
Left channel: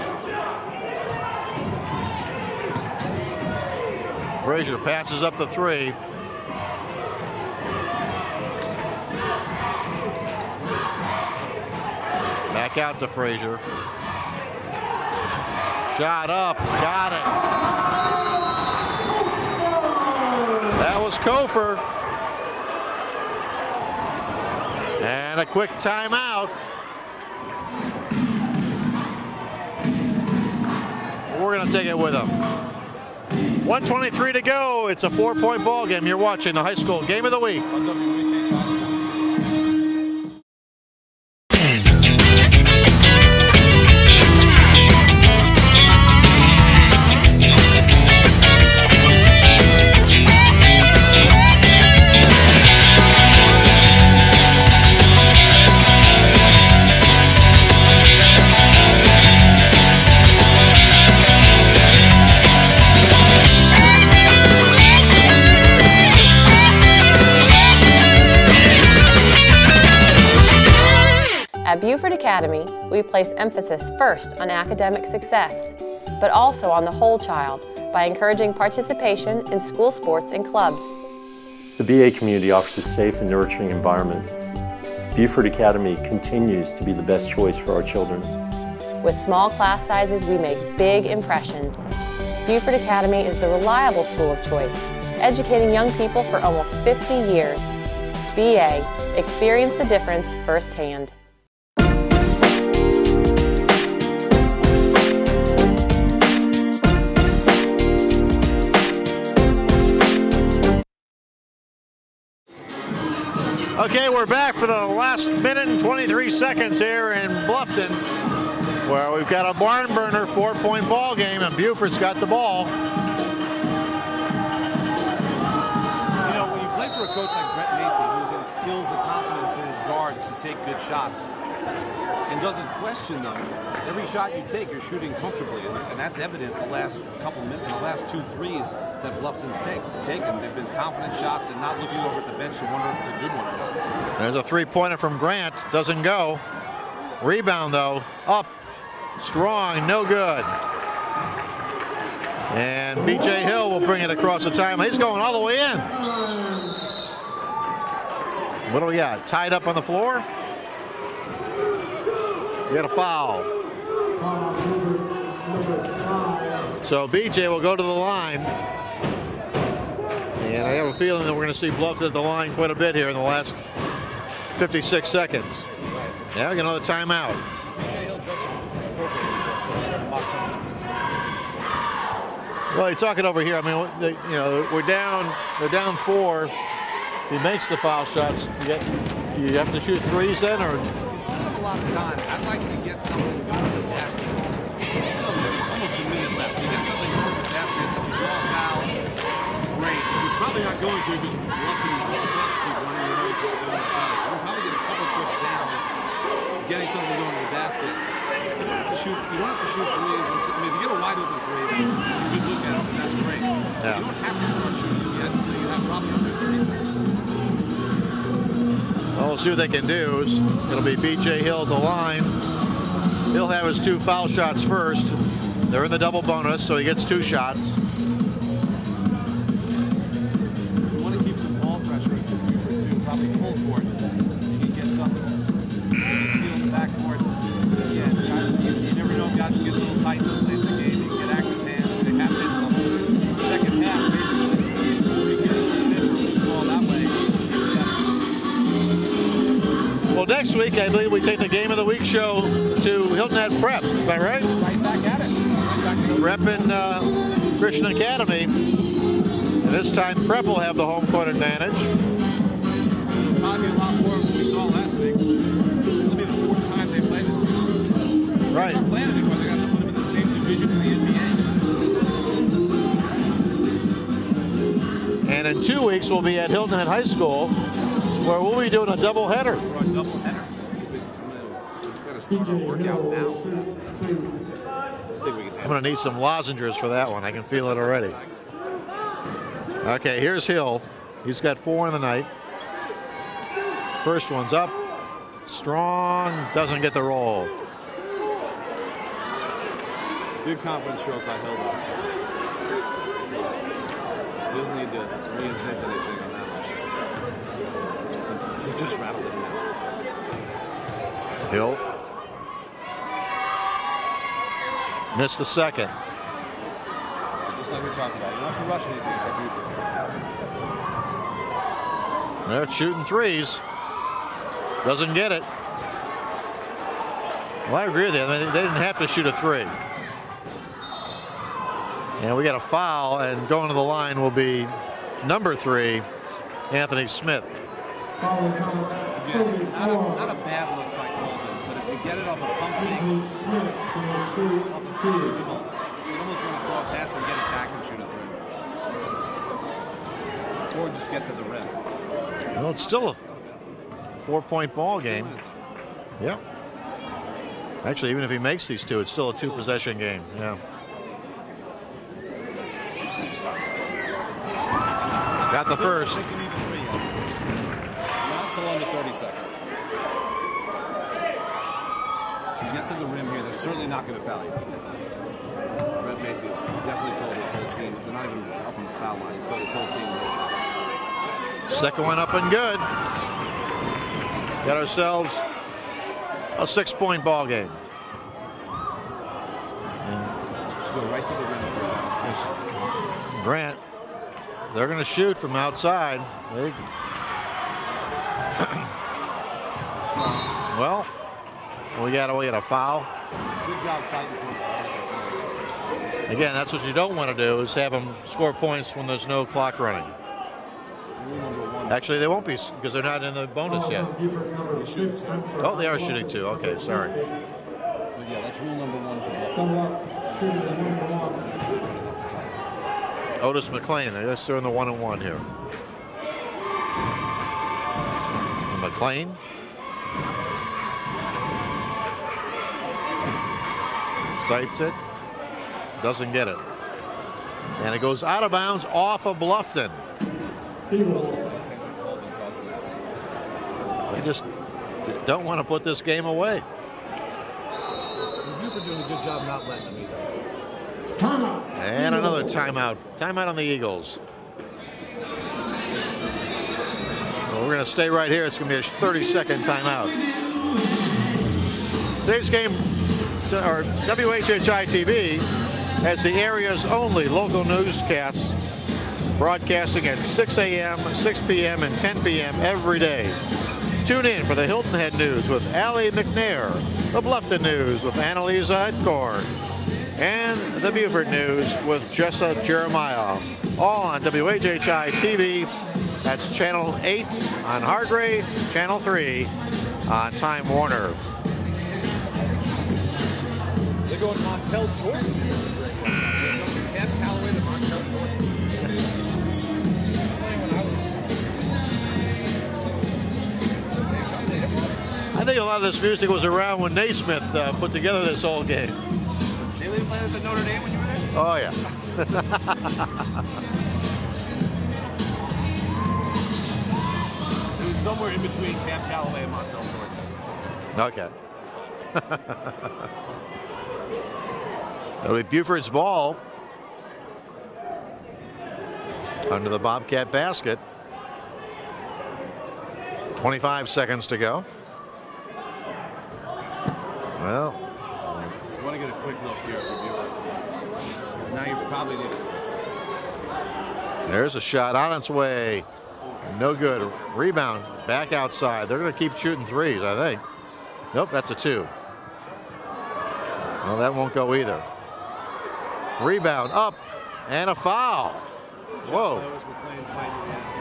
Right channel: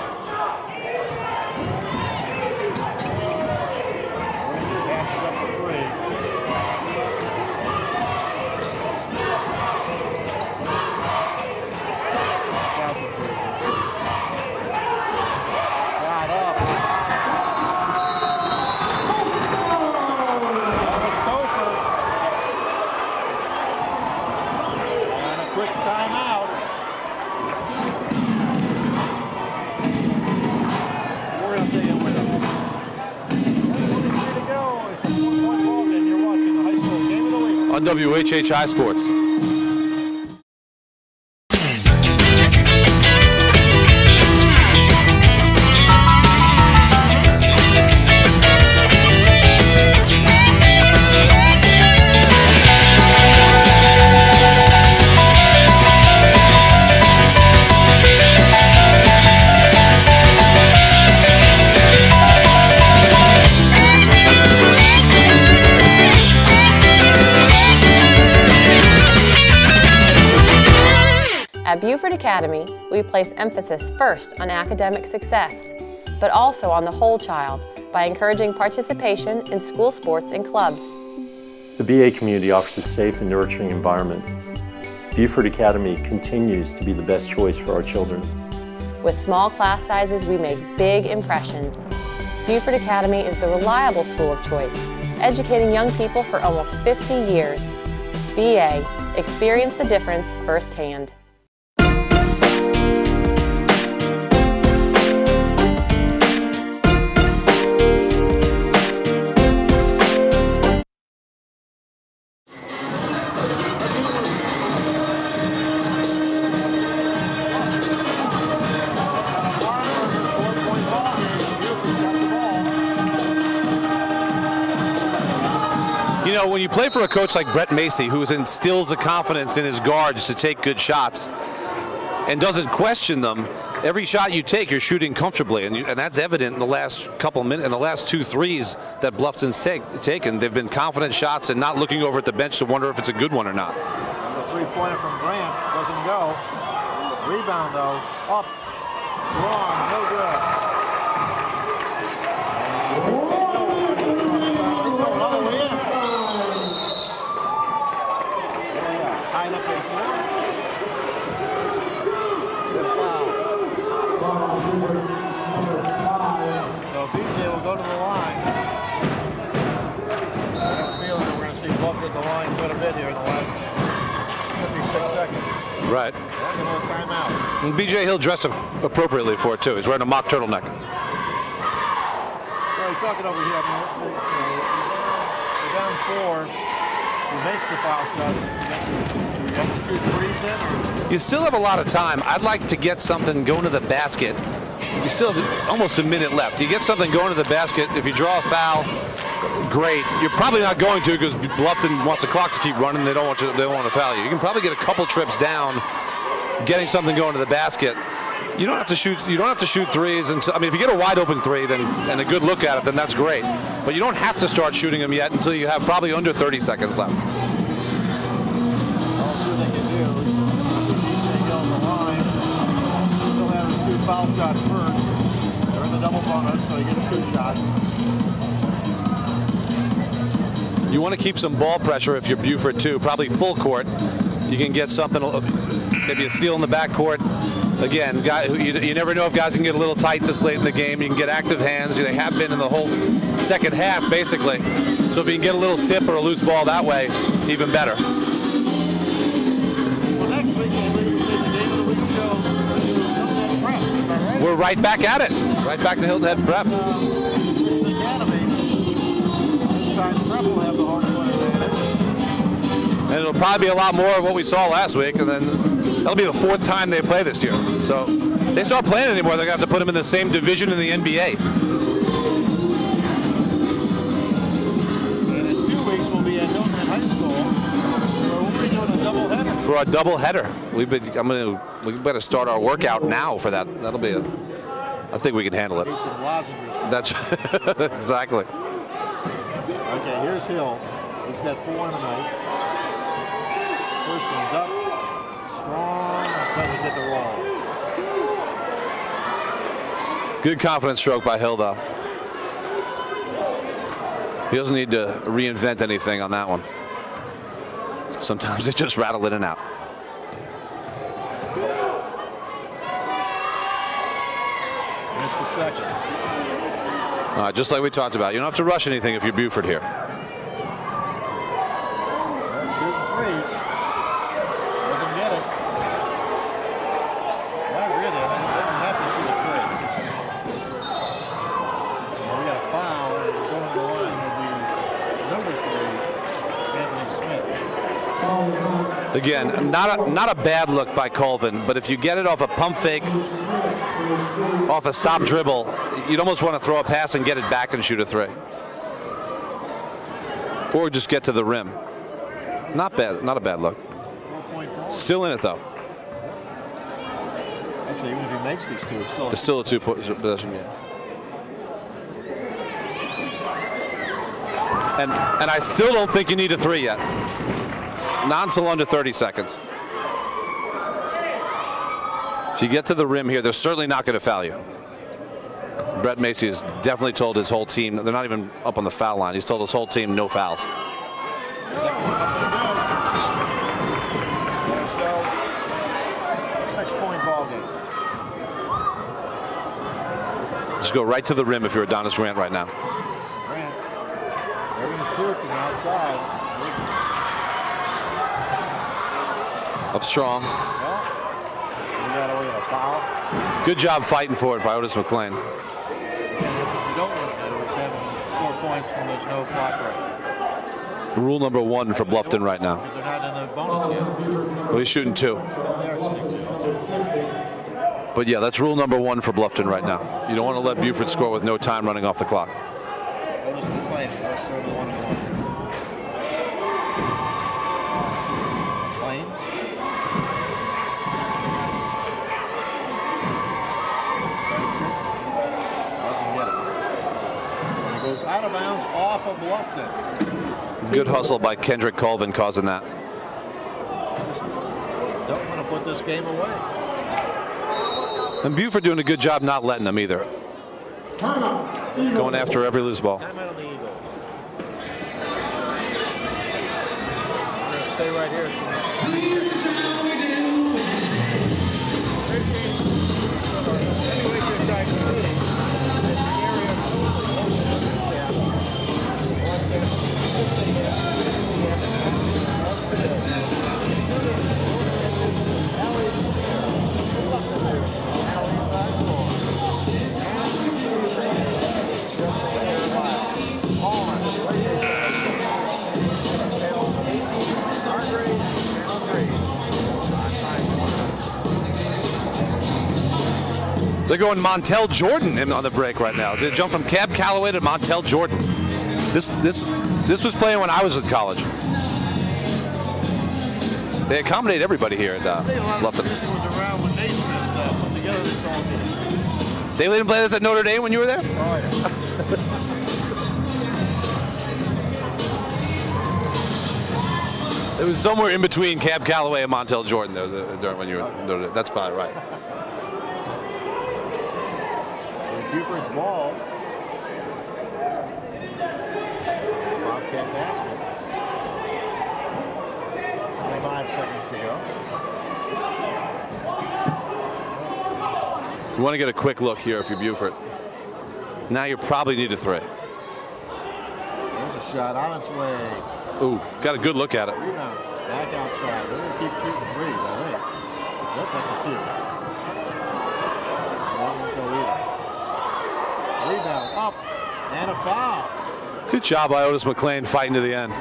Frazier passes up the 3. Back out to Frazier. Shot up, got it. That was Conefry. And a quick timeout. We're going to take it with them. 1:23 to go. It's a 4-point ball game. You're watching the high school game of the week on WHHI Sports. At Beaufort Academy, we place emphasis first on academic success, but also on the whole child by encouraging participation in school sports and clubs. The BA community offers a safe and nurturing environment. Beaufort Academy continues to be the best choice for our children. With small class sizes, we make big impressions. Beaufort Academy is the reliable school of choice, educating young people for almost 50 years. BA, experience the difference firsthand. Okay, we're back for the last minute and 23 seconds here in Bluffton, where we've got a barn burner 4-point ball game, and Beaufort's got the ball. You know, when you play for a coach like Brett Macy, who instills the confidence in his guards to take good shots and doesn't question them, every shot you take, you're shooting comfortably, and that's evident in the last couple minutes, in the last 2 threes that Bluffton's taken. They've been confident shots and not looking over at the bench to wonder if it's a good one or not. There's a 3-pointer from Grant, doesn't go. Rebound, though, up. Strong, no good. And B.J. Hill will bring it across the timeline. He's going all the way in. What do we got? Tied up on the floor. We got a foul. So B.J. will go to the line. And I have a feeling that we're going to see Bluffton at the line quite a bit here in the last 56 seconds. Right. Yeah, we're going to timeout. And B.J. Hill dressed appropriately for it, too. He's wearing a mock turtleneck. Well, you're talking over here. I mean, we're down 4. He makes the foul shots. You have to shoot threes then, or you still have a lot of time. I'd like to get something going to the basket. You still have almost a minute left. You get something going to the basket. If you draw a foul, great. You're probably not going to because Bluffton wants the clock to keep running. They don't want to foul you. You can probably get a couple trips down, getting something going to the basket. You don't have to shoot. You don't have to shoot threes. And I mean, if you get a wide open three, then and a good look at it, then that's great. But you don't have to start shooting them yet until you have probably under 30 seconds left. Well, we'll see what they can do. It'll be B.J. Hill at the line. He'll have his 2 foul shots first. They're in the double bonus, so he gets 2 shots. You want to keep some ball pressure if you're Beaufort too. Probably full court. You can get something, maybe a steal in the backcourt. Again, you never know if guys can get a little tight this late in the game. You can get active hands. They have been in the whole second half, basically. So if you can get a little tip or a loose ball that way, even better. Well, next week, I believe we take the Game of the Week show to Hilton at Prep. Is that right? We're right back at it. Right back to Hilton at Prep. Christian Academy. This time, Prep will have the home court advantage. And it'll probably be a lot more of what we saw last week, and then that'll be the 4th time they play this year. So they start playing anymore. They're going to have to put them in the same division in the NBA. And in 2 weeks, we'll be at Hilton High School, where we'll be doing a doubleheader. For a doubleheader, we better start our workout now for that. That'll be I think we can handle it. I'm going to need some lozenges for that one. I can feel it already. Exactly. Okay, here's Hill. He's got 4 in the night. First one's up. Strong. Doesn't get the roll. Good confidence stroke by Hill, though. He doesn't need to reinvent anything on that one. Sometimes they just rattle in and out. Hill. Missed the second. Just like we talked about, you don't have to rush anything if you're Beaufort here. They're shooting threes. Doesn't get it. Well, I agree with you. They didn't have to shoot a 3. And we got a foul, and going to the line will be number 3, Anthony Smith. Again, not a bad look by Colvin, but if you get it off a pump fake, off a stop dribble, you'd almost want to throw a pass and get it back and shoot a 3. Or just get to the rim. Well, not bad, not a bad look. 4-point ball game. Still in it, though. Yep. Actually, even if he makes these 2, it's still a two-possession game. And I still don't think you need a 3 yet. Not until under 30 seconds. If you get to the rim here, they're certainly not going to foul you. Brett Macy has definitely told his whole team, they're not even up on the foul line. He's told his whole team no fouls. Second one up and good. Got ourselves a 6-point ball game. Just go right to the rim if you're Adonis Grant right now. Grant, they're going to shoot from outside. Up strong. Well, we got a foul. Good job fighting for it by Otis McLean. Again, that's what you don't want to do, is have them score points when there's no clock running. Rule number 1 for Bluffton right now. Because they're not in the bonus yet. Well, he's shooting 2. Oh, they are shooting 2. Okay, sorry. But yeah, that's rule number 1 for Bluffton right now. You don't want to let Beaufort score with no time running off the clock. Otis McLean, yes, they're in the 1-on-1 here. McLean. Sights it. Doesn't get it. And it goes out of bounds off of Bluffton. Good hustle by Kendrick Colvin causing that. They just don't want to put this game away. And Beaufort doing a good job not letting them either. Timeout. And Going another after every timeout. loose ball. Timeout on the Eagles. Well, we're going to stay right here. It's going to be a 30-second timeout. Today's game, or WHHI-TV, has the area's only local newscast, broadcasting at 6 a.m., 6 p.m., and 10 p.m. every day. Tune in for the Hilton Head News with Allie McNair, the Bluffton News with Annalisa Edcorn, and the Beaufort News with Jessa Jeremiah. All on WHHI-TV. That's Channel 8 on Hargray, Channel 3 on Time Warner. They're going Montel Jordan in on the break right now. They jump from Cab Calloway to Montel Jordan. This was playing when I was in college. They accommodate everybody here. I think a lot of this music was around when Naismith put together this whole game. They didn't play this at Notre Dame when you were there? Oh, yeah. It was somewhere in between Cab Calloway and Montel Jordan during when you were at Notre Dame. That's probably right. It'll be Beaufort's ball under the Bobcat basket. 25 seconds to go. Well, you want to get a quick look here if you're Beaufort. Now you probably need a three. There's a shot on its way. Ooh, got a good look at it. Rebound back outside. They're going to keep shooting threes, I think. Nope, that's a two. Well, that won't go either. Rebound up and a foul. Good job by Otis McLean fighting to the end.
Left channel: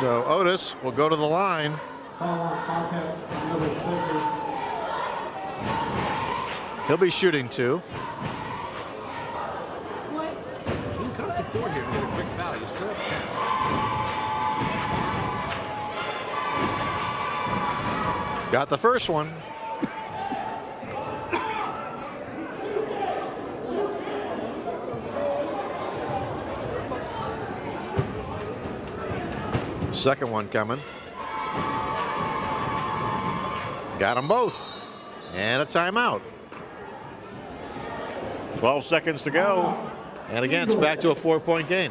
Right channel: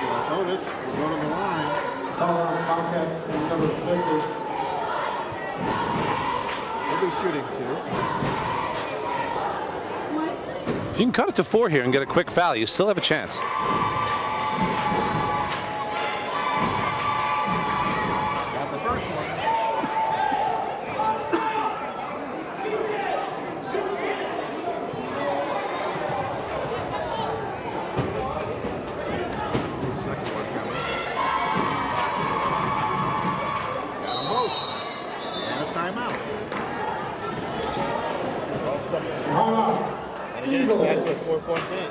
So Otis will go to the line. He'll be shooting two. If you can cut it to 4 here and get a quick foul, you still have a chance. Got the first one. Second one coming. Got them both. And a timeout. 12 seconds to go. And again, it's back to a 4-point game.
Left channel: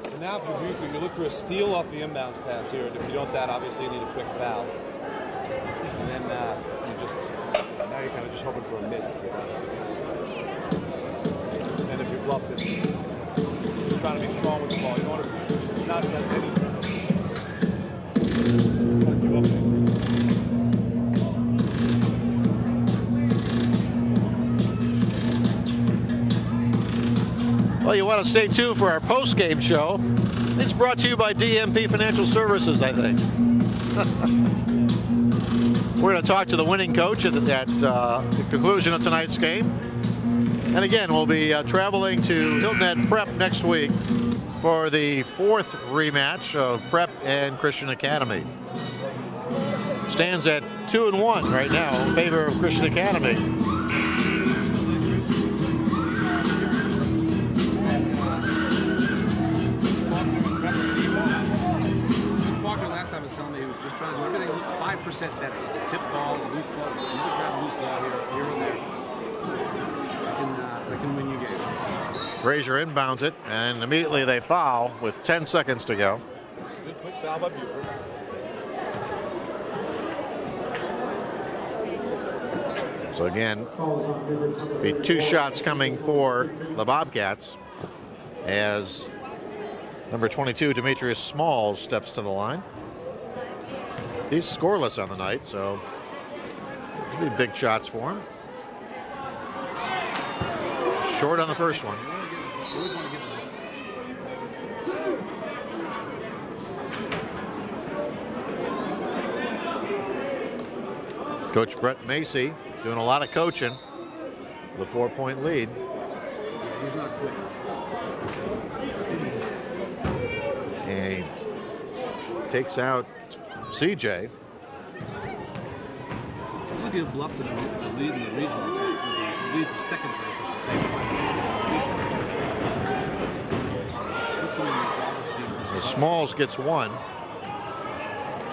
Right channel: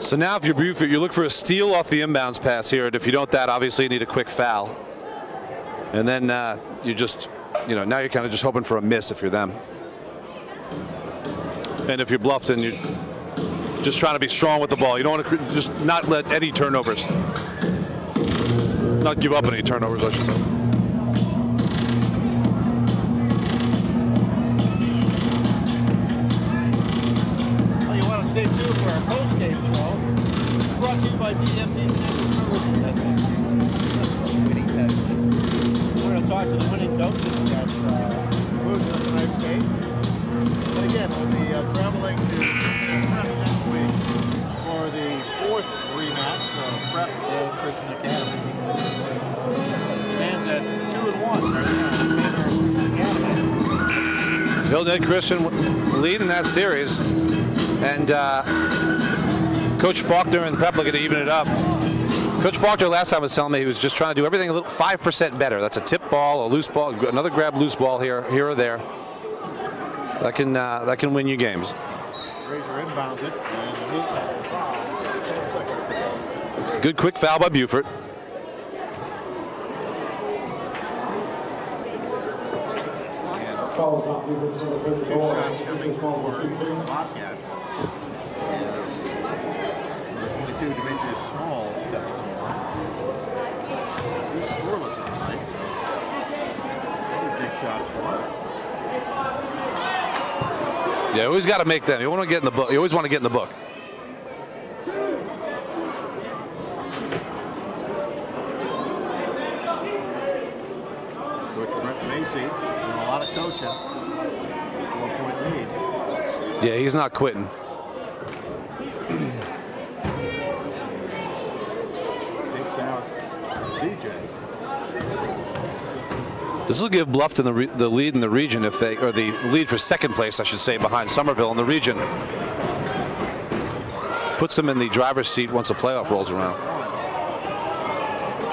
So now if you're Beaufort, you look for a steal off the inbounds pass here. And if you don't that, obviously you need a quick foul. And then you just, now you're kind of just hoping for a miss if you're them. And if you're Bluffton, you're just trying to be strong with the ball. You don't want to just not let any turnovers. Not give up any turnovers, I should say. Well, you want to stay tuned for our post-game show. It's brought to you by DMP Financial Services, I think. We're going to talk to the winning coach at the conclusion of tonight's game. And again, we'll be traveling to Hilton Prep next week for the 4th rematch of Prep and Christian Academy. Stands at 2-1 right now in favor of Christian Academy. Hilton Christian leading that series. And Coach Faulkner and Prep are going to even it up. Coach Faulkner last time was telling me he was just trying to do everything a little 5% better. That's a tip ball, a loose ball, another grab loose ball here or there. That can win you games. Frazier inbounds it, and immediately they foul with 10 seconds to go. Good quick foul by Beaufort. So again, be 2 shots coming for the Bobcats as number 22, Demetrius Smalls, steps to the line. He's scoreless on the night, so maybe big shots for him. Yeah, you always got to make them. You want to get in the book. You always want to get in the book. Coach Brett Macy doing a lot of coaching. The 4-point lead. Yeah, he's not quitting. And he takes out CJ. This will give Bluffton the lead in the region if they, or the lead for second place, I should say, behind Somerville in the region. Puts them in the driver's seat once the playoff rolls around. Smalls gets one.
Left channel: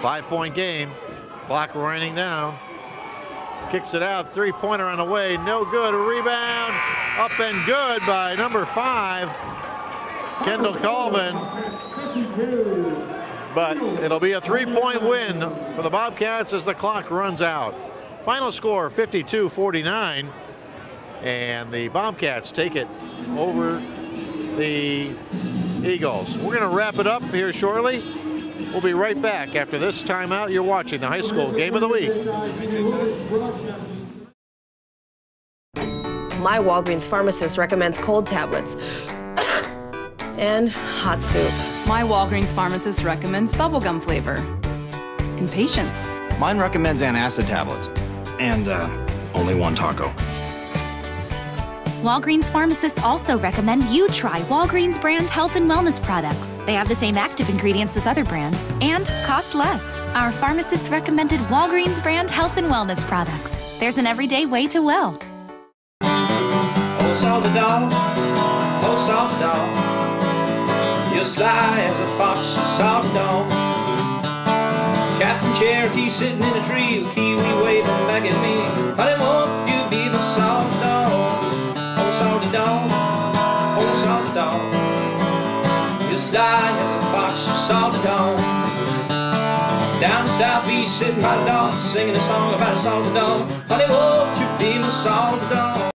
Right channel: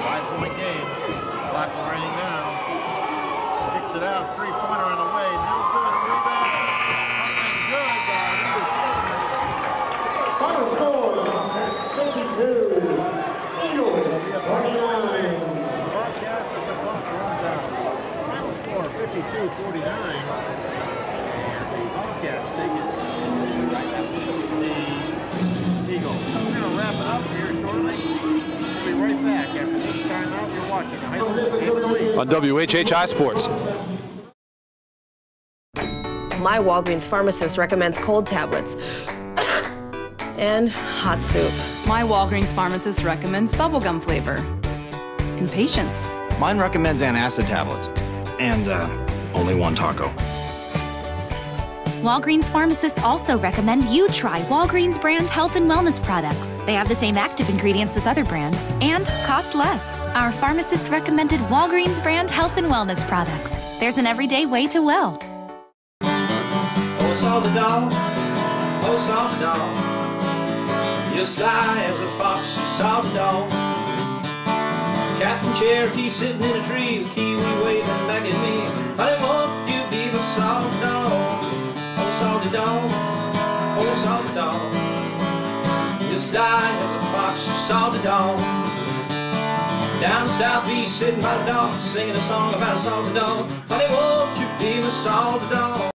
5-point game. Clock winding down. Kicks it out, three-pointer on the way, no good. Rebound, up and good by number 5, Kendall Colvin. But it'll be a 3-point win for the Bobcats as the clock runs out. Final score 52-49, and the Bobcats take it over the Eagles. We're going to wrap it up here shortly. We'll be right back after this timeout. You're watching the high school game of the week on WHHI Sports. My Walgreens pharmacist recommends cold tablets and hot soup. My Walgreens pharmacist recommends bubblegum flavor and patience. Mine recommends antacid tablets and only one taco. Walgreens pharmacists also recommend you try Walgreens brand health and wellness products. They have the same active ingredients as other brands and cost less. Our pharmacist recommended Walgreens brand health and wellness products. There's an everyday way to well. Oh, salty dog, oh, salty dog, you're sly as a fox, you salty dog. Captain Cherokee sitting in a tree, kiwi waving back at me. Honey, won't you be my salty dog? Oh, salty dog, oh, salty dog, you're sly as a fox, you salty dog. Down south beach, sitting by the dog, singing a song about a salty dog. Honey, won't you be my salty dog?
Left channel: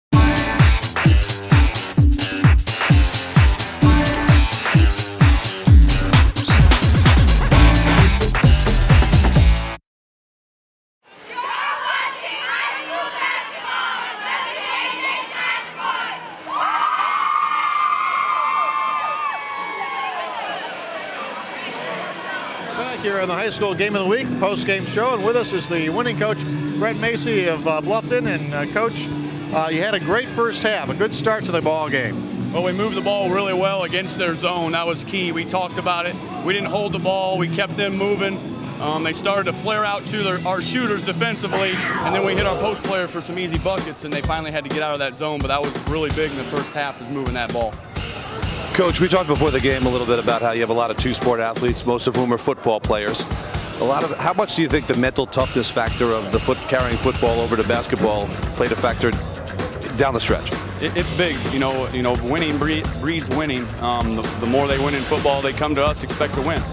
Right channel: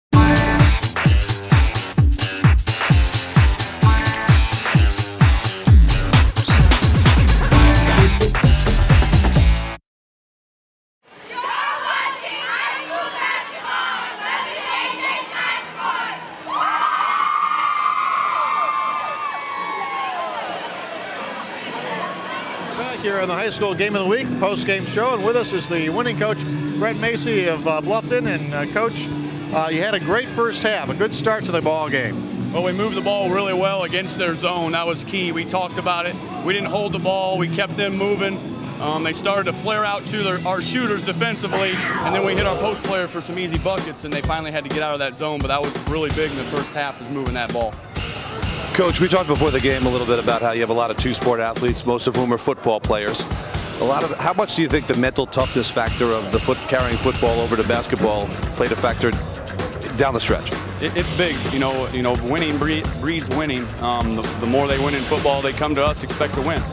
Here on the high school game of the week, post-game show, and with us is the winning coach, Brett Macy of Bluffton. And Coach, you had a great first half, a good start to the ball game. Well, we moved the ball really well against their zone. That was key. We talked about it. We didn't hold the ball. We kept them moving. They started to flare out to our shooters defensively, and then we hit our post players for some easy buckets, and they finally had to get out of that zone. But that was really big in the first half, is moving that ball. Coach, we talked before the game a little bit about how you have a lot of two-sport athletes, most of whom are football players. How much do you think the mental toughness factor of the carrying football over to basketball played a factor down the stretch? It's big. You know, winning breeds winning. The more they win in football, they come to us, expect to win.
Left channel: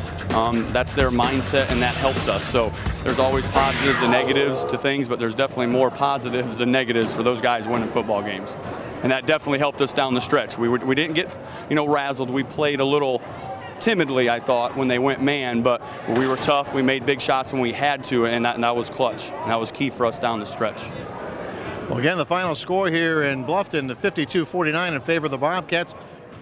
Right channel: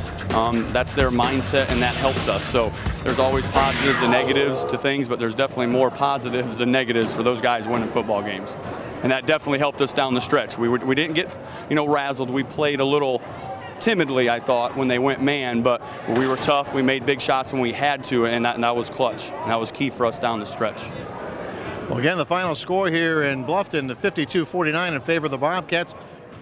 That's their mindset, and that helps us. So there's always positives and negatives to things, but there's definitely more positives than negatives for those guys winning football games. And that definitely helped us down the stretch. We didn't get, razzled. We played a little timidly, I thought, when they went man, but we were tough. We made big shots when we had to, and that was clutch. And that was key for us down the stretch. Well, again, the final score here in Bluffton, 52-49 in favor of the Bobcats.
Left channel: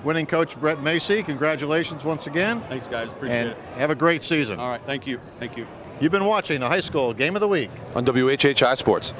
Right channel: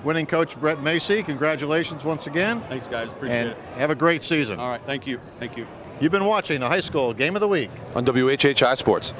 Winning coach Brett Macy, congratulations once again. Thanks, guys. Appreciate it. Have a great season. All right, thank you. Thank you. You've been watching the high school game of the week on WHHI Sports.